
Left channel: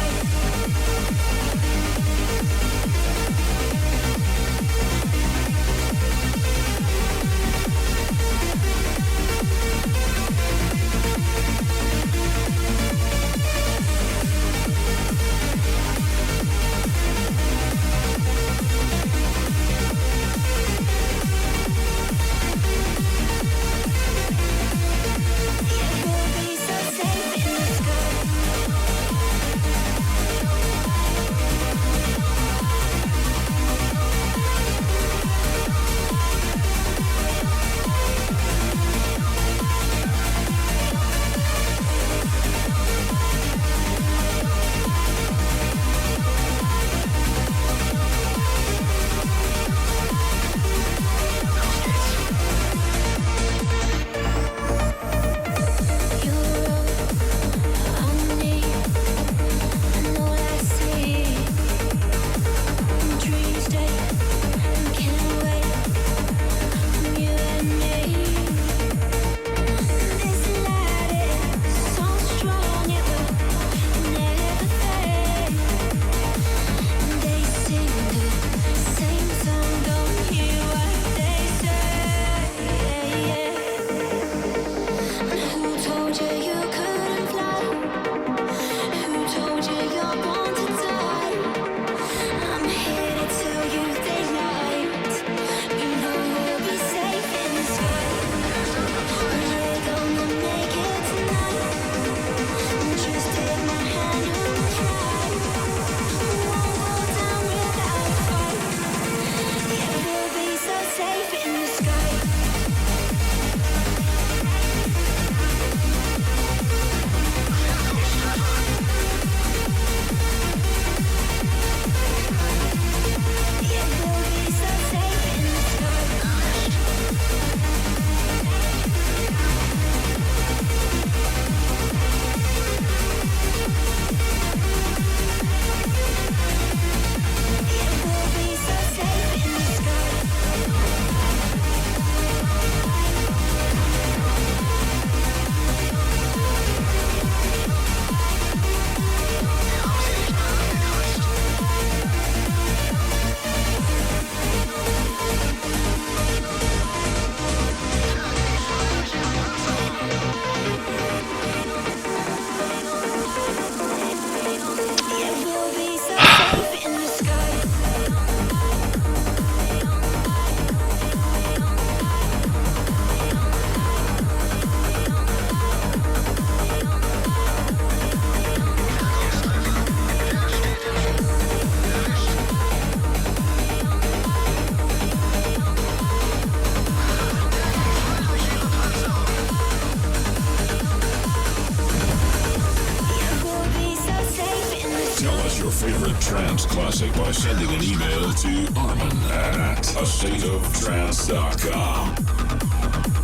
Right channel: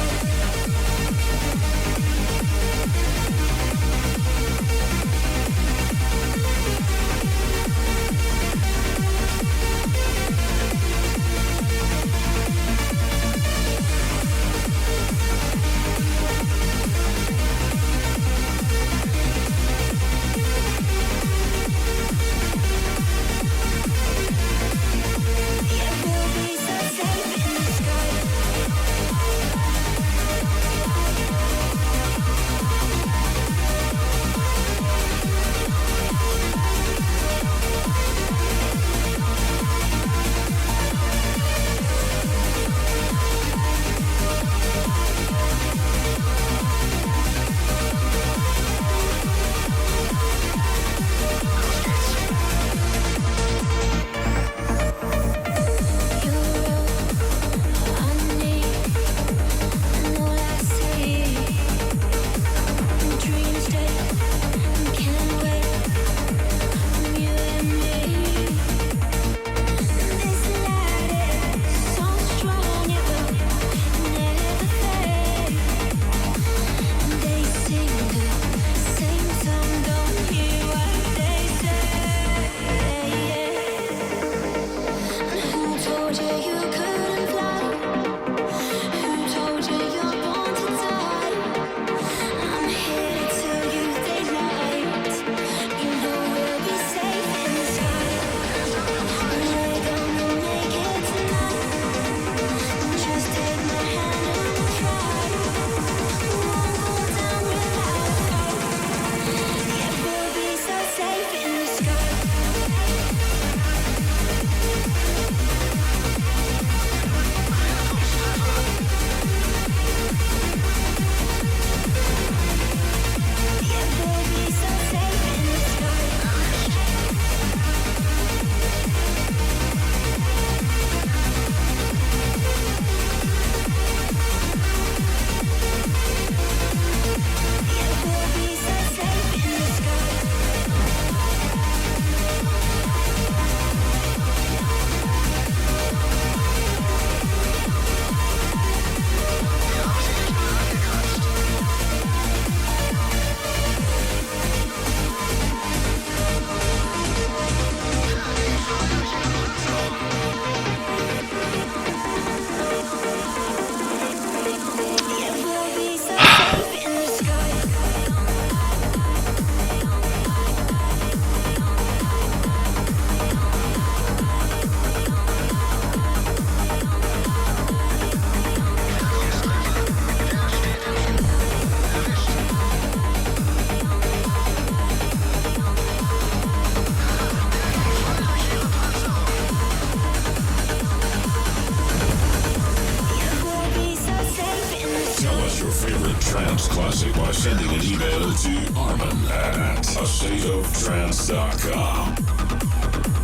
Trance Classic by sending an email to Armin at astateoftrance.com.